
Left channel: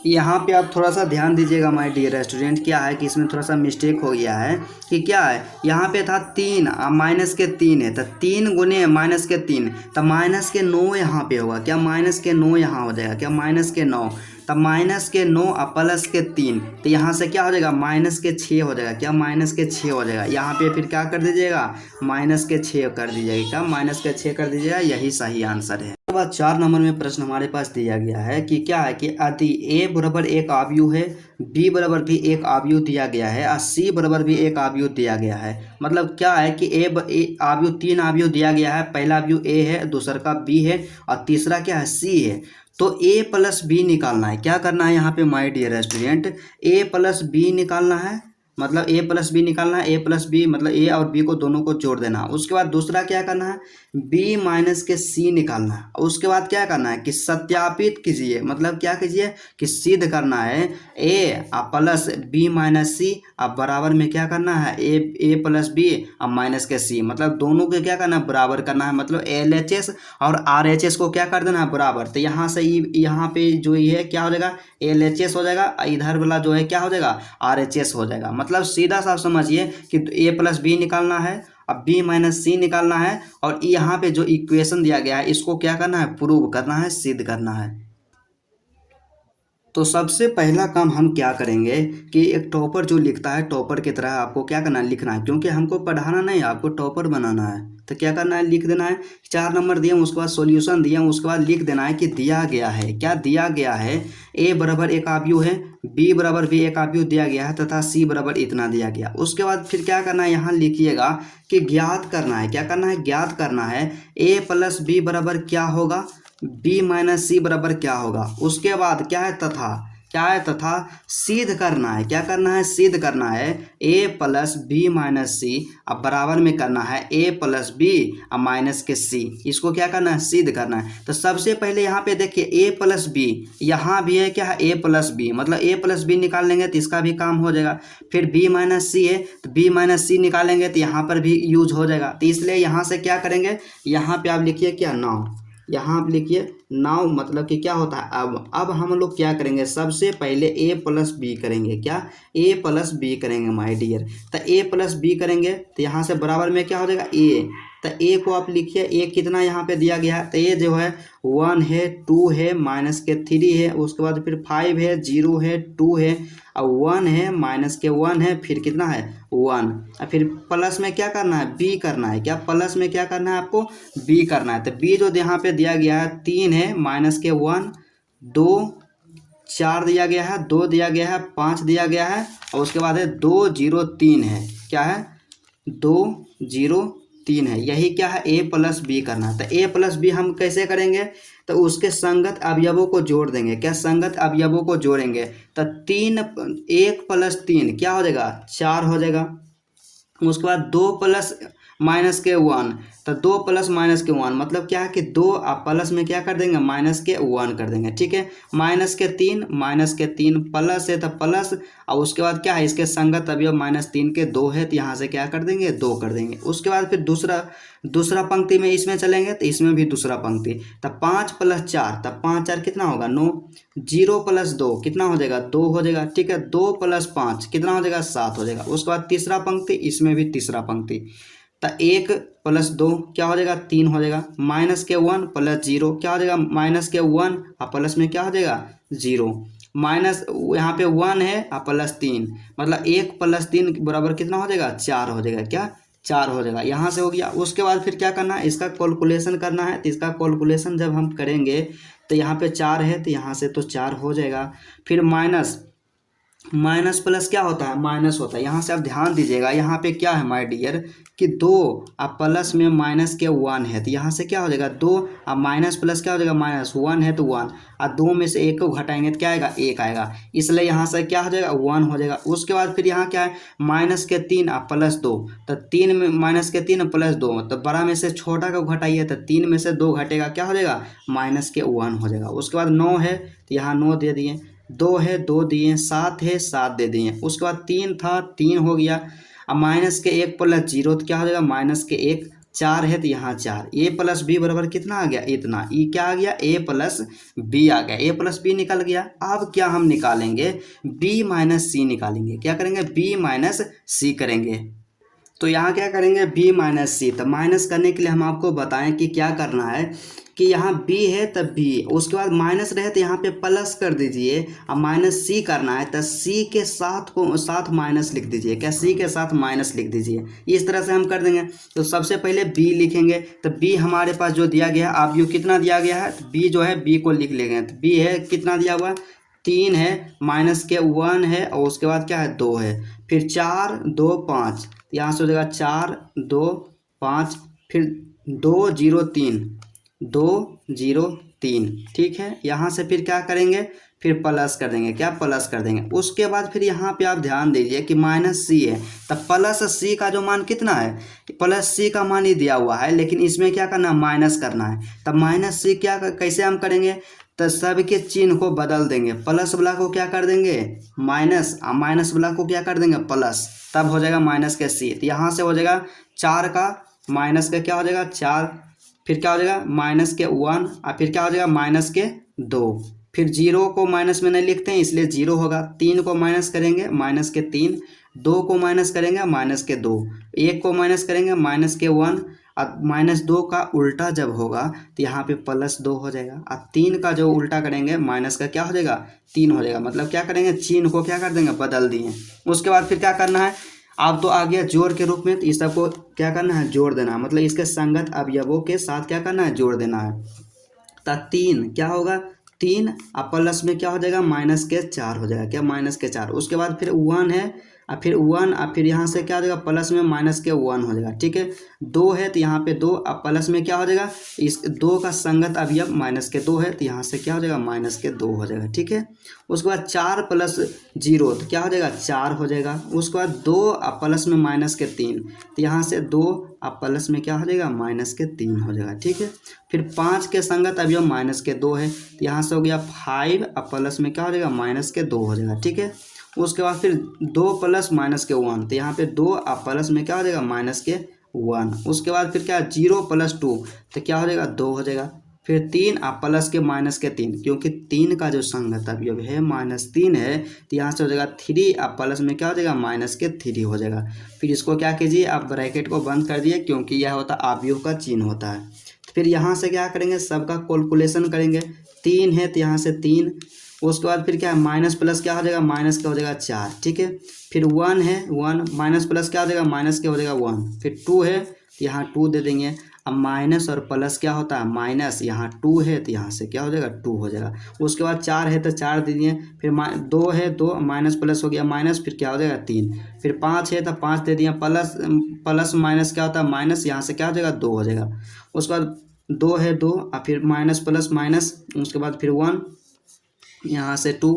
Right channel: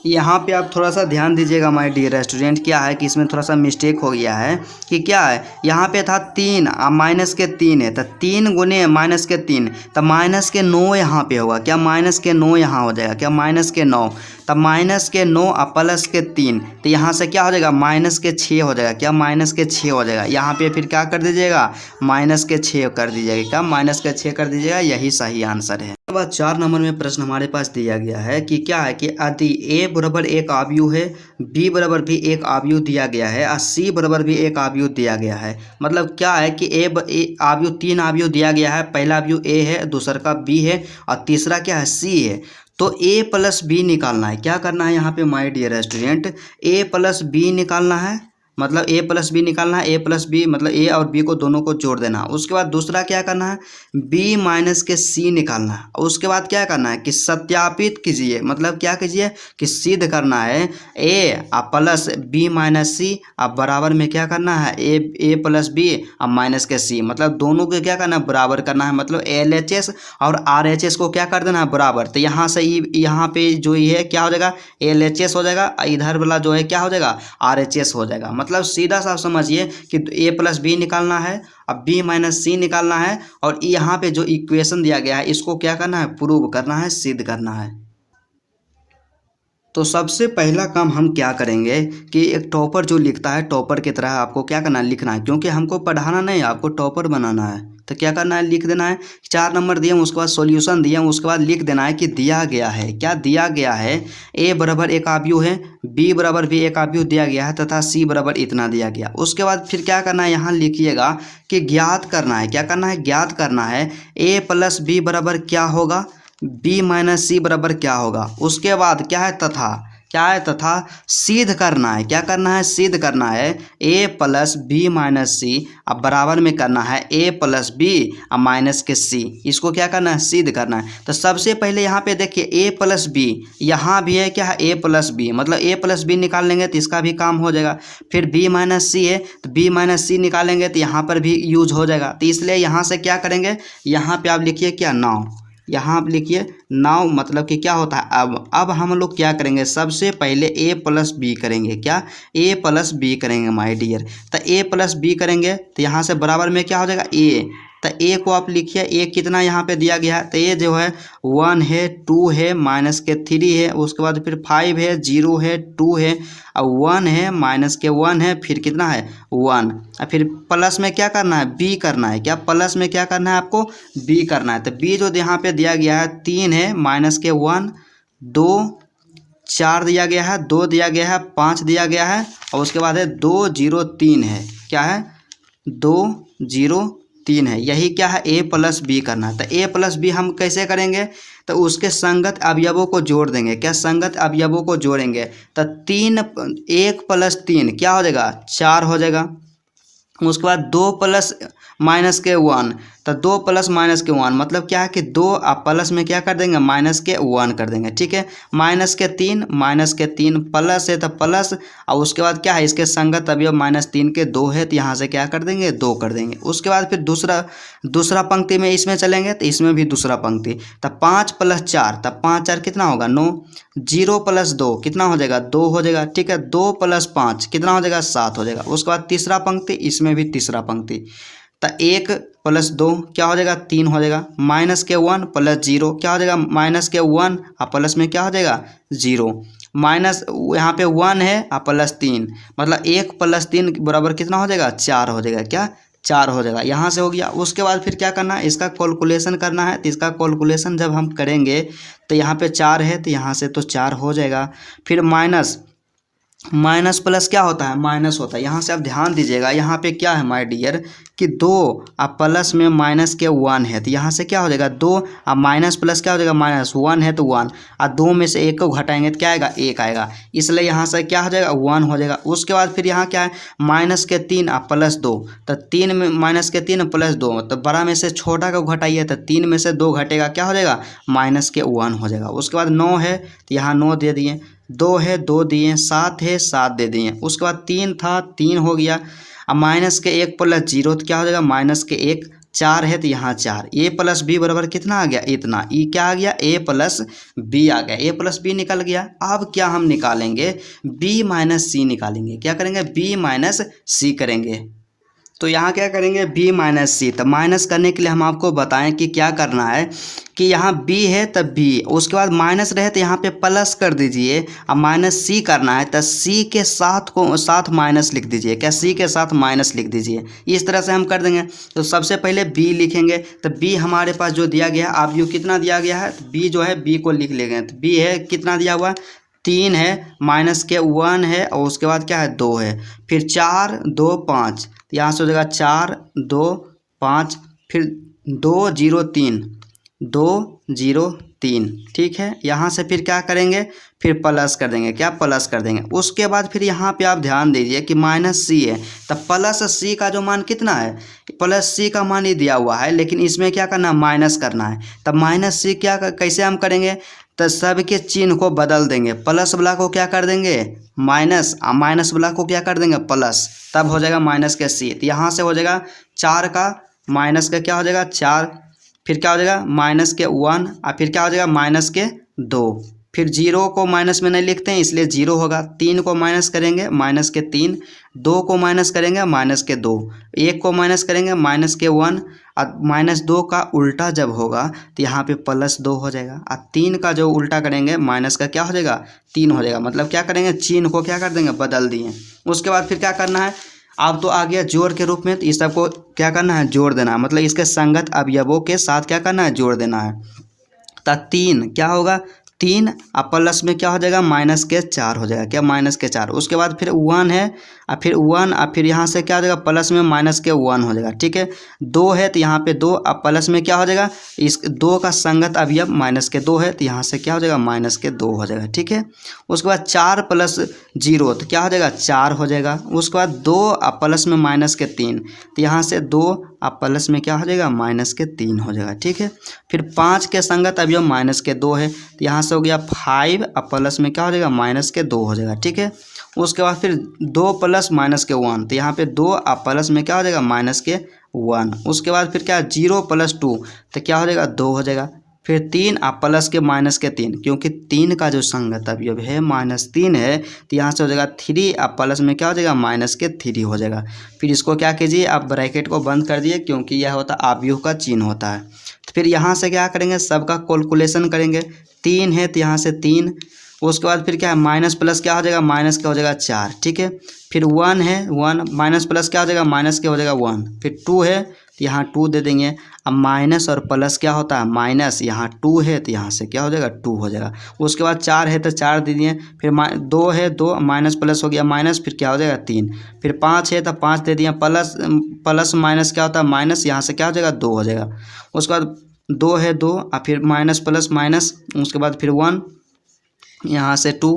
यहाँ पे आप थोड़ा सा ध्यान दीजिएगा माय डियर स्टूडेंट। क्या है कि इसमें थोड़ा सा मिस्टेक हो गया है कि क्या है यहाँ पे था 3 -3 है तो 3 × -3 तो -9 यहाँ पे होगा। क्या -9 यहाँ हो जाएगा। क्या -9 तब -9 और +3 तो यहाँ से क्या हो जाएगा -6 हो जाएगा। क्या -6 हो जाएगा। यहाँ पे फिर क्या कर दीजिएगा -6 कर दीजिएगा। क्या -6 कर दीजिएगा यही सही आंसर है। उसके बाद 4 नंबर में प्रश्न हमारे पास दिया गया है कि क्या है कि यदि a बराबर एक आव्यूह है b बराबर भी एक आव्यूह दिया गया है और c बराबर भी एक आव्यूह दिया गया है। मतलब क्या है कि आव्यूह 3 आव्यूह दिया गया है। पहला आव्यूह a है दूसरा का b है और तीसरा क्या है c है। तो a + b निकालना है। क्या करना है यहाँ पे my dear student a + b निकालना है। मतलब a + b निकालना है। a + b मतलब a और b को दोनों को जोड़ देना। उसके बाद दूसरा क्या करना है b - के c निकालना है। उसके बाद क्या करना है कि सत्यापित कीजिए। मतलब क्या कीजिए कि सिद्ध करना है a + b - c अब बराबर में क्या करना है a + b अब माइनस के c मतलब दोनों को क्या करना है बराबर करना है। मतलब LHS और RHS को क्या कर देना है बराबर। तो यहाँ से यहाँ पे जो ये है क्या हो जाएगा LHS हो जाएगा इधर वाला जो है क्या हो जाएगा RHS हो जाएगा। मतलब सीधा सा समझिए कि a + b निकालना है अब b - c निकालना है और यहाँ पे जो इक्वेशन दिया गया है इसको क्या करना है प्रूव करना है सिद्ध करना है। तो सबसे पहला काम हम क्या करेंगे कि एक टॉपर जो लिखता है टॉपर की तरह आपको क्या करना है लिखना है। क्योंकि हमको पढ़ाना नहीं आपको टॉपर बनाना है। तो क्या करना है लिख देना है 4 नंबर दिए उसके बाद सॉल्यूशन दिए उसके बाद लिख देना है कि दिया गया है। क्या दिया गया है a बराबर एक आव्यूह है b बराबर भी एक आव्यूह दिया गया है तथा c बराबर इतना दिया गया। उसके बाद फिर क्या करना है यहाँ लिखिएगा कि ज्ञात करना है। क्या करना है ज्ञात करना है a + b बराबर क्या होगा b - c बराबर क्या होगा। उसके बाद क्या है तथा क्या है तथा सिद्ध करना है। क्या करना है सिद्ध करना है a + b - c अब बराबर में करना है a + b अब माइनस के c इसको क्या करना है सिद्ध करना है। तो सबसे पहले यहाँ पे देखिए a + b यहाँ भी है क्या है a + b मतलब a + b निकाल लेंगे तो इसका भी काम हो जाएगा। फिर b - c है तो b - c निकालेंगे तो यहाँ पर भी यूज हो जाएगा। तो इसलिए यहाँ से क्या करेंगे यहाँ पे आप लिखिए क्या 9 यहाँ आप लिखिए नाउ, मतलब कि क्या होता है अब हम लोग क्या करेंगे, सबसे पहले ए प्लस बी करेंगे। क्या, ए प्लस बी करेंगे माय डियर। तो ए प्लस बी करेंगे तो यहाँ से बराबर में क्या हो जाएगा, ए। तो ए को आप लिखिए, ए कितना यहाँ पे दिया गया है, तो ये जो है 1 है, 2 है, माइनस के 3 है, उसके बाद फिर 5 है, 0 है, 2 है, अब 1 है, माइनस के 1 है, फिर कितना है 1, और फिर प्लस में क्या करना है, बी करना है। क्या, प्लस में क्या करना है आपको, बी करना है। तो बी जो यहाँ पे दिया गया है 3 है, माइनस के 1, 2, 4 दिया गया है, 2 दिया गया है, 5 दिया गया है, और उसके बाद है 2 0 3 है। क्या है, 2 0 3 है। यही क्या है, ए प्लस बी करना है। तो ए प्लस बी हम कैसे करेंगे, तो उसके संगत अवयवों को जोड़ देंगे। क्या, संगत अवयवों को जोड़ेंगे। तो 3 1 प्लस 3 क्या हो जाएगा, 4 हो जाएगा। उसके बाद 2 प्लस माइनस के 1, तो 2 प्लस माइनस के 1 मतलब क्या है कि 2 आप प्लस में क्या कर देंगे, माइनस के 1 कर देंगे। ठीक है, माइनस के 3 प्लस है तो प्लस, और उसके बाद क्या है, इसके संगत अवयव -3 के 2 है, तो यहाँ से क्या कर देंगे, 2 कर देंगे। उसके बाद फिर दूसरा पंक्ति में इसमें चलेंगे तो इसमें भी दूसरा पंक्ति, तब 5 प्लस 4, तब 5 4 कितना होगा 9, 0 प्लस 2 कितना हो जाएगा, 2 हो जाएगा। ठीक है, 2 प्लस 5 कितना हो जाएगा, 7 हो जाएगा। उसके बाद तीसरा पंक्ति, इसमें भी तीसरा पंक्ति, तो 1 प्लस 2 क्या हो जाएगा, 3 हो जाएगा। माइनस के 1 प्लस 0 क्या हो जाएगा, माइनस के 1 और प्लस में क्या हो जाएगा, 0, माइनस यहाँ पे 1 है और प्लस 3, मतलब 1 प्लस 3 बराबर कितना हो जाएगा, 4 हो जाएगा। क्या, 4 हो जाएगा। यहाँ से हो गया। उसके बाद फिर क्या करना है, इसका कैलकुलेशन करना है। तो इसका कैलकुलेशन जब हम करेंगे तो यहाँ पे 4 है, तो यहाँ से तो 4 हो जाएगा। फिर माइनस प्लस क्या होता है, माइनस होता है। यहाँ से आप ध्यान दीजिएगा, यहाँ पे क्या है माय डियर कि 2 और प्लस में माइनस के 1 है, तो यहाँ से क्या हो जाएगा, 2 और माइनस प्लस क्या हो जाएगा, -1 है तो 1, और 2 में से 1 को घटाएंगे तो क्या आएगा, 1 आएगा। इसलिए यहाँ से क्या हो जाएगा, 1 हो जाएगा। उसके बाद फिर यहाँ क्या है, माइनस के 3 और प्लस 2, तो 3 में माइनस के 3 प्लस 2, तो बड़ा में से छोटा को घटाइए, तो 3 में से 2 घटेगा, क्या हो जाएगा, माइनस के 1 हो जाएगा। उसके बाद 9 है तो यहाँ 9 दे दिए, 2 है 2 दिए, 7 है 7 दे दिए। उसके बाद 3 था 3 हो गया। अब माइनस के 1 प्लस 0 तो क्या हो जाएगा, माइनस के 1, 4 है तो यहाँ 4। ए प्लस बी बराबर कितना आ गया, इतना। ई क्या आ गया, ए प्लस बी आ गया। ए प्लस बी निकल गया। अब क्या हम निकालेंगे, बी माइनस सी निकालेंगे। क्या करेंगे, बी माइनस सी करेंगे। तो यहाँ क्या करेंगे, b माइनस सी। तो माइनस करने के लिए हम आपको बताएं कि क्या करना है, कि यहाँ b है तब b, उसके बाद माइनस रहे तो यहाँ पे प्लस कर दीजिए। अब माइनस सी करना है तो c के साथ माइनस लिख दीजिए। क्या, c के साथ माइनस लिख दीजिए। इस तरह से हम कर देंगे। तो सबसे पहले b लिखेंगे। तो b हमारे पास जो दिया गया है, आप यो कितना दिया गया है, b जो है b को लिख लेंगे। तो b है कितना दिया हुआ, 3 है, माइनस के 1 है, और उसके बाद क्या है, 2 है, फिर 4 2 5, यहाँ से हो जाएगा 4 2 5, फिर 2 0 3, 2 0 3। ठीक है, यहाँ से फिर क्या करेंगे, फिर प्लस कर देंगे। क्या, प्लस कर देंगे। उसके बाद फिर यहाँ पे आप ध्यान दीजिए कि माइनस सी है, तो प्लस सी का जो मान कितना है, प्लस सी का मान ही दिया हुआ है, लेकिन इसमें क्या करना है, माइनस करना है। तब माइनस सी क्या कैसे हम करेंगे, तो सब के चिन्ह को बदल देंगे। प्लस वाला को क्या कर देंगे, माइनस, और माइनस वाला को क्या कर देंगे, प्लस, तब हो जाएगा माइनस के सी। तो यहाँ से हो जाएगा 4 का माइनस का क्या हो जाएगा, 4, फिर क्या हो जाएगा माइनस के 1, और फिर क्या हो जाएगा माइनस के 2, फिर 0 को माइनस में नहीं लिखते हैं इसलिए 0 होगा। 3 को माइनस करेंगे, माइनस के 3, 2 को माइनस करेंगे, माइनस के 2, 1 को माइनस करेंगे, माइनस के 1, और -2 का उल्टा जब होगा तो यहाँ पे +2 हो जाएगा। और 3 का जो उल्टा करेंगे, माइनस का क्या हो जाएगा, 3 हो जाएगा। मतलब क्या करेंगे, चिन्ह को क्या कर देंगे, बदल दिए। उसके बाद फिर क्या करना है, अब तो आ गया जोड़ के रूप में, तो इस सबको क्या करना है, जोड़ देना है। मतलब इसके संगत अवयवों के साथ क्या करना है, जोड़ देना है। तो 3 क्या होगा, 3 और प्लस में क्या हो जाएगा, माइनस के 4 हो जाएगा। क्या, माइनस के 4। उसके बाद फिर 1 है, और फिर 1, और फिर यहाँ से क्या हो जाएगा, प्लस में माइनस के 1 हो जाएगा। ठीक है, 2 है तो यहाँ पे 2, और प्लस में क्या हो जाएगा, इस 2 का संगत अवयव माइनस के 2 है, तो यहाँ से क्या हो जाएगा, माइनस के 2 हो जाएगा। ठीक है, उसके बाद 4 + 0 तो क्या हो जाएगा, 4 हो जाएगा। उसके बाद 2 और प्लस में माइनस के 3, तो यहाँ से 2 और प्लस में क्या हो जाएगा, माइनस के 3 हो जाएगा। ठीक है, फिर 5 के संगत अवयव माइनस के 2 है, तो यहाँ से हो गया 5 और प्लस में क्या हो जाएगा, माइनस के 2 हो जाएगा। ठीक है, उसके बाद फिर 2 + माइनस के 1, तो यहाँ पे 2 और प्लस में क्या हो जाएगा, माइनस के 1। उसके बाद फिर क्या, 0 + 2 तो क्या हो जाएगा, 2 हो जाएगा। फिर 3 और प्लस के माइनस के 3, क्योंकि 3 का जो संगत अवयव है -3 है, तो यहाँ से हो जाएगा 3 और प्लस में क्या हो जाएगा माइनस के 3 हो जाएगा। फिर इसको क्या कीजिए, आप ब्रैकेट को बंद कर दिए, क्योंकि यह होता है अवयव का चिन्ह होता है। तो फिर यहाँ से क्या करेंगे, सबका कैलकुलेशन करेंगे। 3 है तो यहाँ से 3, उसके बाद फिर क्या है, माइनस प्लस क्या हो जाएगा, माइनस क्या हो जाएगा 4, ठीक है। फिर 1 है, 1 माइनस प्लस क्या हो जाएगा, माइनस क्या हो जाएगा 1। फिर 2 है तो यहाँ 2 दे देंगे। अब माइनस और प्लस क्या होता है, माइनस, यहाँ 2 है तो यहाँ से क्या हो जाएगा 2 हो जाएगा। उसके बाद 4 है तो 4 दे दिए। फिर 2 है, 2 माइनस प्लस हो गया माइनस, फिर क्या हो जाएगा 3। फिर 5 है तो 5 दे दिए, प्लस प्लस माइनस क्या होता है माइनस, यहाँ से क्या हो जाएगा 2 हो जाएगा। उसके बाद 2 है 2 और फिर माइनस प्लस माइनस, उसके बाद फिर 1, यहाँ से 2,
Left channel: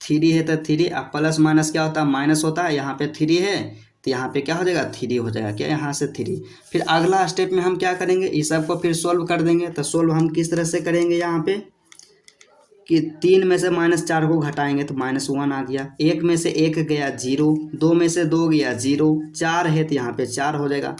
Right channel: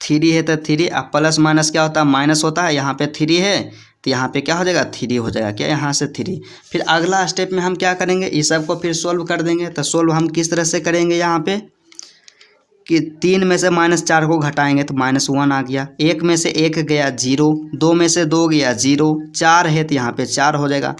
3 है तो 3 और प्लस माइनस क्या होता है माइनस होता है, यहाँ पे 3 है तो यहाँ पे क्या हो जाएगा 3 हो जाएगा, क्या यहाँ से 3। फिर अगला स्टेप में हम क्या करेंगे, इस सब को फिर सोल्व कर देंगे। तो सोल्व हम किस तरह से करेंगे, यहाँ पे कि 3 में से -4 को घटाएंगे तो -1 आ गया, 1 में से 1 गया 0, 2 में से 2 गया 0, 4 है तो यहाँ पे 4 हो जाएगा।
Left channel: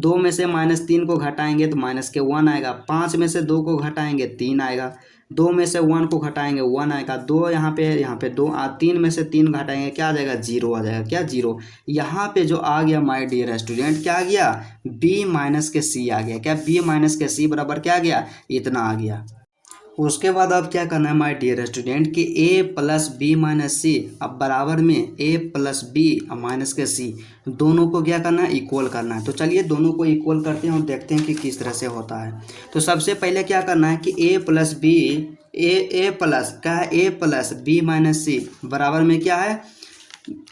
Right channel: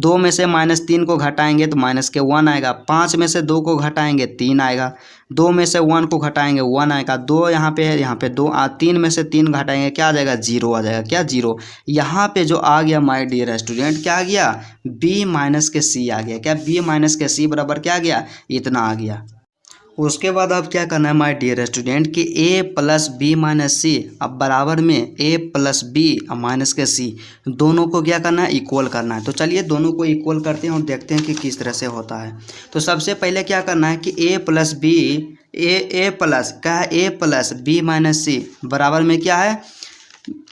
2 में से -3 को घटाएंगे तो माइनस के 1 आएगा, 5 में से 2 को घटाएंगे 3 आएगा, 2 में से 1 को घटाएंगे 1 आएगा, 2 यहाँ पे है, यहाँ पे 2 3 में से 3 घटाएंगे क्या आ जाएगा 0 आ जाएगा, क्या 0। यहाँ पे जो आ गया माय डियर स्टूडेंट, क्या आ गया, b माइनस के c आ गया, क्या b माइनस के c बराबर क्या आ गया, इतना आ गया। उसके बाद अब क्या करना है माय डियर स्टूडेंट कि a प्लस बी माइनस सी, अब बराबर में a प्लस बी और माइनस के c दोनों को क्या करना है, इक्वल करना है। तो चलिए दोनों को इक्वल करते हैं और देखते हैं कि किस तरह से होता है। तो सबसे पहले क्या करना है कि a plus B, A plus क्या है, a plus B minus C बराबर में क्या है,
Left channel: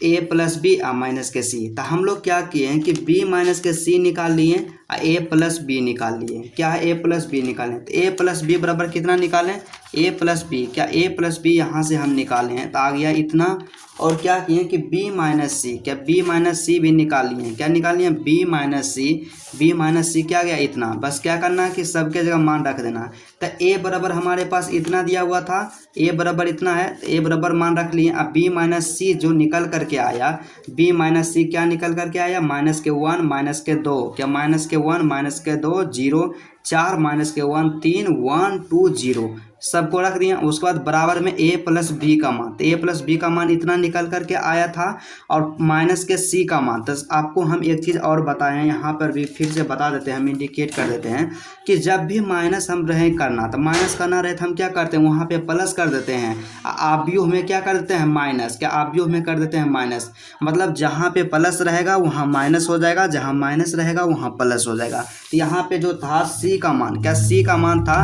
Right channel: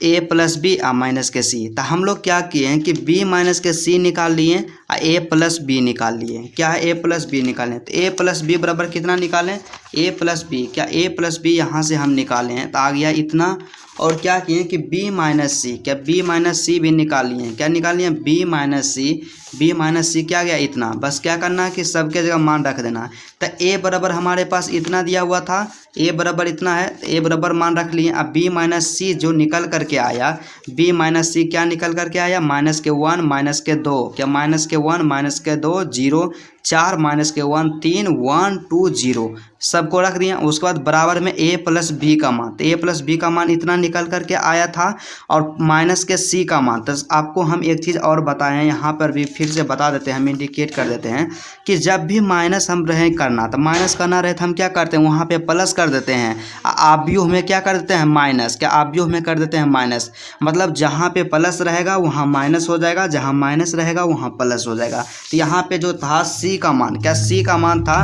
a प्लस बी और माइनस के c। तो हम लोग क्या किए हैं कि b माइनस के c निकाल लिए और a प्लस बी निकाल लिए। क्या है, a प्लस बी निकालें तो a प्लस बी बराबर कितना निकालें, a प्लस बी, क्या a प्लस बी यहाँ से हम निकाले हैं तो आ गया इतना। और क्या किए कि b माइनस सी, क्या b माइनस सी भी निकाल लिए हैं, क्या निकाल लिए b माइनस सी, b माइनस सी क्या गया इतना। बस क्या करना है कि सबके जगह मान रख देना है। तो a बराबर हमारे पास इतना दिया हुआ था, a बराबर इतना है, a बराबर मान रख लिए। अब b माइनस सी जो निकल करके आया, b माइनस सी क्या निकल करके आया, माइनस के 1 माइनस के 2, क्या माइनस के 1 माइनस के 2 0, 4 माइनस के 1 3, 1 2 0 सबको रख दिया। उसके बाद बराबर में a प्लस बी का मान, तो a प्लस बी का मान इतना निकल करके आया था और माइनस के c का मान। तो आपको हम एक चीज़ और बताए हैं, यहाँ पर भी फिर से बता देते हैं, हम इंडिकेट कर देते हैं कि जब भी माइनस हम रहे करना, तो माइनस करना रहे तो हम क्या करते हैं, वहाँ पे प्लस कर देते हैं। आव्यूह में क्या कर देते हैं, माइनस, क्या आव्यूह में कर देते हैं माइनस। मतलब जहाँ पे प्लस रहेगा वहाँ माइनस हो जाएगा, जहाँ माइनस रहेगा वहाँ प्लस हो जाएगा। तो यहाँ पे जो था c का मान, क्या c का मान था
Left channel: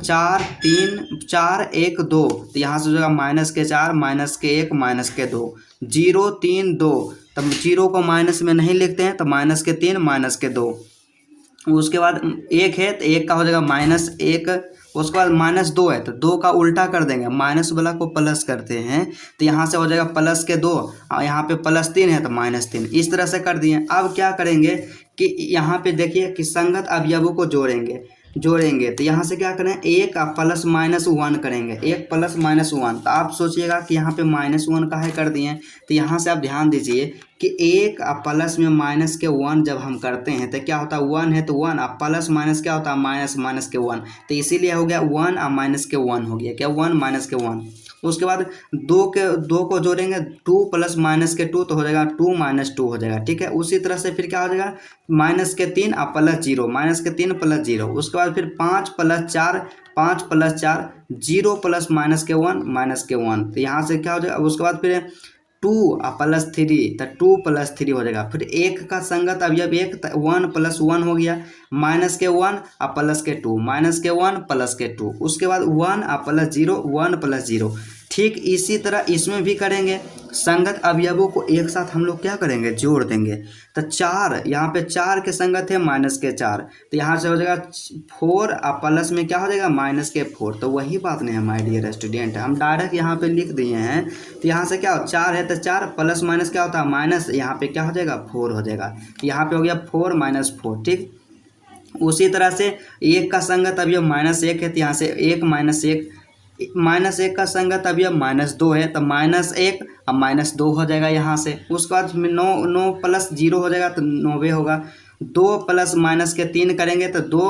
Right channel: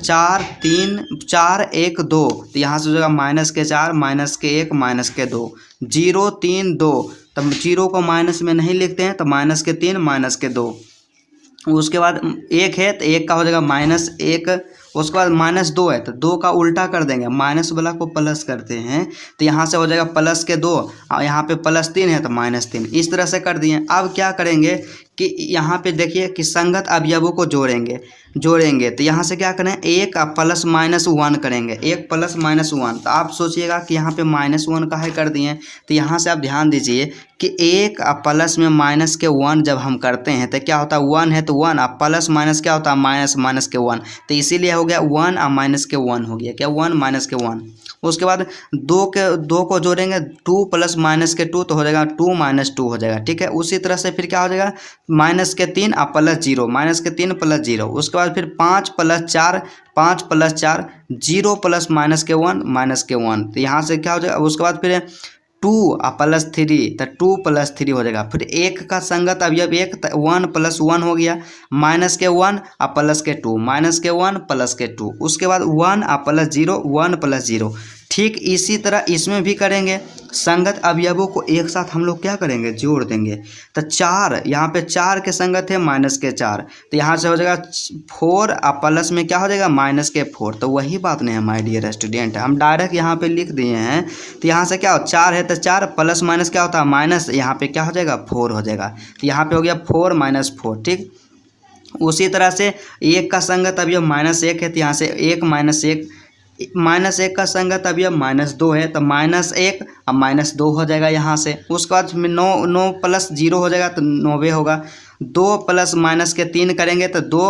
4 3 4 1 2, तो यहाँ से हो जाएगा माइनस के 4 माइनस के 1 माइनस के 2 0 3 2। तब 0 को माइनस में नहीं लिखते हैं तो माइनस के 3 माइनस के 2। उसके बाद 1 है तो 1 का हो जाएगा -1। उसके बाद -2 है तो 2 का उल्टा कर देंगे, माइनस वाला को प्लस करते हैं तो यहाँ से हो जाएगा प्लस के 2 और यहाँ पे +3 है तो -3। इस तरह से कर दिए। अब क्या करेंगे कि यहाँ पे देखिए कि संगत अवयवों को जोड़ेंगे तो यहाँ से क्या करें, 1 प्लस -1 करेंगे, 1 प्लस -1। तो आप सोचिएगा कि यहाँ पे -1 काहे कर दिए, तो यहाँ से आप ध्यान दीजिए कि 1 प्लस में माइनस के 1 जब हम करते हैं तो क्या होता है, 1 है तो 1 और प्लस माइनस क्या होता है, माइनस माइनस के 1। तो इसीलिए हो गया 1 और माइनस के 1 हो गया, क्या 1 माइनस के 1। उसके बाद 2 को जोड़ेंगे, 2 प्लस माइनस के 2 तो हो जाएगा 2 माइनस 2 हो जाएगा, ठीक है। उसी तरह से फिर क्या हो जाएगा, माइनस के 3 और प्लस 0, माइनस के 3 प्लस 0। उसके बाद फिर 5 प्लस 4 5 प्लस 4 0 प्लस माइनस के 1 माइनस के 1। तो यहाँ से क्या हो जाएगा, उसके बाद फिर 2 और प्लस 3 तो 2 प्लस 3 हो जाएगा। फिर 1 का संगत अवयव 1 1 प्लस 1 हो गया, माइनस के 1 और प्लस के 2 माइनस के 1 प्लस के 2। उसके बाद 1 और प्लस 0 1 प्लस 0। ठीक इसी तरह इसमें भी करेंगे, संगत अवयवों को एक साथ हम लोग क्या करेंगे, जोड़ देंगे। तो 4 यहाँ पे 4 के संगत है माइनस के 4, तो यहाँ से हो जाएगा 4 और प्लस में क्या हो जाएगा, माइनस के 4। तो वही बात नहीं है माय डियर स्टूडेंट, हम डायरेक्ट यहाँ पे लिख दिए हैं। तो यहाँ से क्या हो, 4 है तो 4 प्लस माइनस क्या होता है, माइनस, यहाँ पे क्या हो जाएगा 4 हो जाएगा। तो यहाँ पे हो गया 4 माइनस 4, ठीक। उसी तरह से 1 का संगत अवयव -1 है तो यहाँ से 1 -1 का संगत अवयव -2 है तो -1 और -2 हो जाएगा यहाँ से। उसके बाद 9 प्लस 0 हो जाएगा तो 9 होगा। 2 प्लस माइनस के 3 करेंगे तो 2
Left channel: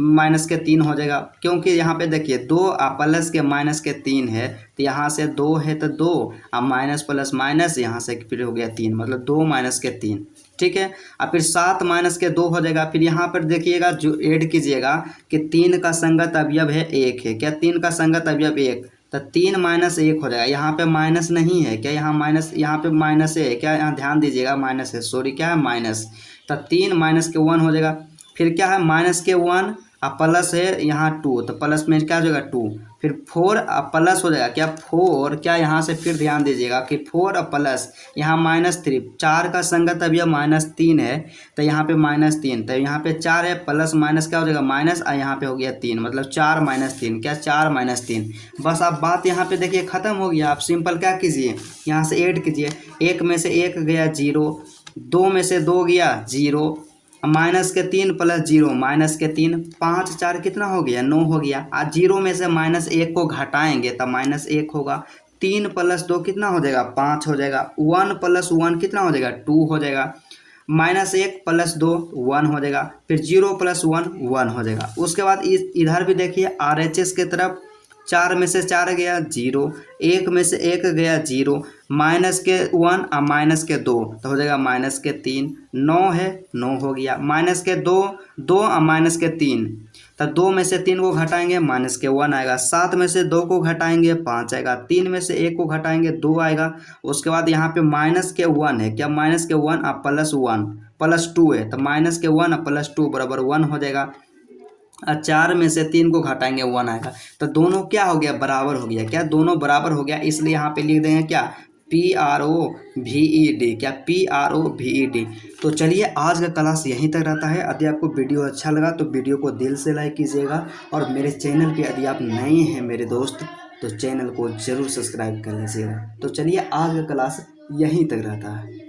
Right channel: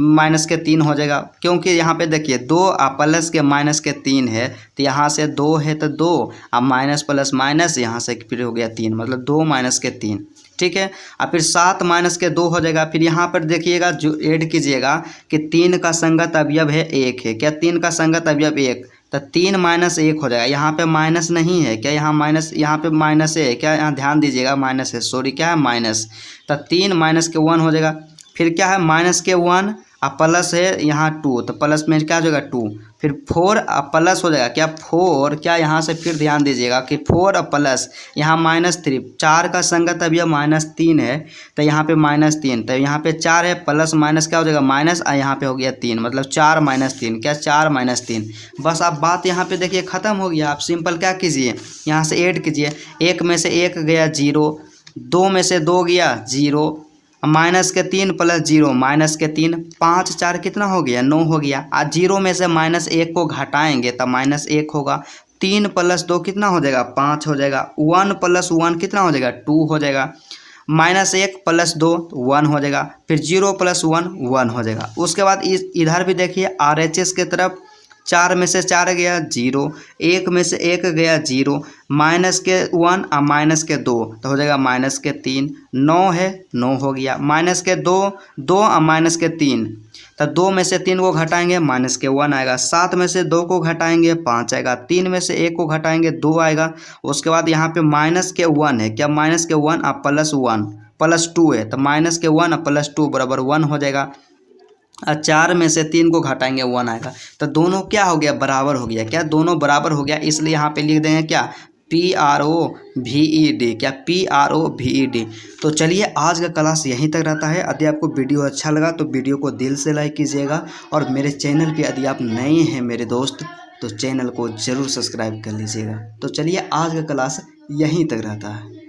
माइनस के 3 हो जाएगा, क्योंकि यहाँ पे देखिए 2 प्लस के माइनस के 3 है, तो यहाँ से 2 है तो 2 अब माइनस प्लस माइनस यहाँ से फिर हो गया 3, मतलब 2 माइनस के 3। ठीक है, अब फिर 7 माइनस के 2 हो जाएगा। फिर यहाँ पर देखिएगा जो ऐड कीजिएगा कि 3 का संगत अवयव है 1 है, क्या 3 का संगत अवयव 1, तो 3 माइनस 1 हो जाएगा। यहाँ पे माइनस नहीं है क्या, यहाँ माइनस, यहाँ पे माइनस है क्या, यहाँ ध्यान दीजिएगा माइनस है, सॉरी क्या है माइनस, तो 3 माइनस के 1 हो जाएगा। फिर क्या है माइनस के 1 अब प्लस है यहाँ 2, तो प्लस में क्या हो जाएगा 2, फिर 4 अब प्लस हो जाएगा क्या 4, क्या यहाँ से फिर ध्यान दीजिएगा कि 4 अब प्लस यहाँ -3, 4 का संगत अवयव -3 है, तो यहाँ पे -3, तो यहाँ पे 4 है प्लस माइनस क्या हो जाएगा माइनस, और यहाँ पे हो गया 3, मतलब 4 - 3 क्या 4 - 3। बस आप बात यहाँ पे देखिए ख़त्म हो गया। आप सिंपल क्या कीजिए, यहाँ से ऐड कीजिए, 1 में से 1 गया 0, 2 में से 2 गया 0, माइनस के 3 प्लस 0 माइनस के 3, 5 4 कितना हो गया 9 हो गया। आज 0 में से -1 को घटाएंगे तब -1 होगा। 3 प्लस 2 कितना हो जाएगा 5 हो जाएगा। 1 प्लस 1 कितना हो जाएगा 2 हो जाएगा। -1 प्लस 2 1 हो जाएगा। फिर 0 प्लस 1 1 हो जाएगा। उसके बाद इधर भी देखिए RHS के तरफ 4 में से 4 गया 0, 1 में से 1 गया 0, माइनस के 1 और माइनस के 2 तो हो जाएगा माइनस के 3, 9 है 9 हो गया। माइनस के 2 2 और माइनस के 3, तो 2 में से 3 को घटाएंगे माइनस के 1 आएगा। 7 में से 2 को घटाएंगे 5 आएगा। 3 में से 1 को घटाएंगे 2 आएगा। उसके बाद यहाँ पे माइनस के 1 है क्या, माइनस के 1 और प्लस 1 प्लस 2 है, तो माइनस के 1 और प्लस 2 बराबर 1 हो जाएगा। और 4 में से 3 को घटाएंगे 1 आएगा। तो दोनों क्या हो गया बराबर हो गया, क्या दोनों बराबर हो गया, इसलिए यहाँ पे लिख देंगे क्या PROVED, क्या PROVED। तो चलिए आज का क्लास यहीं तक रहता है। यदि आपको वीडियो अच्छा लगा तो वीडियो को दिल से लाइक कीजिएगा, और मेरे चैनल पे यदि आप नए हैं मेरे दोस्त तो चैनल को ज़रूर सब्सक्राइब कर लीजिएगा। तो चलिए आज का क्लास यहीं तक रहता है।